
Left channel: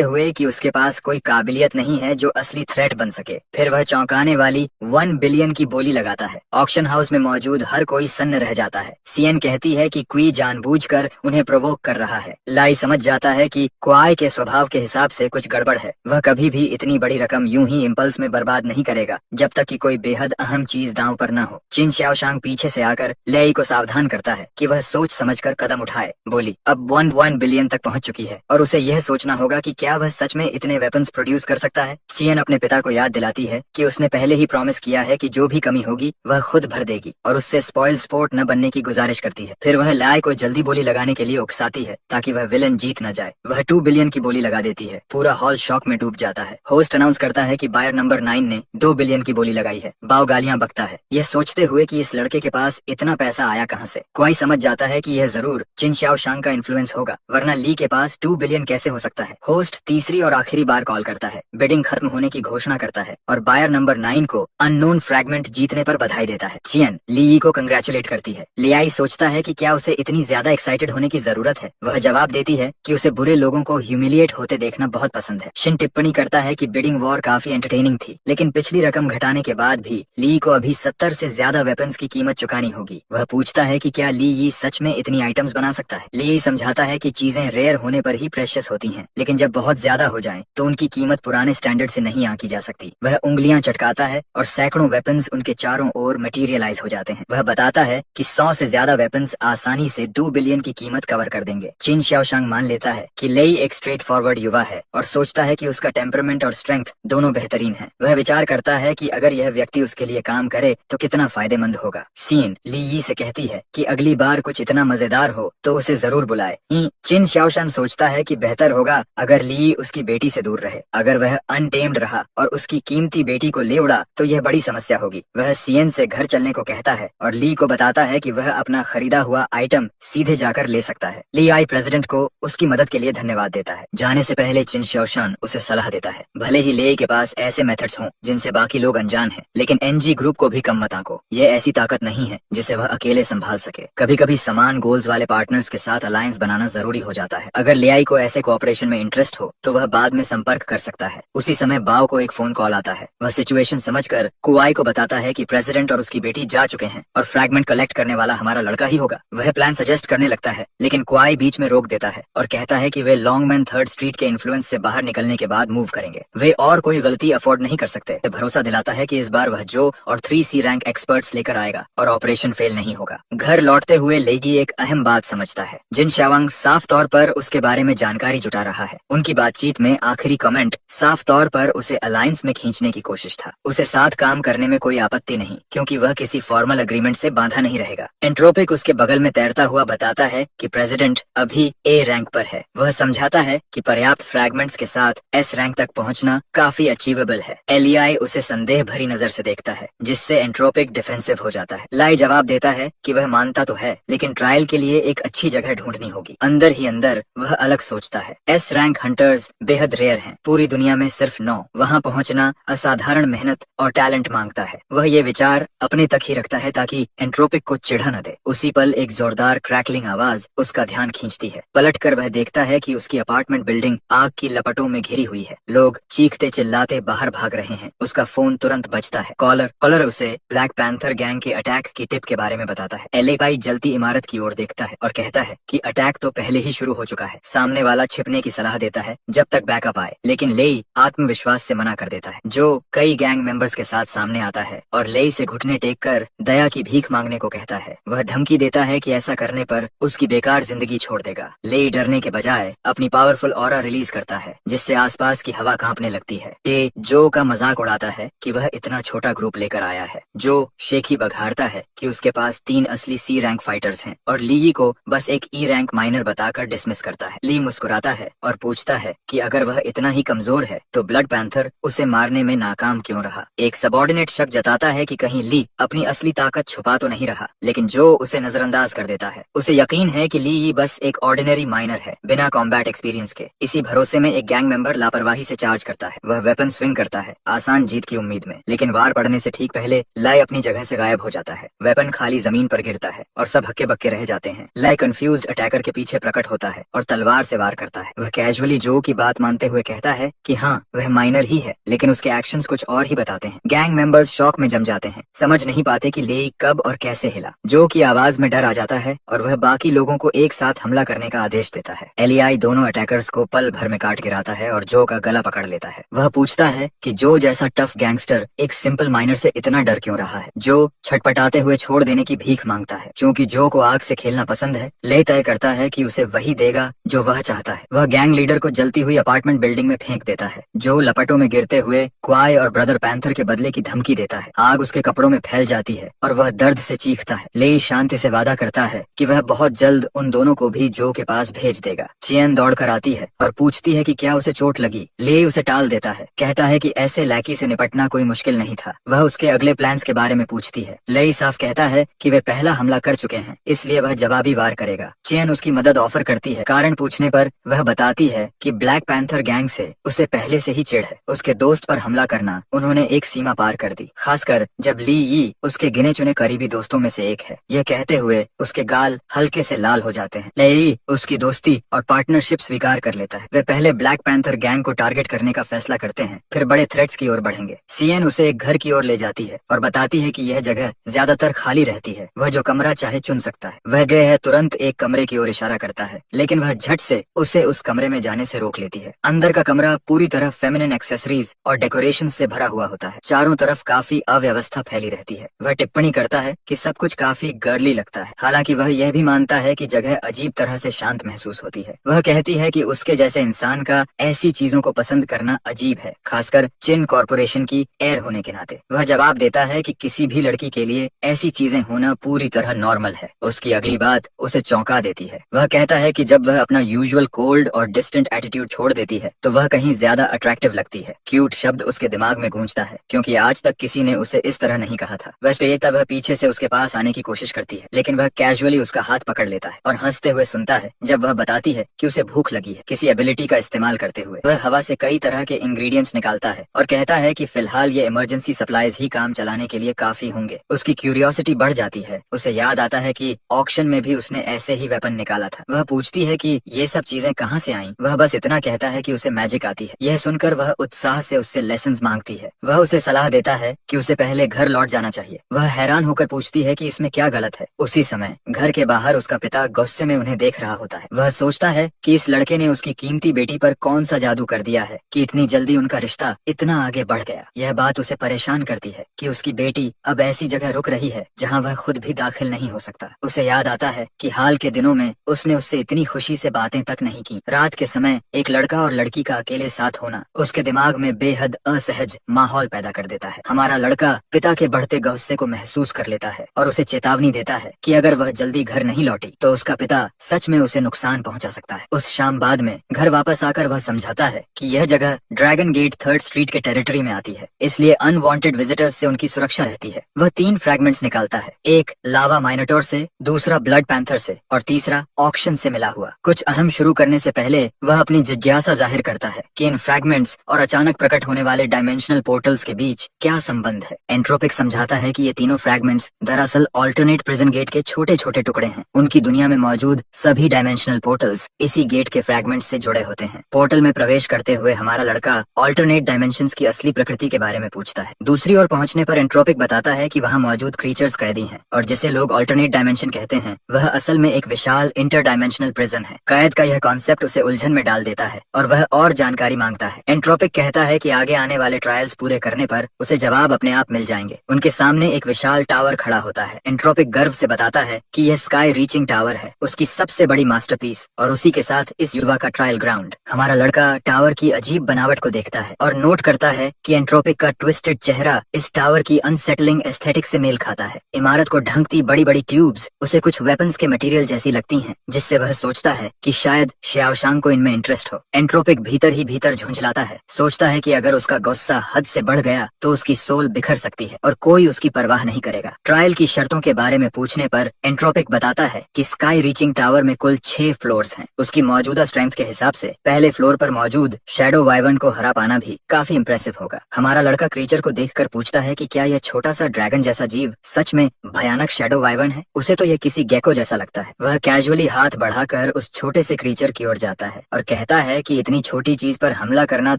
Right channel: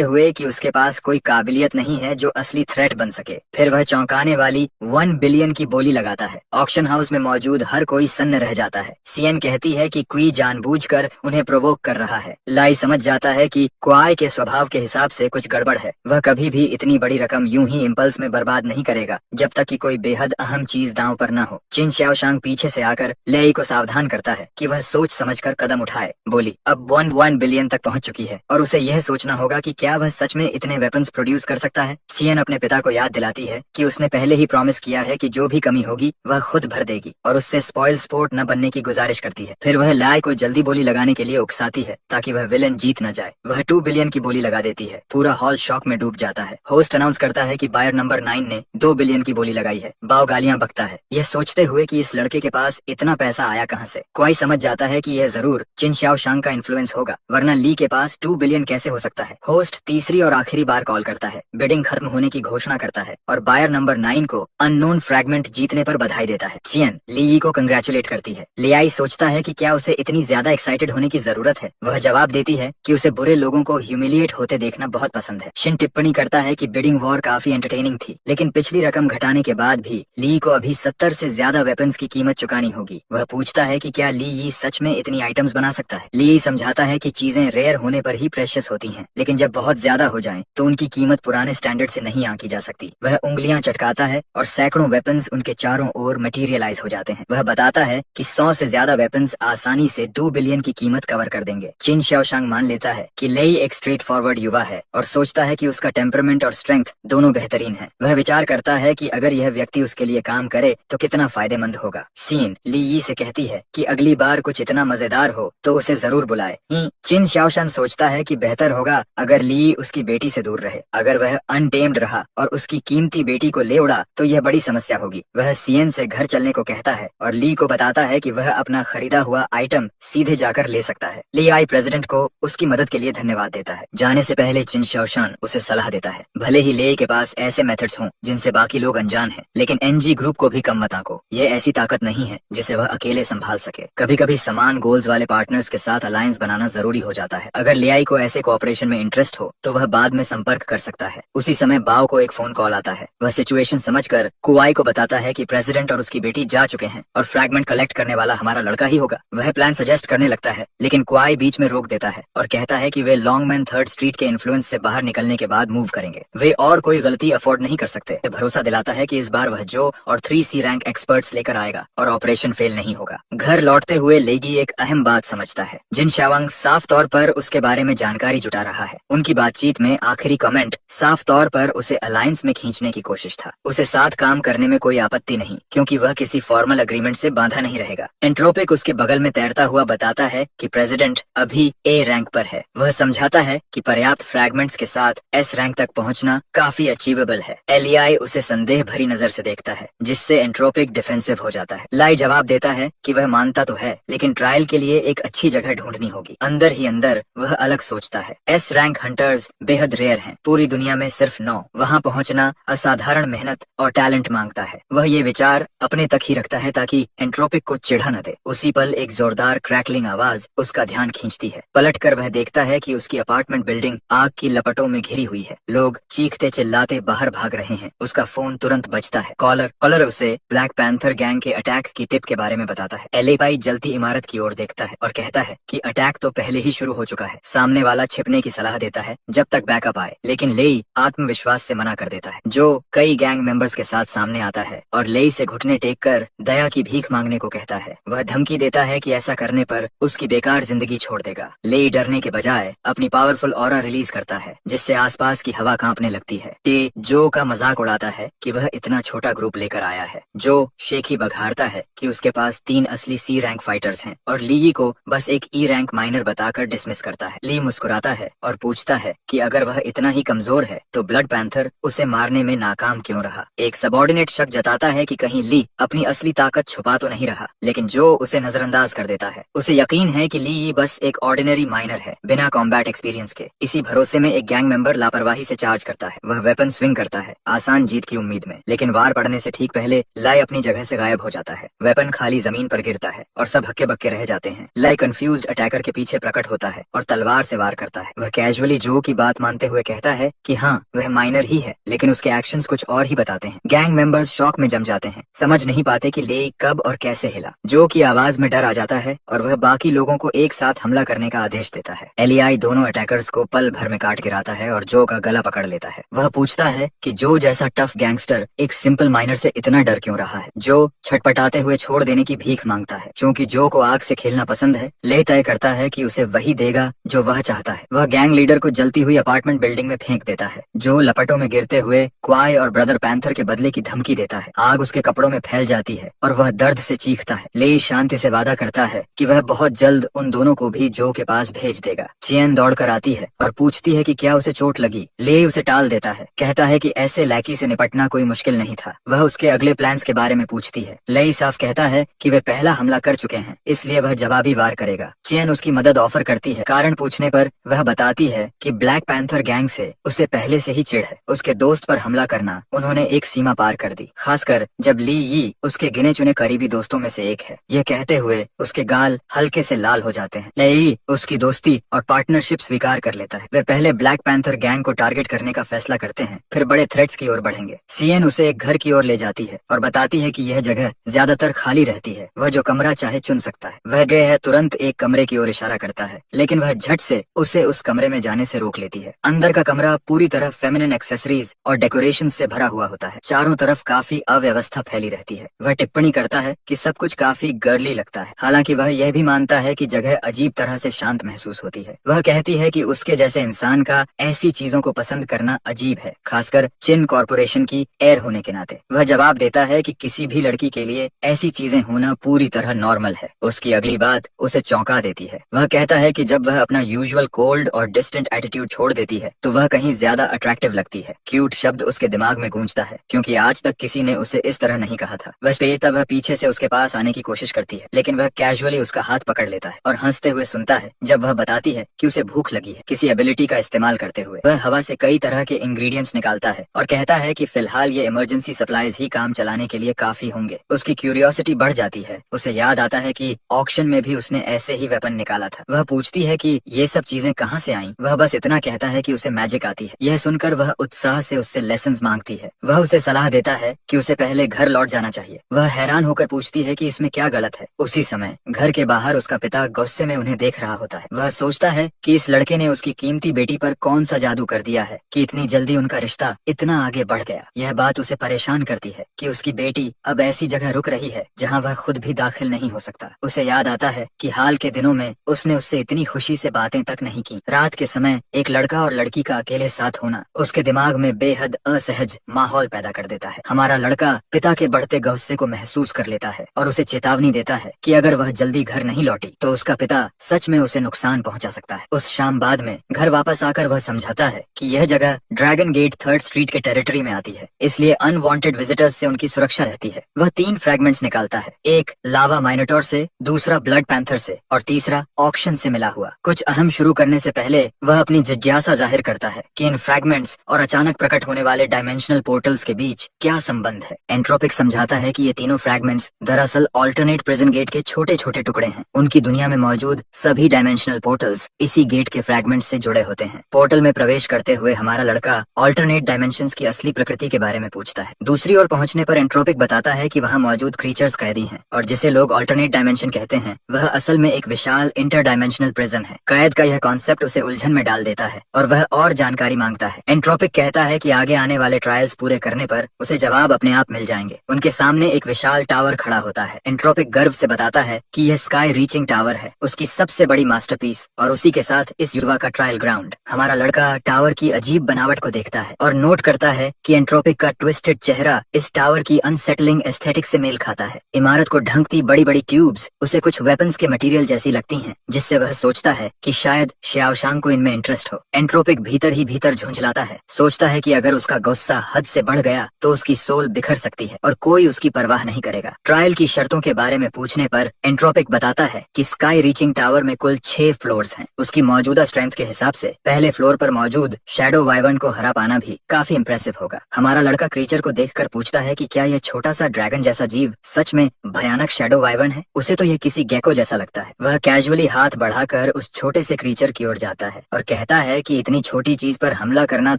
हुए कि उसके पास कोई काबिलियत नहीं है जो असली थ्रेट बन सके। फिर वह चौंकाने वाली 1 बिलियन की बोली लगाता है। ऑक्शन हाउस में मौजूद हर कोई सन्न रह जाता है। सीएन कहती है कि क्वी जानबूझकर उन्हें प्रोवोक कर रहा है। लाई समझ जाता है कि क्वाई के स्वभाव के हिसाब से कुछ गड़बड़ है। वह कभी भी इतनी बड़ी रकम यूं ही इम्पल्स में बर्बाद नहीं करेगा जब तक कि कोई बेहद अहम चीज दांव पर न हो। चिन श्याओशांग पीछे से आकर लेई को सावधान करता है कि वह सोच समझकर कदम उठाए। बोली अब 1 बिलियन तक पहुंच चुकी है और उसे यह सोचना होगा कि क्या वह सच में इतने वेपन्स प्रोड्यूस कर सकता है। सीएन अपने पिता को याद दिलाती है कि उसने पहले ही प्रॉमिस किया है कि जो भी कमी होगी वह खुद भर देगी और उससे स्पॉइल स्पोर्ट न बनने की गुजारिश करती है। फिर वह लाई को जल्दी बोली लगाने के लिए उकसाती है ताकि वह विलन जीत न जाए। वह 2 बिलियन की बोली लगा देती है। पूरा हॉल शॉक में डूब जाता है। होस्ट अनाउंस करता है कि बायर नंबर 9 ने 2 बिलियन की बोली लगाई है। बाव गालियां बकता है, यह सोचते हुए कि इस लड़के के पास इतना पैसा आया कहां से। क्वाई समझ जाता है कि यह जरूर चिन श्याओशांग का इन्फ्लुएंस होगा, वरना ली के पास 2 बिलियन कैसे हो सकता है। होस्ट तीसरी और आखिरी बार कॉल करता है, बिडिंग खत्म होने की घोषणा करता है और बायर नंबर 9 को अननोन फ्रैगमेंट जीतने पर बधाई देता है। चियन ली को कंग्रेचुलेट करती है। लियाई सोचता है कि क्या उसे इतनी ज्यादा एक्साइटेड होने की जरूरत है। वह जवाब देती है कि उसे बुरे लोगों को ह्यूमिलिएट होते देखना बहुत पसंद है। शिन टिप्पणी करता है कि बिडिंग वॉर काफी एंटरटेनिंग थी, लेकिन पिछली रकम घटाने के बाद भी ली को अभी 70 से ज्यादा वेपन्स की कीमत चुकानी होगी। वह पूछता है कि क्या ली सच में इतनी आइटम्स बना सकता है। ली समझाता है कि चीजें रेयर होने पर ही प्रेशियस होती हैं, लेकिन जब बहुत ज्यादा हो जाएं तो उनकी कीमत पुराने स्टैंडर्ड से नहीं आंकी जा सकती। वह उंगलियां चटकाता है और सैकड़ों वेपन्स उनके चारों ओर मटेरियलाइज हो जाते हैं। वह बताता है कि 100 से ज्यादा वेपन्स आसानी से 2 बिलियन की कीमत कवर कर देंगे। चिन श्याओशांग मान लेता है कि लेई एक स्ट्रेट फॉरवर्ड युवा है और सोचता है कि उसका टेम्परामेंट और स्ट्रेंथ दोनों बेहतरीन है। वह विचार करता है कि अगर यह व्यक्ति उसके लिए काम करे तो कितना फायदेमंद होगा। सीन ली से कहती है कि अगली बार कुछ इतना मजेदार हो तो उसे जरूर बुलाए। चिन श्याओशांग सोचता है कि बेहतर होगा अगर ली उसकी बेटी से दूर रहे। अगर वह अनटेम्ड रहा और उसकी कीमती बेटी को ले उड़ा तो यह बड़ी समस्या होगी। वह सीएन से घर चलने को कहता है और ली को बताता है कि वह अपना खरीदा हुआ आइटम सीधे जाकर ले सकता है। ली आई प्रेसिडेंट को उसकी मदद के लिए धन्यवाद देता है। जाने से पहले चिन श्याओशांग उसे सलाह देता है, भले ही ले के पास ऐसे मेथड्स हों जिनसे बाकी लोग अनजान हैं, लेकिन एनजी ग्रुप को भी कम मत आंको। यह ऐसी ताकत नहीं है जिसे वह अकेले संभाल सके। कभी कभी समान गोल्स वाले पार्टनर्स के साथ अलायंस बनाना जरूरी हो जाता है। अगर लियाई को ऐसे कोऑपरेशन में इंटरेस्ट हो तो वह बाद में संपर्क कर सकता है। उसी समय बाव को एक फोन कॉल आता है। वह सिचुएशन समझकर कुआई को बताता है कि प्रेसिडेंट और उसकी बेटी जा चुके हैं और फ्रैगमेंट कलेक्ट करने वाला हमारा लड़का ही होगा। वह प्लान सजेस्ट करने लगता है, लेकिन कुआई बीच में रोक देता है और कहता है कि वे लॉन्गमैन 3rd स्ट्रीट के इन्फ्लुएंस से बाहर निकलने के बाद मूव करेंगे। वे और कोई गलती अफोर्ड नहीं कर सकते। भरोसा दिलाता है कि इस बार वह जो और 3C रैंक एक्सपर्ट्स लेकर आएगा और ऑपरेशन फेल नहीं होगा। घर लौटते हुए लेगी एक अहम बात समझता है। जिन शावांग साफ तौर पर उसके बारे में जानकारी जुटा रहा है। उनकी बातचीत में आखिरी कमेंट साफ तौर पर उसे अलायंस में खींचने की कोशिश था। उसे साथ काम करने में कोई आपत्ति नहीं, क्योंकि वह किसी फॉर्मल अग्रीमेंट से बांधा नहीं रहेगा। एंट्रोपिक उसके बगल में तैरता हुआ बताता है कि प्रेसिडेंट अभी A रैंक पर है। वह समझाता है कि पर्याप्त फ्रैगमेंट्स के साथ S रैंक तक पहुंचना काफी अचीवेबल है। एलियाई उसे संदेह भरी नजर से देखता है, जिससे एंट्रोपिक डिफेंसिव हो जाता है। लाई जवाब देता है कि वह मानता तो है, लेकिन ट्रायल के लिए एक अच्छी जगह ढूंढनी होगी। अंदर ही अंदर वह अलग सोचता है। S रैंक हंटर्स बेहद रेयर हैं, पूरी दुनिया में सिर्फ 9। वहां पहुंचना असाधारण मेहनत और टैलेंट मांगता है। वह ये विचार अपने तक ही रखता है ताकि एंट्रोपिक को चिढ़ा न दे। उसी पल एक जोरदार क्रैकलिंग आवाज उसका ध्यान खींचती है। पलटकर वह देखता है कि उसकी अपार्टमेंट बिल्डिंग आग की लपटों में घिरी हुई है। लोग चीखते चिल्लाते बाहर भाग रहे हैं। उसका फोन तुरंत बजता है। कॉलर उसे ब्लैक पैंथर गैंग के अटैक की टिप के बारे में बताता है। एलियाई जलती इमारत की ओर देखता है और कहता है कि अटैक तो पहले ही शुरू हो चुका है। सामने वाला छिपने की सलाह देता है जब तक बैकअप आए, लेकिन लेई आत्मविश्वास से मना कर देता है। जो कई गैंग मेंबर्स के साथ सामने आता है और लेई से घुटने टेक कर दया की भीख मांगने को कहता है। वह धमकी देता है कि ऐसा करने पर उसकी बेकार जिंदगी छोड़ देगा। लेई डरने के बजाय अपनी पावरफुल ऑरा रिलीज करता है, जिससे आसपास की हवा कांपने लगती है। टे जो का मजाक उड़ाता है कि वह इतना छोटा ग्रुप लेकर आया है। जो शेखी बघारता है कि उसके पास 3 असली C रैंक फाइटर्स हैं और ली को बस एक E रैंक माइनर बताकर डिसमिस करता है। ली मुस्कुराता है और पूछता है कि अगर वह इतना ही कमजोर है तो ब्लड पैंथर उसे मारने में नाकाम क्यों रहा। एक सबॉर्डिनेट शक जताता है कि कहीं ली अपनी असली ताकत छुपा तो नहीं रहा, लेकिन जो उसे नजरअंदाज नजरअंदाज कर देता है। उसे यकीन है कि ली यी बस एक ऑर्डिनरी माइनर है, बिना कॉम्बैट एक्सपीरियंस के। इसी भरोसे में एक गैंग मेंबर लापरवाही से चार्ज करता है। वह वेपन स्विंग करता है, आसान जीत की उम्मीद में, लेकिन वार पड़ने से ठीक पहले लय अपनी जगह से गायब हो जाता है। वेपन खाली जमीन पर गिरता है और सब हक्के बक्के रह जाते हैं। लय कंफ्यूज्ड अटैकर के पीछे प्रकट होता है और तलवार से वार करता है। वह कैजुअली जो की बात मानते हुए कहता है कि हाँ वह माइनर ही है, लेकिन उसके एक्शंस कुछ और ही बताते हैं। गैंग मेंबर्स शॉक में जम जाते हैं, समझ नहीं पाते कि ले कब और कैसे हिला। जो की आवाज में डर आ जाता है और वह बाकी लोगों को एक साथ हमला करने का आदेश देता है। एलियाई दोनों अटैकर्स को पल भर में काट गिराता है और जो का गला पकड़ लेता है। वह पूछता है कि जो जैसा टफ गैंगस्टर एक सिंपल माइनर से इतना डर क्यों रहा है। जो छटपटाते हुए छोड़ देने की भीख मांगता है। क्योंकि जो को आग से खेलना पसंद है, ले तय करता है कि उसे वही देगा जो वह चाहता है। वह गैंग लीडर को जलती हुई अपार्टमेंट बिल्डिंग में फेंक देता है। जो लपटों में गिरते हुए क्वाई और ब्रदर पैंथर के बदले की धमकी देता है। आग उसके कपड़ों में फैल जाती है और वह दर्द से चीखता है। ले शांति से वादा करता है कि वह बहुत जल्द उन दोनों को भी जो के पास भेज देगा। चियन दौड़कर आती है और पूछती है कि क्या उसे चोट लगी। ले उसे टाल देता है, कहता है कि ऐसे लैकी से निपटना कोई मुश्किल नहीं था। वह उसके अगले प्लान्स के बारे में पूछती है। ले साफ कहता है कि वे पहला हमला कर चुके हैं, इसलिए वह जवाबी वार करेगा। चियन उसकी मदद ऑफर करती है। कारण पूछने पर वह बताती है कि ब्लैक पैंथर गैंग से उसे पहले से ही चिढ़ है। उसके दोस्त पर हमला करना उन्होंने एक सीमा पार कर दी, खासकर जब ली यी उसके गिने चुने करीबी दोस्तों में से एक है। यह कहते हुए उसके गाल हल्के से लाल हो जाते हैं। ले यी उसकी दोस्ती और पार्टनरशिप स्वीकार कर लेता है। वे पहले ब्लैक पैंथर गैंग को टारगेट करने का फैसला करते हैं, फिर बड़े थ्रेट्स की ओर बढ़ेंगे। सीएन उसे एक घर की ओर ले जाती है और बताती है कि यह जगह ज्यादातर खाली रहती है, वह जो कमरा चाहे चुन सकता है। वह गए है तुरंत एक कमरे की ओर इशारा करता है, लेकिन वह झट से उसे उस कमरे में जाने से रोक लेती है। अंदर का कमरा पूरी तरह फेमिनिन एक्सेसरीज और डेकोरेशन से भरा हुआ होता है। चारों तरफ काफी अव्यवस्था फैली रहती है। वह टिप्पणी करता है कि सब कुछ काफी गर्ली लगता है, हालांकि वह यह भी मानता है कि जगह अजीब तरह से शांत महसूस होती है। वह कहती है कि उसके जैसे इंसान का ऐसी चीजों को पसंद करना अजीब है, खासकर चिन कॉर्पोरेशन की एयर होने के नाते। वह जवाब देता है कि किसी भी लड़की के लिए ऐसी चीजें होना पूरी तरह नॉर्मल है। उसकी अगली बात उसे चौंका देती है। वह कहता है कि जब वह अपना यूजुअल कोल्ड और डिस्टेंट एटीट्यूड छोड़ देती है तो वह कहीं ज्यादा अट्रैक्टिव लगती है। क्यूट शब्द उसके दिमाग में गूंजता है, क्योंकि आज तक किसी ने उसे इस तरह नहीं कहा था। वेस्पेयेता वह पीछे से उसके पास आने की कोशिश करती है, लेकिन वह कैजुअली उसका हाथ पकड़ लेता है और हंसते हुए सुनता है जब वह बताती है कि उसे भूख लगी है। किसी एबिलिटी का इस्तेमाल करते हुए वह हवा से कई तरह के इंग्रेडिएंट्स निकालता है और कहता है कि फिलहाल ये इमरजेंसी सप्लाईज ही काम चलाने के लिए काफी होंगे। उसकी क्यूरियोसिटी बढ़ जाती है। उसे याद आता है कि ऑक्शन में भी उसने ऐसे ही वेपन निकाला था। वह पूछती है कि ये सब चीजें कहाँ से आईं? वह बस इतना कहता है कि उसे मैजिक आती है। यह सुनकर वह उत्साह से उससे लेसन्स मांगती है। वह उसे सलाह देता है कि उसे पहले घर लौट जाना चाहिए। वह हैरान होकर पूछती है कि इसमें क्या गलत है। उसी समय घर के बाहर उसका पिता गुस्से में उन्हें देख रहा होता है। वह सोचता है कि इस लड़के ने उसकी कीमती बेटी पर कौन सा जादू कर दिया है कि इतनी जल्दी उनका रिश्ता इतना आगे बढ़ गया। यह बात उसे परेशान करती है कि उसकी बेटी अब ऐसी जगह रुक रही है जहाँ वह खुद भी दाखिल नहीं हो सकता। उसे याद आता है कि हाल के दिनों में उसने उससे इतनी खुशी से बातें तक नहीं की। रात के समय एक लड़का और लड़की का अकेले साथ होना उसके दिमाग में बेहद असहज माहौल पैदा कर देता है। हमारा लड़का पिता के बढ़ते गुस्से को महसूस कर लेता है और उसे चेतावनी देता है कि अगर वह जल्दी घर नहीं लौटी तो उसका पिता सच में उसे नुकसान पहुंचा सकता है। उस शाम बाद में घर वापस आकर वह समझाता है कि यह जगह ड्रैगन गेट 3rd स्ट्रीट के टेरिटरी में आती है, इसलिए अनवांटेड विजिटर्स से उनकी सुरक्षा रहती है। वह 3 फ्रैगमेंट्स निकालता है, एक लावा माइनोटोर से, दूसरा ब्लड पैंथर से और तीसरा ऑक्शन से मिला हुआ। कुछ अहम शुरू करने से पहले वह अपनी जिज्ञासा जाहिर करता है कि इन फ्रैगमेंट्स और अचानक प्रकट होने वाले डायमेंशनल पोर्टल्स के बीच क्या संबंध है। एंट्रोपिक समझाता है कि ये तीनों फ्रैगमेंट्स दरअसल ऑल्टरनेट प्रिजन गेट के छोटे छोटे टुकड़े हैं। उनकी दुनिया में मौजूद सभी डायमेंशनल पोर्टल्स इसी गेट के फ्रैगमेंट्स से जुड़े होते हैं। पोर्टल में प्रवेश करते हुए हमारा लड़का ऑल्टरनेट डायमेंशंस की असली प्रकृति के बारे में पूछता है। दूसरी ओर पहुंचने पर एंट्रोपिक बताता है कि वहां मौजूद क्रीचर्स कैदी हैं और जिसे लोग ऑल्टरनेट डायमेंशन कहते हैं वह असल में एक विशाल इंटर डायमेंशनल प्रिजन है। कैद का यह कॉन्सेप्ट उसे उलझन में डाल देता है और वह और जानकारी मांगता है। एंट्रोपिक कहता है कि आगे आने वाले ट्रायल्स पूरे करने पर उसे जवाब अपने आप मिल जाएंगे। उनके सामने एक विशाल टावर खड़ा होता है। एंट्रोपिक गर्व से बताता है कि यह स्काई रीचिंग टावर है, उसकी सबसे बड़ी मास्टरपीस और उसी के साथ इस युवा का ट्रायल ग्राउंड। हमारा लड़का टावर की अजीब बनावट को देखता है और नोट करता है कि एंट्रोपिक का ट्विस्टेड चेहरा इस टावर की अनसेटलिंग एस्थेटिक से मेल खाता है। इमारत को ढंकती बड़ी बड़ी ट्यूब्स उसे कुछ वेपन्स के मटेरियल जैसी लगती हैं, जिससे वह सोचता है कि शायद श्याओशांग को इनमें इंटरेस्ट हो। एंट्रोपिक भीतर ही भीतर झुंझलाता है, सोचता है कि अगर उसका गुस्सा हद से बढ़ गया तो उसकी सोल बिखर सकती है और कोई उसकी परवाह नहीं करेगा। ट्रायल की शर्तों के बारे में पूछने पर एंट्रोपिक बताता है कि स्काई रीचिंग टावर में कुल 6 फ्लोर्स हैं। उसकी मौजूदा स्ट्रेंथ के हिसाब से पहले फ्लोर पर मौजूद शैडो वाइवर्न को हरा पाना भी काफी इम्प्रेसिव होगा। हमारा लड़का क्रीचर को देखकर पूछता है कि क्या यह छोटा सा ड्रैगन जैसा जीव सच में भयानक शैडो वाइवर्न है। उसे तो यह किसी गेको जैसा लगता है। वह कैजुअली हाथ बढ़ाकर उस छोटे से क्रीचर की ओर जाता है और कहता है कि इतनी छोटी चीज पर हमला करना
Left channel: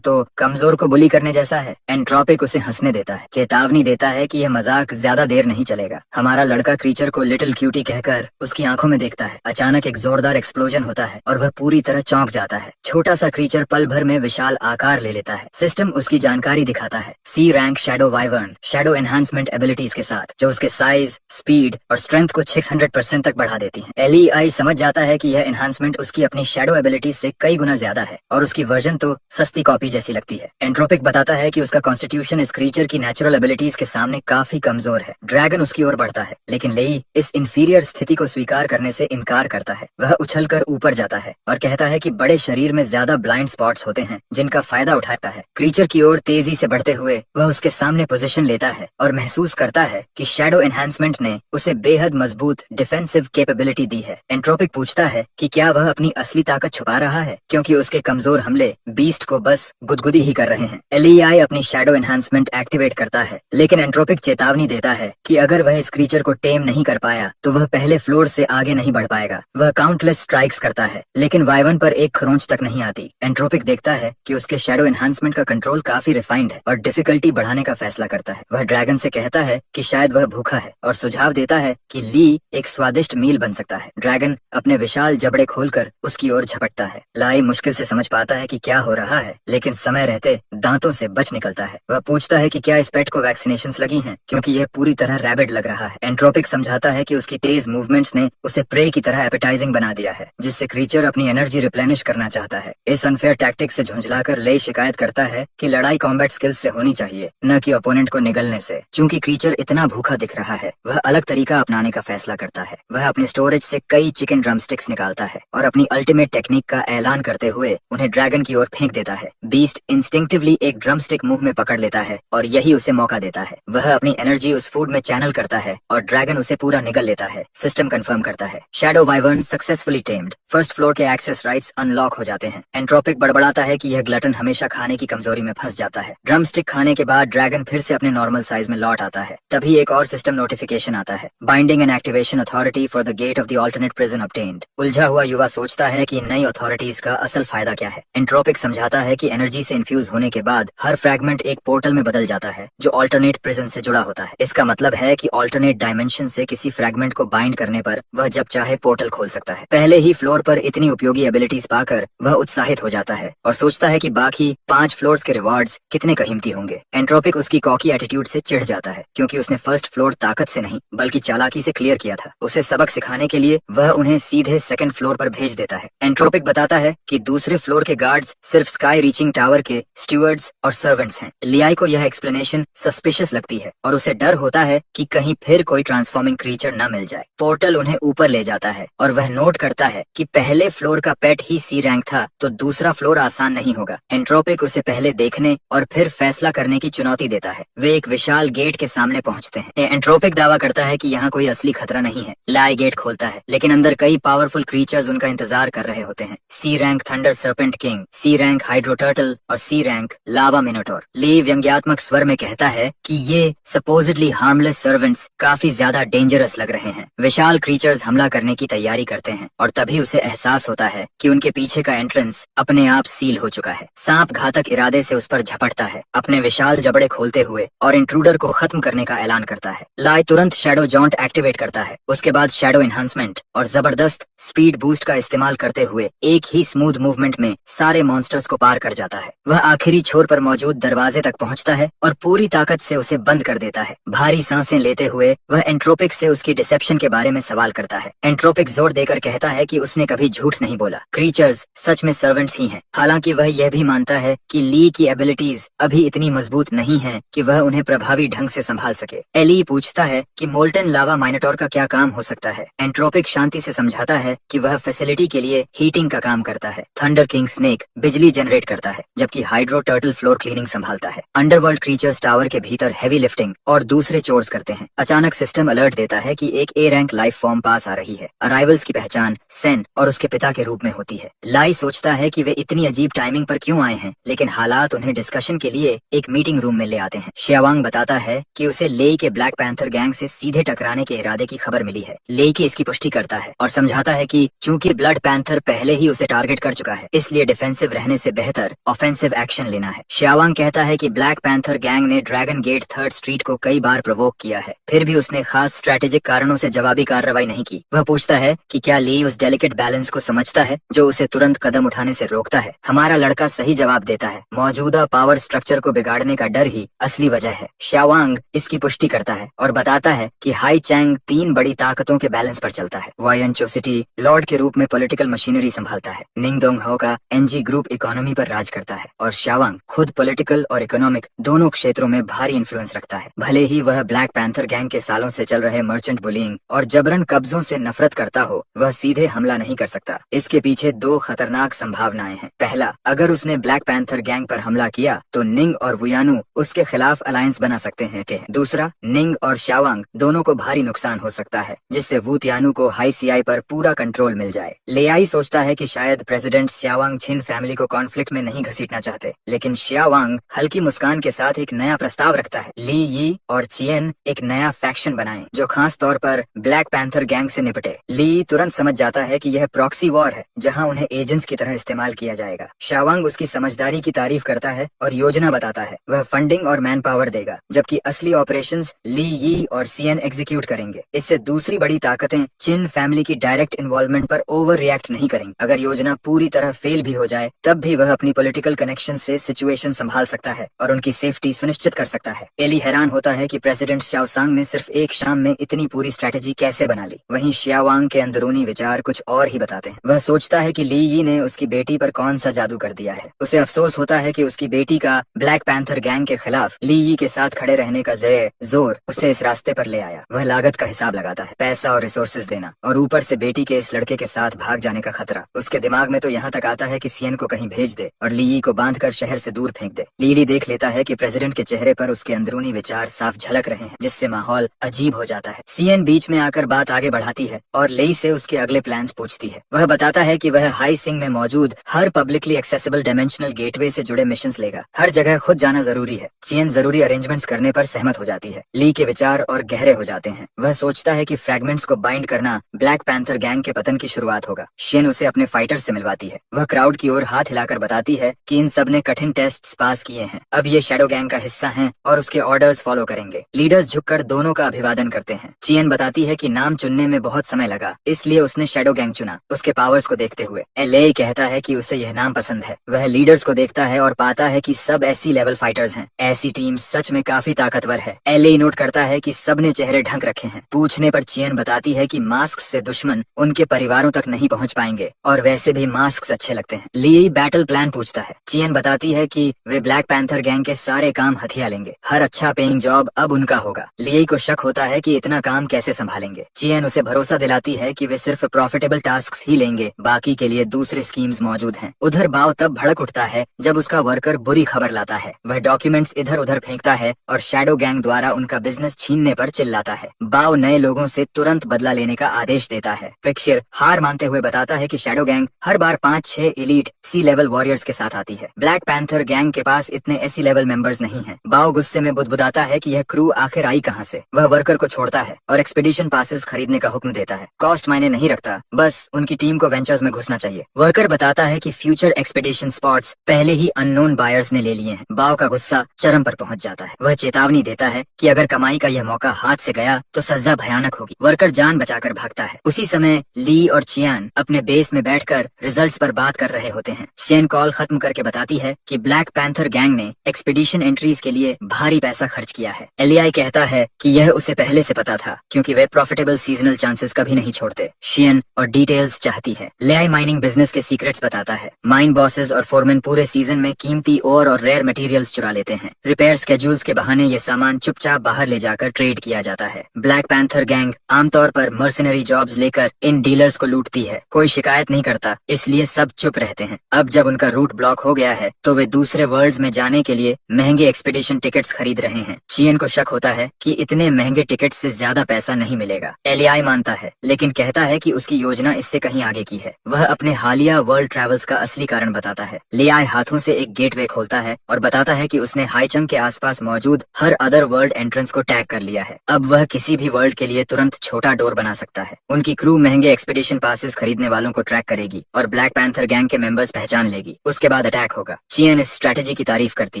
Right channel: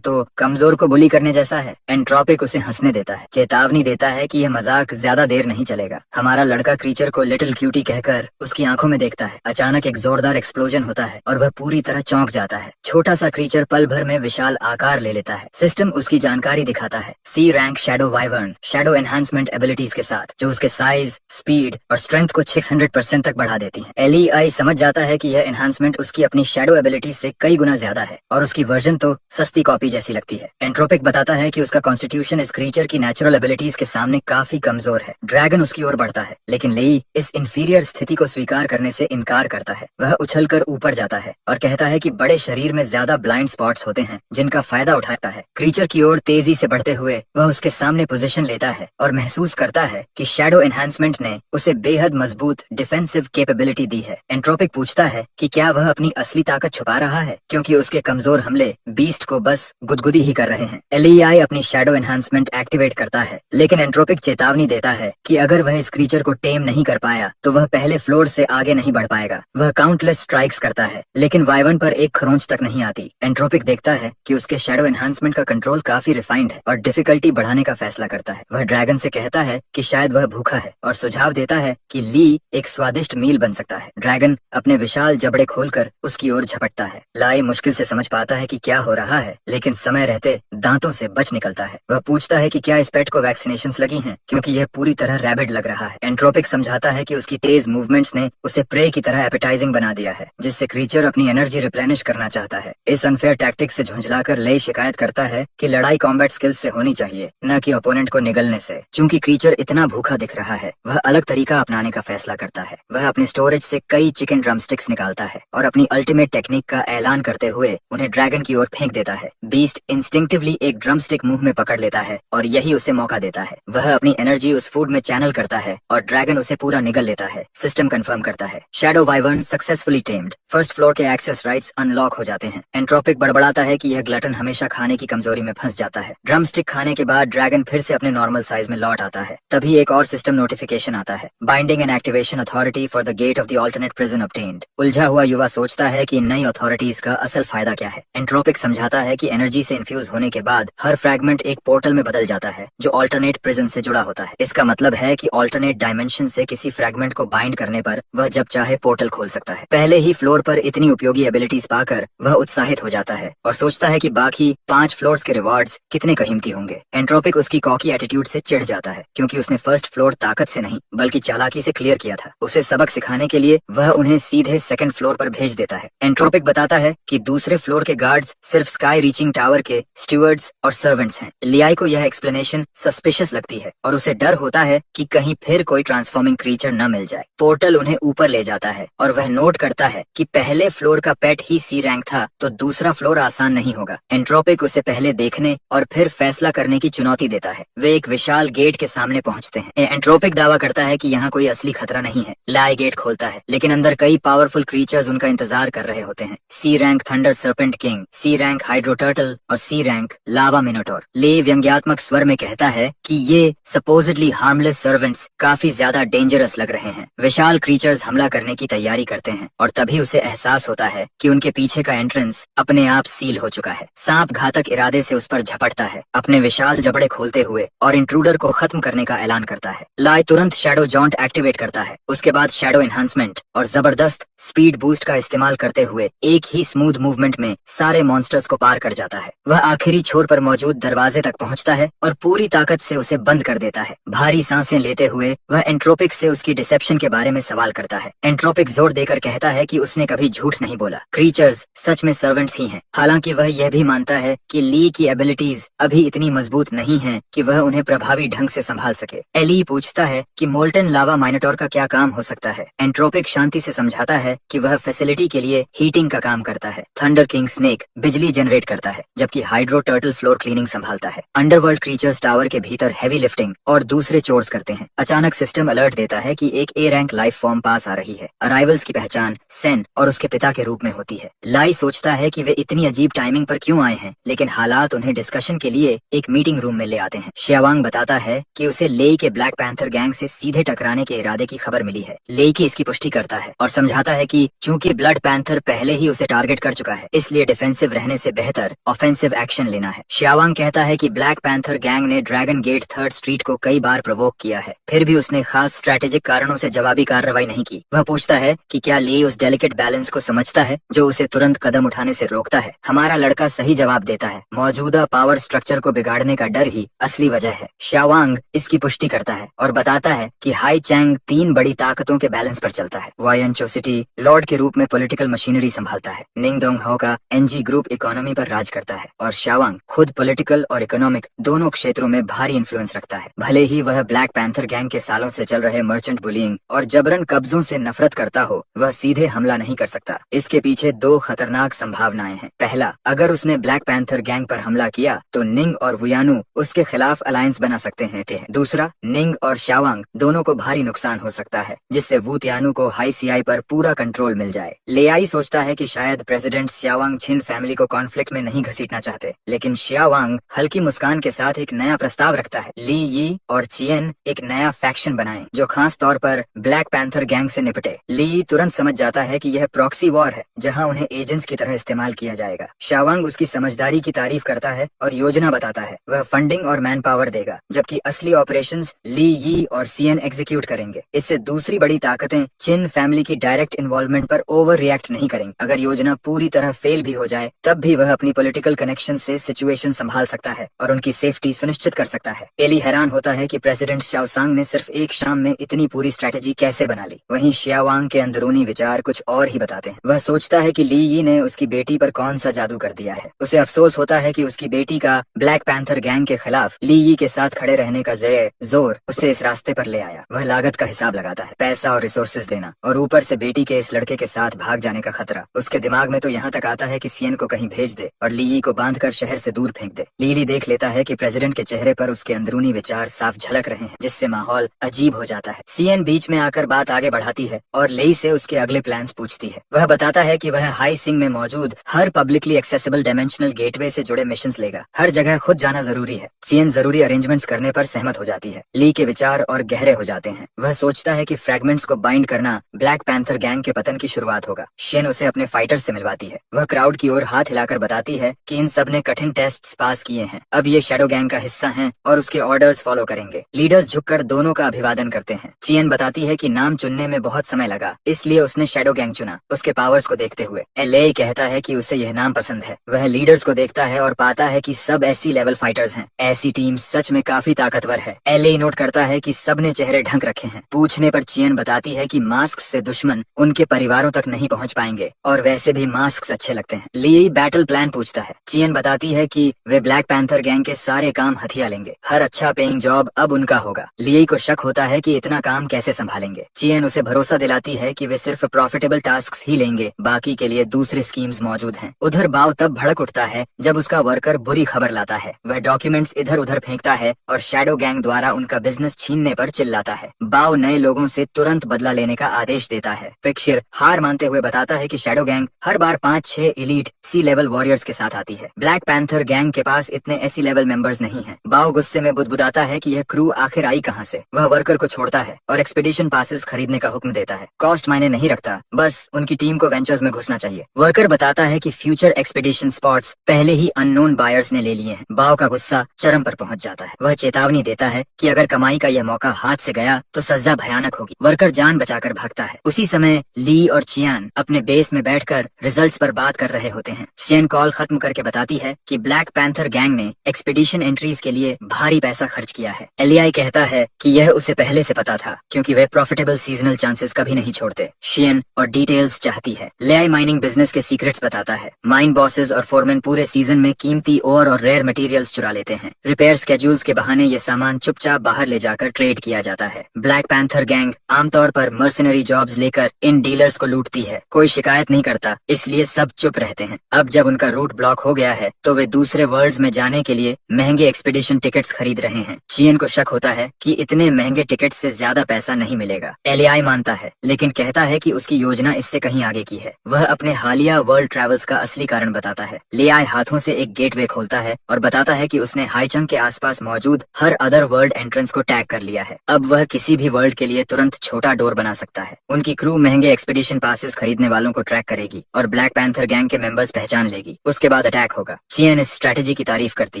तो कमजोर को बुली करने जैसा है। एंट्रोपिक उसे हंसने देता है, चेतावनी देता है कि यह मजाक ज्यादा देर नहीं चलेगा। हमारा लड़का क्रीचर को लिटिल क्यूटी कहकर उसकी आंखों में देखता है। अचानक एक जोरदार एक्सप्लोजन होता है और वह पूरी तरह चौंक जाता है। छोटा सा क्रीचर पल भर में विशाल आकार ले लेता है। सिस्टम उसकी जानकारी दिखाता है, C rank shadow wyvern shadow enhancement abilities के साथ, जो उसके साइज, स्पीड और स्ट्रेंथ को 600% तक बढ़ा देती है। एलईआई समझ जाता है कि यह एनहांसमेंट उसकी अपनी शैडो एबिलिटीज से कई गुना ज्यादा है और उसकी वर्जन तो सस्ती कॉपी जैसी लगती है। एंट्रोपिक बताता है कि उसका कॉन्स्टिट्यूशन इस क्रीचर की नेचुरल एबिलिटीज के सामने काफी कमजोर है। ड्रैगन उसकी ओर बढ़ता है, लेकिन लेई इस इंफीरियर स्थिति को स्वीकार करने से इनकार करता है। वह उछलकर ऊपर जाता है और कहता है कि बड़े शरीर में ज्यादा ब्लाइंड स्पॉट्स होते हैं जिनका फायदा उठाता है। क्रीचर की ओर तेजी से बढ़ते हुए वह उसके सामने पोजीशन लेता है और महसूस करता है कि शैडो एनहांसमेंट ने उसे बेहद मजबूत डिफेंसिव कैपेबिलिटी दी है। एंट्रोपिक पूछता है कि क्या वह अपनी असली ताकत छुपा रहा है, क्योंकि उसके कमजोर हमले बीस्ट को बस गुदगुदी ही कर रहे हैं। एलईआई अपनी शैडो एनहांसमेंट एक्टिवेट करता है, लेकिन एंट्रोपिक चेतावनी देता है कि अगर वह इस क्रीचर को टेम नहीं कर पाया तो वह पहले फ्लोर से आगे नहीं बढ़ पाएगा। वह काउंटलेस स्ट्राइक्स करता है, लेकिन वाइवन पर एक खरोंच तक नहीं आती। एंट्रोपिक देखता है कि उसके शैडो एनहांसमेंट का कंट्रोल काफी रिफाइंड है और डिफिकल्टी बढ़ाने का फैसला करता है। वह ड्रैगन से कहता है कि शायद वह भूखा है और सुझाव देता है कि ली एक स्वादिष्ट मील बन सकता है। ड्रैगन अपने विशाल जबड़े खोलकर उसकी ओर झपटता है। लाई मुश्किल से समझ पाता है कि क्या हो रहा है, लेकिन समय रहते दांतों से बच निकलता है। वह पूछता है कि क्या इस पेट को वैक्सीनेशंस लगी हैं, क्योंकि यह पूरी तरह रैबिड लग रहा है। एंट्रोपिक समझाता है कि उसकी तेज मूवमेंट्स ने उसे प्रे की तरह एपेटाइजिंग बना दिया है, जिससे क्रीचर अपनी एनर्जी रिप्लेनिश करना चाहता है। इस अनफेयर टैक्टिक से झुंझलाकर ले शिकायत करता है कि लड़ाई कॉम्बैट स्किल्स से होनी चाहिए, न कि ओपोनेंट को निगलने से। चूंकि क्रीचर इतना भूखा दिख रहा है, वह अलग तरीका अपनाने का फैसला करता है। वह अपने स्टोरेज से कई चिकन ड्रमस्टिक्स निकालता है और अपनी अल्टीमेट टेक्निक का ऐलान करते हुए उन्हें ड्रैगन की ओर फेंक देता है। बीस्ट इंस्टिंक्टिवली एक ड्रमस्टिक मुंह में पकड़ लेता है और यही उसे मौका देता है। वह अपनी एनर्जी उस फूड में चैनल करता है और ड्रैगन उसे पूरा निगल लेता है। सिस्टम कंफर्म करता है, shadow wyvern successfully tamed. First floor के एक्सेस राइट्स अनलॉक हो जाते हैं। एंट्रोपिक बड़बड़ाता है कि यह ग्लटन हमेशा खाने की कमजोरी में फंस जाता है। ड्रमस्टिक खाने के बाद ड्रैगन फिर से अपने नॉर्मल साइज में लौट आता है। तभी एक और सिस्टम नोटिफिकेशन आता है, binding and activation authority for the gate of the alternate prison obtained. उलझा हुआ युवा सोचता है कि इन नई अथॉरिटीज का असल फायदा क्या है। एंट्रोपिक समझाता है कि एनर्जी से इन्फ्यूज होने के बाद हर फ्रैगमेंट एक पोर्टल में बदल जाता है जो ऑल्टरनेट प्रिजन से जुड़ा होता है। इसका मतलब है कि ऑल्टरनेट डायमेंशन से किसी फ्रैगमेंट को बाइंड करने पर वह जब चाहे पोर्टल खोल सकता है। पहले ही फ्लोर पर इतनी उपयोगी एबिलिटीज पाकर वह उत्साहित हो जाता है और सोचता है कि बाकी 5 फ्लोर्स के रिवॉर्ड्स कितने कीमती होंगे। एंट्रोपिक उसकी कॉकी एटीट्यूड से चिढ़ जाता है, क्योंकि उसने फर्स्ट फ्लोर ताकत से नहीं बल्कि चालाकी से क्लियर किया था। उसे सबक सिखाने के लिए वह उन्हें सीधे सेकंड फ्लोर पर भेज देता है। एंट्रोपिक बताता है कि दूसरे फ्लोर के गार्ड्स सिर्फ स्काई रीचिंग टावर के स्टूवर्ड्स और सर्वेंट्स हैं। लियाई को यह एक्सप्लेनेशन सस्पिशियस लगती है और उसे डर होता है कि कहीं फिर कोई ट्रांसफॉर्मिंग क्रीचर न मिल जाए। पोर्टल उन्हें ऊपर ले जाता है और वह नोट करता है कि पहले फ्लोर का पेट ही सी रैंक था, तो दूसरा फ्लोर आसान नहीं होगा। एंट्रोपिक उसे पहले देखने और फिर फैसला करने की चुनौती देता है। वे एक विशाल गेट के सामने पहुंचते हैं। एंट्रोपिक दावा करता है कि यहाँ कोई असली खतरा नहीं है। लाई गेट खोलता है, लेकिन अंदर कई पावरफुल क्रीचर्स उनका इंतजार कर रहे होते हैं। सी रैंक थंडर सर्पेंट किंग, सी रैंक हाइड्रो टर्टल और सी रैंक लावा मिनोटोर। ले व्यंग्यात्मक स्वर में कहता है कि ये सपोजिडली हार्मलेस सर्वेंट्स काफी ज्यादा डेंजरस लग रहे हैं। विशाल क्रीचर्स हमला करने की तैयारी करते हैं और तभी उसे एहसास होता है कि उनके पीछे का एंट्रेंस अपने आप सील हो चुका है। सांप घातक इरादे से उस पर झपटता है, अपने विशाल जबड़े खोलते हुए, और इंट्रूडर को खत्म करने का ऐलान करता है। लाई तुरंत शैडो जॉन्ट एक्टिवेट करता है। उसके बाद शैडो एनहांसमेंट और जबरदस्त स्पीड बूस्ट का इस्तेमाल करते हुए एक ही स्मूथ मूवमेंट में सारे मॉन्स्टर्स को पार कर जाता है। वह आखिरी छोर पर मौजूद दरवाजे तक पहुंचता है और पूरी ताकत से उसे बंद कर देता है। भारी सांसें लेते हुए वह एंट्रोपिक से उसकी डिसेप्शन के बारे में सवाल करता है। एंट्रोपिक जोर देकर कहता है कि उसने कभी झूठ नहीं बोला। क्रीचर्स सच में सर्वेंट्स ही हैं। हालांकि वह यह भी मानता है कि ली की एबिलिटीज अभी इतनी मजबूत नहीं है कि वह उन्हें प्रभावी ढंग से संभाल सके। एली पूछता है कि मोल्टन लावा माइनोटोर का क्या काम हो सकता है। एंट्रोपिक शांति से समझाता है कि वह फैसिलिटी के लिए हीटिंग का काम करता है। थंडर किंग स्नेक बिजली जनरेट करता है, जबकि हाइड्रो टर्टल फ्लोर क्लीनिंग संभालता है। अंडरवर्ल्ड क्रीचर्स टावर के भीतर हैवी लिफ्टिंग और दूसरे चोर्स करते हैं। अचानक सिस्टम अलर्ट देता है कि एक A रैंक लाइफ फॉर्म पास आ रही है। अराइवल्स की पहचान सेन और उसके पिता के रूप में होती है। लाई सोचता है कि वे इतनी अजीब टाइमिंग पर क्यों आए हैं, लेकिन हालात उन्हें डिस्कशन के लिए एक मीटिंग रूम में ले आते हैं। शियावांग बताता है कि उसे लेई के ब्लैक पैंथर गैंग से सीधे टकराने के इरादे की खबर मिली है। लेई की इसकी पुष्टि करता है और समझाता है कि चूंकि ब्लड पैंथर पहले ही उसे टारगेट कर चुका है, इसलिए डिफेंसिव रहने से बेहतर ऑफेंसिव एक्शन लेना है। शियावांग कहता है कि ब्लैक पैंथर गैंग ने ड्रैगन गेट 3rd स्ट्रीट को कई बार प्रोवोक किया है, फिर भी उसने खास स्ट्रेटेजिक कारणों से जवाबी कार्रवाई नहीं की। वह पूछता है कि क्या ली उस डेलिकेट बैलेंस को समझता है जो उसे तुरंत कदम उठाने से रोकता है। हमारा लड़का सही जवाब देता है, मौजूदा पावर स्ट्रक्चर को बिगाड़ने का डर ही असली वजह है। शियावांग इसकी पुष्टि करता है और बताता है कि हाई चैंग 3 बड़ी ताकतों के बैलेंस पर चलता है। वायन चोसिटी लॉर्ड के रूप में पॉलिटिकल मशीनरी संभालता है। निंग दोंग हाओ का एनजी ग्रुप इकोनॉमी पर राज करता है और शियावांग खुद पॉलिटिकल और इकोनॉमिक दोनों क्षेत्रों में भारी इन्फ्लुएंस रखता है। भले ही वह ब्लैक पैंथर गैंग के सालों से चल रहे मर्चेंट बुलिंग और जबरन कब्जों से नफरत करता हो, वह सीधे हमला नहीं कर सकता। इसके पीछे 2 खतरनाक संभावनाएं हैं। पहला, अगर उसने ब्लैक पैंथर गैंग पर हमला किया तो निंग और वुयानु उसके खिलाफ अलायंस बना सकते हैं। दूसरा, निंग और शियावांग दोनों को भारी नुकसान हो सकता है, जिससे वुतियानु को हाई सीआई पर पूरा कंट्रोल मिल जाए। लेआई सोचता है कि शायद प्रेसिडेंट शियावांग छिन फैमिली को कॉन्फ्लिक्ट में नहीं घसीटना चाहते, लेकिन शियावांग हल्की मुस्कान के साथ एक नया प्रस्ताव रखता है। ली यी और चियन एक नया फैक्शन बनाएं जो खास तौर पर ब्लैक पैंथर गैंग से निपटे। ली तुरंत समझ जाता है कि यह प्रॉक्सी वॉर है जहां उन्हें एजेंट्स की तरह इस्तेमाल किया जाएगा। शियावांग उसकी समझदारी की तारीफ करता है और योजना बताता है। वह फंडिंग और मैन पावर देगा, जबकि असली ऑपरेशंस ली यी और सीएन एग्जीक्यूट करेंगे। इससे दूसरी बड़ी ताकतें चिन फैमिली की डायरेक्ट इन्वॉल्वमेंट पर ओवर रिएक्ट नहीं करेंगी। अगर योजना पूरी तरह फेल भी हो जाए, तब भी वह अपनी पॉलिटिकल कनेक्शन से सिचुएशन संभाल सकता है और उनकी सेफ्टी सुनिश्चित कर सकता है। एली हैरान होता है कि प्रेसिडेंट शाओसांग ने सिर्फ एक शाम में इतनी पूरी स्ट्रेटेजी कैसे बना ली। वहीं शियावांग के अंदरूनी विचार कुछ और ही बताते हैं। वह सोचता है कि ली यी ने उसकी बेटी पर कौन सा जादू कर दिया है। उसे अफसोस होता है कि उसकी बेटी का ब्लैक पैंथर गैंग के खिलाफ ली यी के साथ खड़े रहने का जोर उसे इस रास्ते पर ले आया। वह लागत का हिसाब लगाता है, पैसा और रिसोर्सेज देना, और ऊपर से बेटी के इस लड़के के साथ भाग जाने का खतरा। उसके दिमाग में तो यहाँ तक आता है कि सीएन को कहीं भेज दे और ली यी को बांधकर शहर से दूर फेंक दे। लीली देख लेता है कि प्रेसिडेंट के चेहरे पर उसके अंदरूनी विचार साफ झलक रहे हैं, जिससे माहौल अजीब हो जाता है। सीएन बीच में आकर बात आगे बढ़ाती है और लेई से उसके अगले प्लान्स पूछती है। वह बताता है कि वह हाई सिंग में मौजूद हर पब्लिकली एक्सेसिबल डायमेंशनल गेटवे से जुड़े मिशंस लेगा। हर जगह खुद जाना जरूरी है। सीएन जरूरी अरेंजमेंट्स करने पर सहमत हो जाती है। ली के विचार और गहरे हो जाते हैं। वह सोचता है कि फ्रैगमेंट्स को बाइंड करना ब्लैक पैंथर गैंग के पतन की शुरुआत होगा। शेन उसे अपने फाइटर्स से मिलवाती है। वह क्राउड की ओर हाथ हिलाकर बताती है कि इन सब ने कठिन टेस्ट्स पास किए हैं, अब ये शैडो गैंग का हिस्सा हैं और उसके ऑर्डर्स फॉलो करेंगे। लीडर्स झुककर दोनों का अभिवादन करते हैं। चियन बताती है कि नाम चुनने में बहुत समय लगा, इसलिए उसने शैडो गैंग चुना, उसके पावर्स को देखते हुए। एले कहता है कि उसे यह नाम पसंद है। वह लीडर्स को देखता है और पाता है कि सब ऐसी लेवल फाइटर्स हैं। ऐसी टीम सच में काफी ताकतवर है। एले नोट करता है कि सब ने चेहरे ढक रखे हैं। पूछने पर चियन बताती है कि मास्क से दुश्मन उनके परिवारों तक नहीं पहुंच पाएंगे और वैसे भी मास्क अच्छे लगते हैं। ली बैटल प्लान पूछता है। चियन बताती है कि वे ब्लैक पैंथर गैंग के सारे काम हथिया लेंगे। हर अच्छा पेइंग जॉब अब उनका होगा। ली को शक होता है कि इतना काम कैसे संभालेंगे। चियन उसे भरोसा दिलाती है कि वे सिर्फ प्रॉफिटेबल टास्क्स ही लेंगे, बाकी के लिए दूसरे स्कीम्स मौजूद हैं। उधर बाव तब भड़क उठता है जब उसका वर्कर बुरी खबर लाता है। वह डॉक्यूमेंट्स इधर उधर फेंकता है और शैडो गैंग द्वारा उनका बिजनेस छीनने पर चिल्लाता है। बाव नए लोगों से तुरंत बदला लेने का आदेश देता है। फिक्सर हार मानते हुए बताता है कि शैडो गैंग हर बार 5-6 एलीट सी लेवल वॉरियर्स के साथ आती है। ब्लैक पैंथर गैंग के पास इतने एसी लेवल मेंबर्स नहीं हैं। बाव गुस्से में बुदबुदाता है कि यह क्रू आखिर आई कहां से। वह वर्कर को छोड़ता है और एक्सपीडिशन पासेस खरीदने का हुक्म देता है। कॉस्ट मायने नहीं रखता, बस उनकी टीम को वेंचर्स में घुसना चाहिए। वर्कर बताता है कि फ्यूचर एक्सपीडिशन स्पॉट्स पहले ही अननोन बायर्स ने ले लिए हैं। बाव का गुस्सा चरम पर पहुंच जाता है। वह चेतावनी देता है कि अगर कमाई का यह मौका हाथ से गया तो सजा भयानक होगी। वर्कर जान बचाकर भागता है। उसी समय ली और चियान अपने बेस में बैठकर रिजल्ट्स पर बात कर रहे होते हैं। चियान कॉल खत्म करके बताती है कि ब्लैक पैंथर गैंग ने एक्सपीडिशन एंट्रीज के लिए भारी पैसा खर्च किया है। एलियाई कहता है कि यह उसे पहले से पता था, क्योंकि वे प्रॉफिटेबल सीजनल चांसेस कभी नहीं छोड़ते। शियन और डिटेल्स चाहती है। लेआई माइनिंग बिजनेस के सीक्रेट्स बताता है। माइन बॉसेस और फोरमैन पूरे सीजन में कीमती ओर और रेयर मटेरियल्स चुरा लेते हैं। रिपेयर स्केड्यूल्स के बहाने ये सामान चुपचाप बाहर ले जाकर ट्रेड किया जाता है। ब्लैक पैंथर गैंग आमतौर पर मर्सनरी जॉब्स लेकर इन डीलर्स को लूटती है। कोई शिकायत नहीं करता, इसलिए सब चुप रहते हैं। अब जब उनका रूट ब्लॉक हो गया है तो वे दूसरे वर्ल्ड्स में जाने के लिए महंगे एक्सपीडिशन टिकट्स खरीद रहे हैं। चियन को शक होता है कि इतने महंगे टिकट्स से ज्यादा पैसा नहीं मिलेगा। एलियाई मानता है, लेकिन कहता है कि उसकी योजना इससे कहीं आगे की है। वह अपने हालिया वर्ल्ड ट्रैवल्स का असली कारण बताता है। लियाई हाथों से एक गेटवे खोलता है और बताता है कि उसने हाईचंग के आसपास मौजूद हर अदर वर्ल्ड एंट्रेंस को टैग कर लिया है। अब वह किसी भी वर्ल्ड के लिए तुरंत छोटा डोर बना सकता है। उनकी क्रू महंगे एक्सपीडिशन पासेस खरीदने वालों को ट्रैक करेगी और ब्लैक पैंथर गैंग के मेंबर्स पहचान लेगी। उसके बाद अटैक होगा। चियन इस स्ट्रेटेजी की तारीफ करती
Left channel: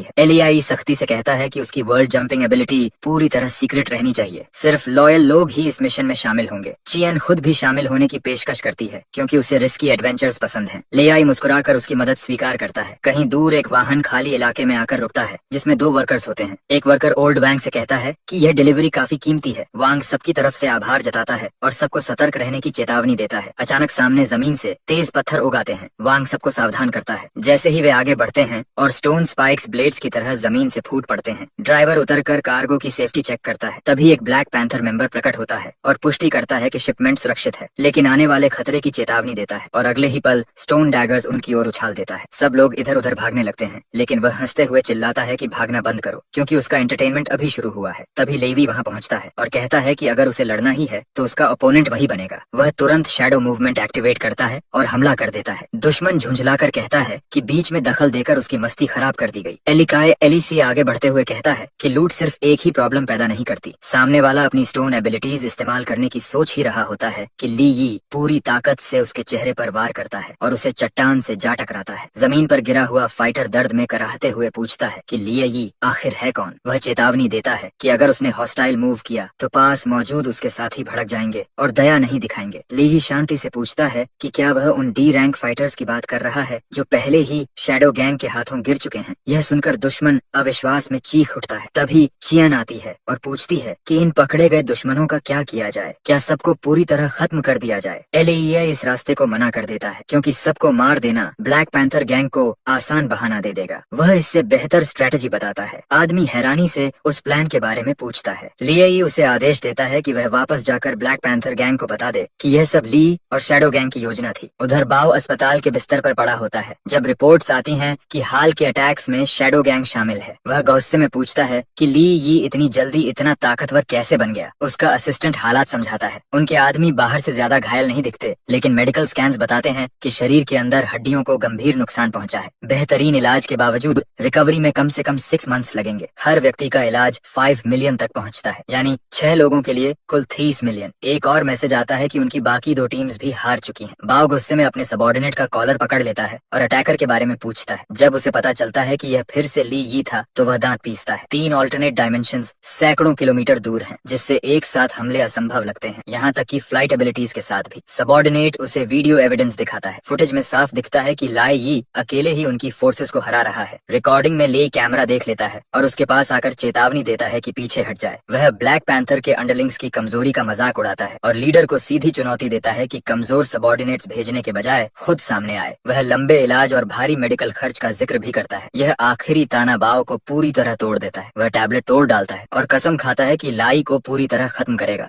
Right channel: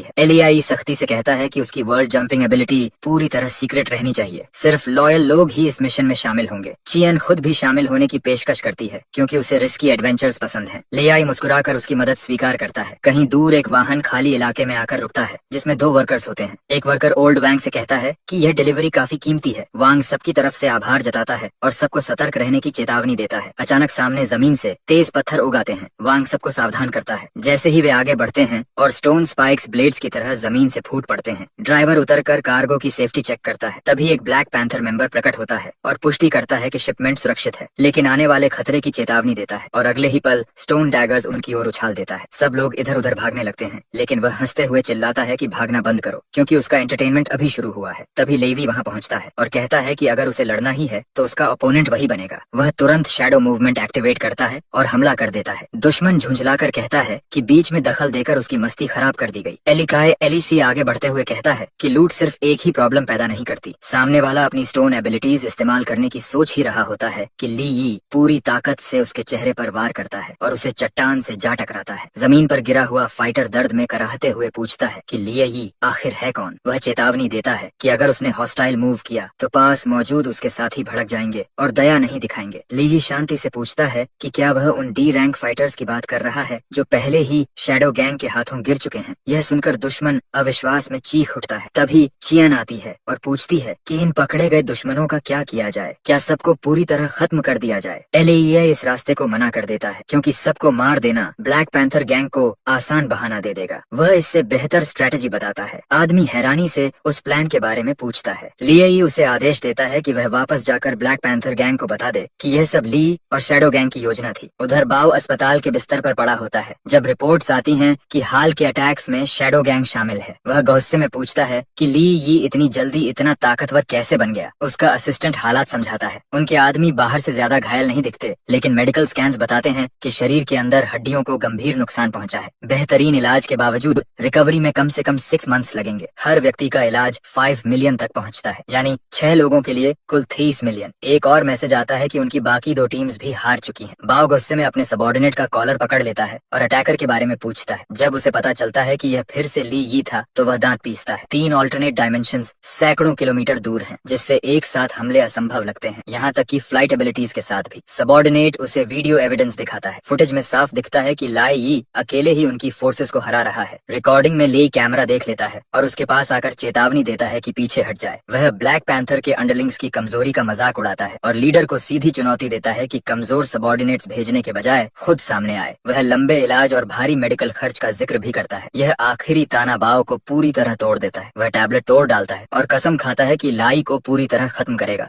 है। एलियाई सख्ती से कहता है कि उसकी वर्ल्ड जंपिंग एबिलिटी पूरी तरह सीक्रेट रहनी चाहिए। सिर्फ लॉयल लोग ही इस मिशन में शामिल होंगे। चियन खुद भी शामिल होने की पेशकश करती है क्योंकि उसे रिस्की एडवेंचर्स पसंद हैं। लियाई मुस्कुराकर उसकी मदद स्वीकार करता है। कहीं दूर एक वाहन खाली इलाके में आकर रुकता है जिसमें 2 वर्कर्स होते हैं। एक वर्कर ओल्ड वांग से कहता है कि यह डिलीवरी काफी कीमती है। वांग सबकी तरफ से आभार जताता है और सबको सतर्क रहने की चेतावनी देता है। अचानक सामने जमीन से तेज पत्थर उगाते हैं। वांग सबको सावधान करता है। जैसे ही वे आगे बढ़ते हैं और स्टोन स्पाइक्स ब्लेड्स की तरह जमीन से फूट पड़ते हैं। ड्राइवर उतरकर कार्गो की सेफ्टी चेक करता है। तभी एक ब्लैक पैंथर मेंबर प्रकट होता है और पुष्टि करता है कि शिपमेंट सुरक्षित है, लेकिन आने वाले खतरे की चेतावनी देता है और अगले ही पल स्टोन डैगर्स उनकी ओर उछाल देता है। सब लोग इधर उधर भागने लगते हैं, लेकिन वह हंसते हुए चिल्लाता है कि भागना बंद करो क्योंकि उसका एंटरटेनमेंट अभी शुरू हुआ है। तभी लेवी वहां पहुंचता है और कहता है कि अगर उसे लड़ना ही है तो उसका ओपोनेंट वही बनेगा। वह तुरंत शैडो मूवमेंट एक्टिवेट करता है और हमला कर देता है। दुश्मन झुंझलाकर कहता है कि बीच में दखल देकर उसकी मस्ती खराब कर दी गई। एलिकाय एलिसी आगे बढ़ते हुए कहता है कि लूट सिर्फ एक ही प्रॉब्लम पैदा नहीं करती। सामने वाला अपनी स्टोन एबिलिटीज इस्तेमाल करने की सोच ही रहा होता है कि ली यी पूरी ताकत से उसके चेहरे पर वार करता है और उसे चट्टान से जा टकराता है। जमीन पर गिरा हुआ फाइटर दर्द में कराहते हुए पूछता है कि लिया यी आखिर है कौन। वह चेतावनी देता है कि अगर उसने हॉस्टाइल मूव किया तो पास मौजूद उसके साथी भड़क जाएंगे और दया नहीं दिखाएंगे। ली यी शांति से पूछता है कि क्या वह उन डी रैंक फाइटर्स की बात कर रहा है जो पहले ही शैडो गैंग के हाथों गिर चुके हैं। यह सुनकर दुश्मन अविश्वास में चीख उठता है। तभी चियन आती है और पूछती है कि इन पकड़े गए दुश्मनों का क्या किया जाए, क्या सबको पूरी तरह खत्म कर दिया जाए। एलियाई इस रास्ते को मना कर देता है क्योंकि सबको मार देना ब्लैक पैंथर गैंग को आसान बहाना दे देगा। वह इससे बेहतर स्ट्रेटेजी बताता है। आदमी हैरानी से उस प्लान के बारे में पूछता है। लियाई उसे आदेश देता है कि वह वापस जाकर ब्लैक पैंथर गैंग को बता दे कि यह सब ली और शैडो गैंग की योजना थी। उधर बाव अस्पताल के बिस्तर पर पड़ा होता है जब रिपोर्ट्स आती हैं कि हाल के अटैक्स में शैडो गैंग शामिल है। वह गुस्से में पूछता है कि ली ये इतनी जल्दी इतना ताकतवर कैसे बन गया। उसका असिस्टेंट हालात समझाता है। उनके आदमी बाहर से ज्यादा घायल नहीं दिखते, लेकिन मेडिकल स्कैन्स बताते हैं कि शरीर के अंदर हड्डियों को गंभीर नुकसान पहुंचा है। बेहतरीन इलाज के बावजूद रिकवरी में कम से कम 6 मंथ्स लगेंगे। हर व्यक्ति का इलाज 5 मिलियन तक पहुंचता है, यानी 6 लोगों के लिए कुल 30 मिलियन। एक और मैसेज आता है कि उनकी बाकी 2 टीम्स भी हार चुकी हैं। बाव गुस्से में अपने सबॉर्डिनेट का कॉलर पकड़ लेता है और अटैकर के बारे में पूछता है। जब उसे पता चलता है कि यह फिर से ली यी था तो वह दांत पीसता है। 3 ऑल्टरनेट डायमेंशंस सैकड़ों किलोमीटर दूर हैं, जिससे एक साथ हमले असंभव लगते हैं, यहाँ तक कि फ्लाइट एबिलिटीज के साथ भी। सबॉर्डिनेट उसे वीडियो एविडेंस दिखाता है। फुटेज में साफ दिखता है कि लाई यी अकेले ही उनकी फोर्सेस को हरा रहा है। रिकॉर्डिंग में ले कैमरा देख लेता है और उसके पास आकर चेतावनी देता है कि पीछे हट जाए। वह ब्लैक पैंथर के अंडरलिंग्स की कमजोरी का मजाक उड़ाता है और लीडर को सीधी चुनौती देता है कि कमजोर सबॉर्डिनेट्स भेजने के बजाय खुद सामने आए। वह लंबे इलाज और भारी मेडिकल खर्च का जिक्र भी करता है। यह आखिरी ताना बाव को पूरी तरह तोड़ देता है। वह टैबलेट तोड़ डालता है और कसम खाता है कि लाई को पूरी तरह खत्म करेगा।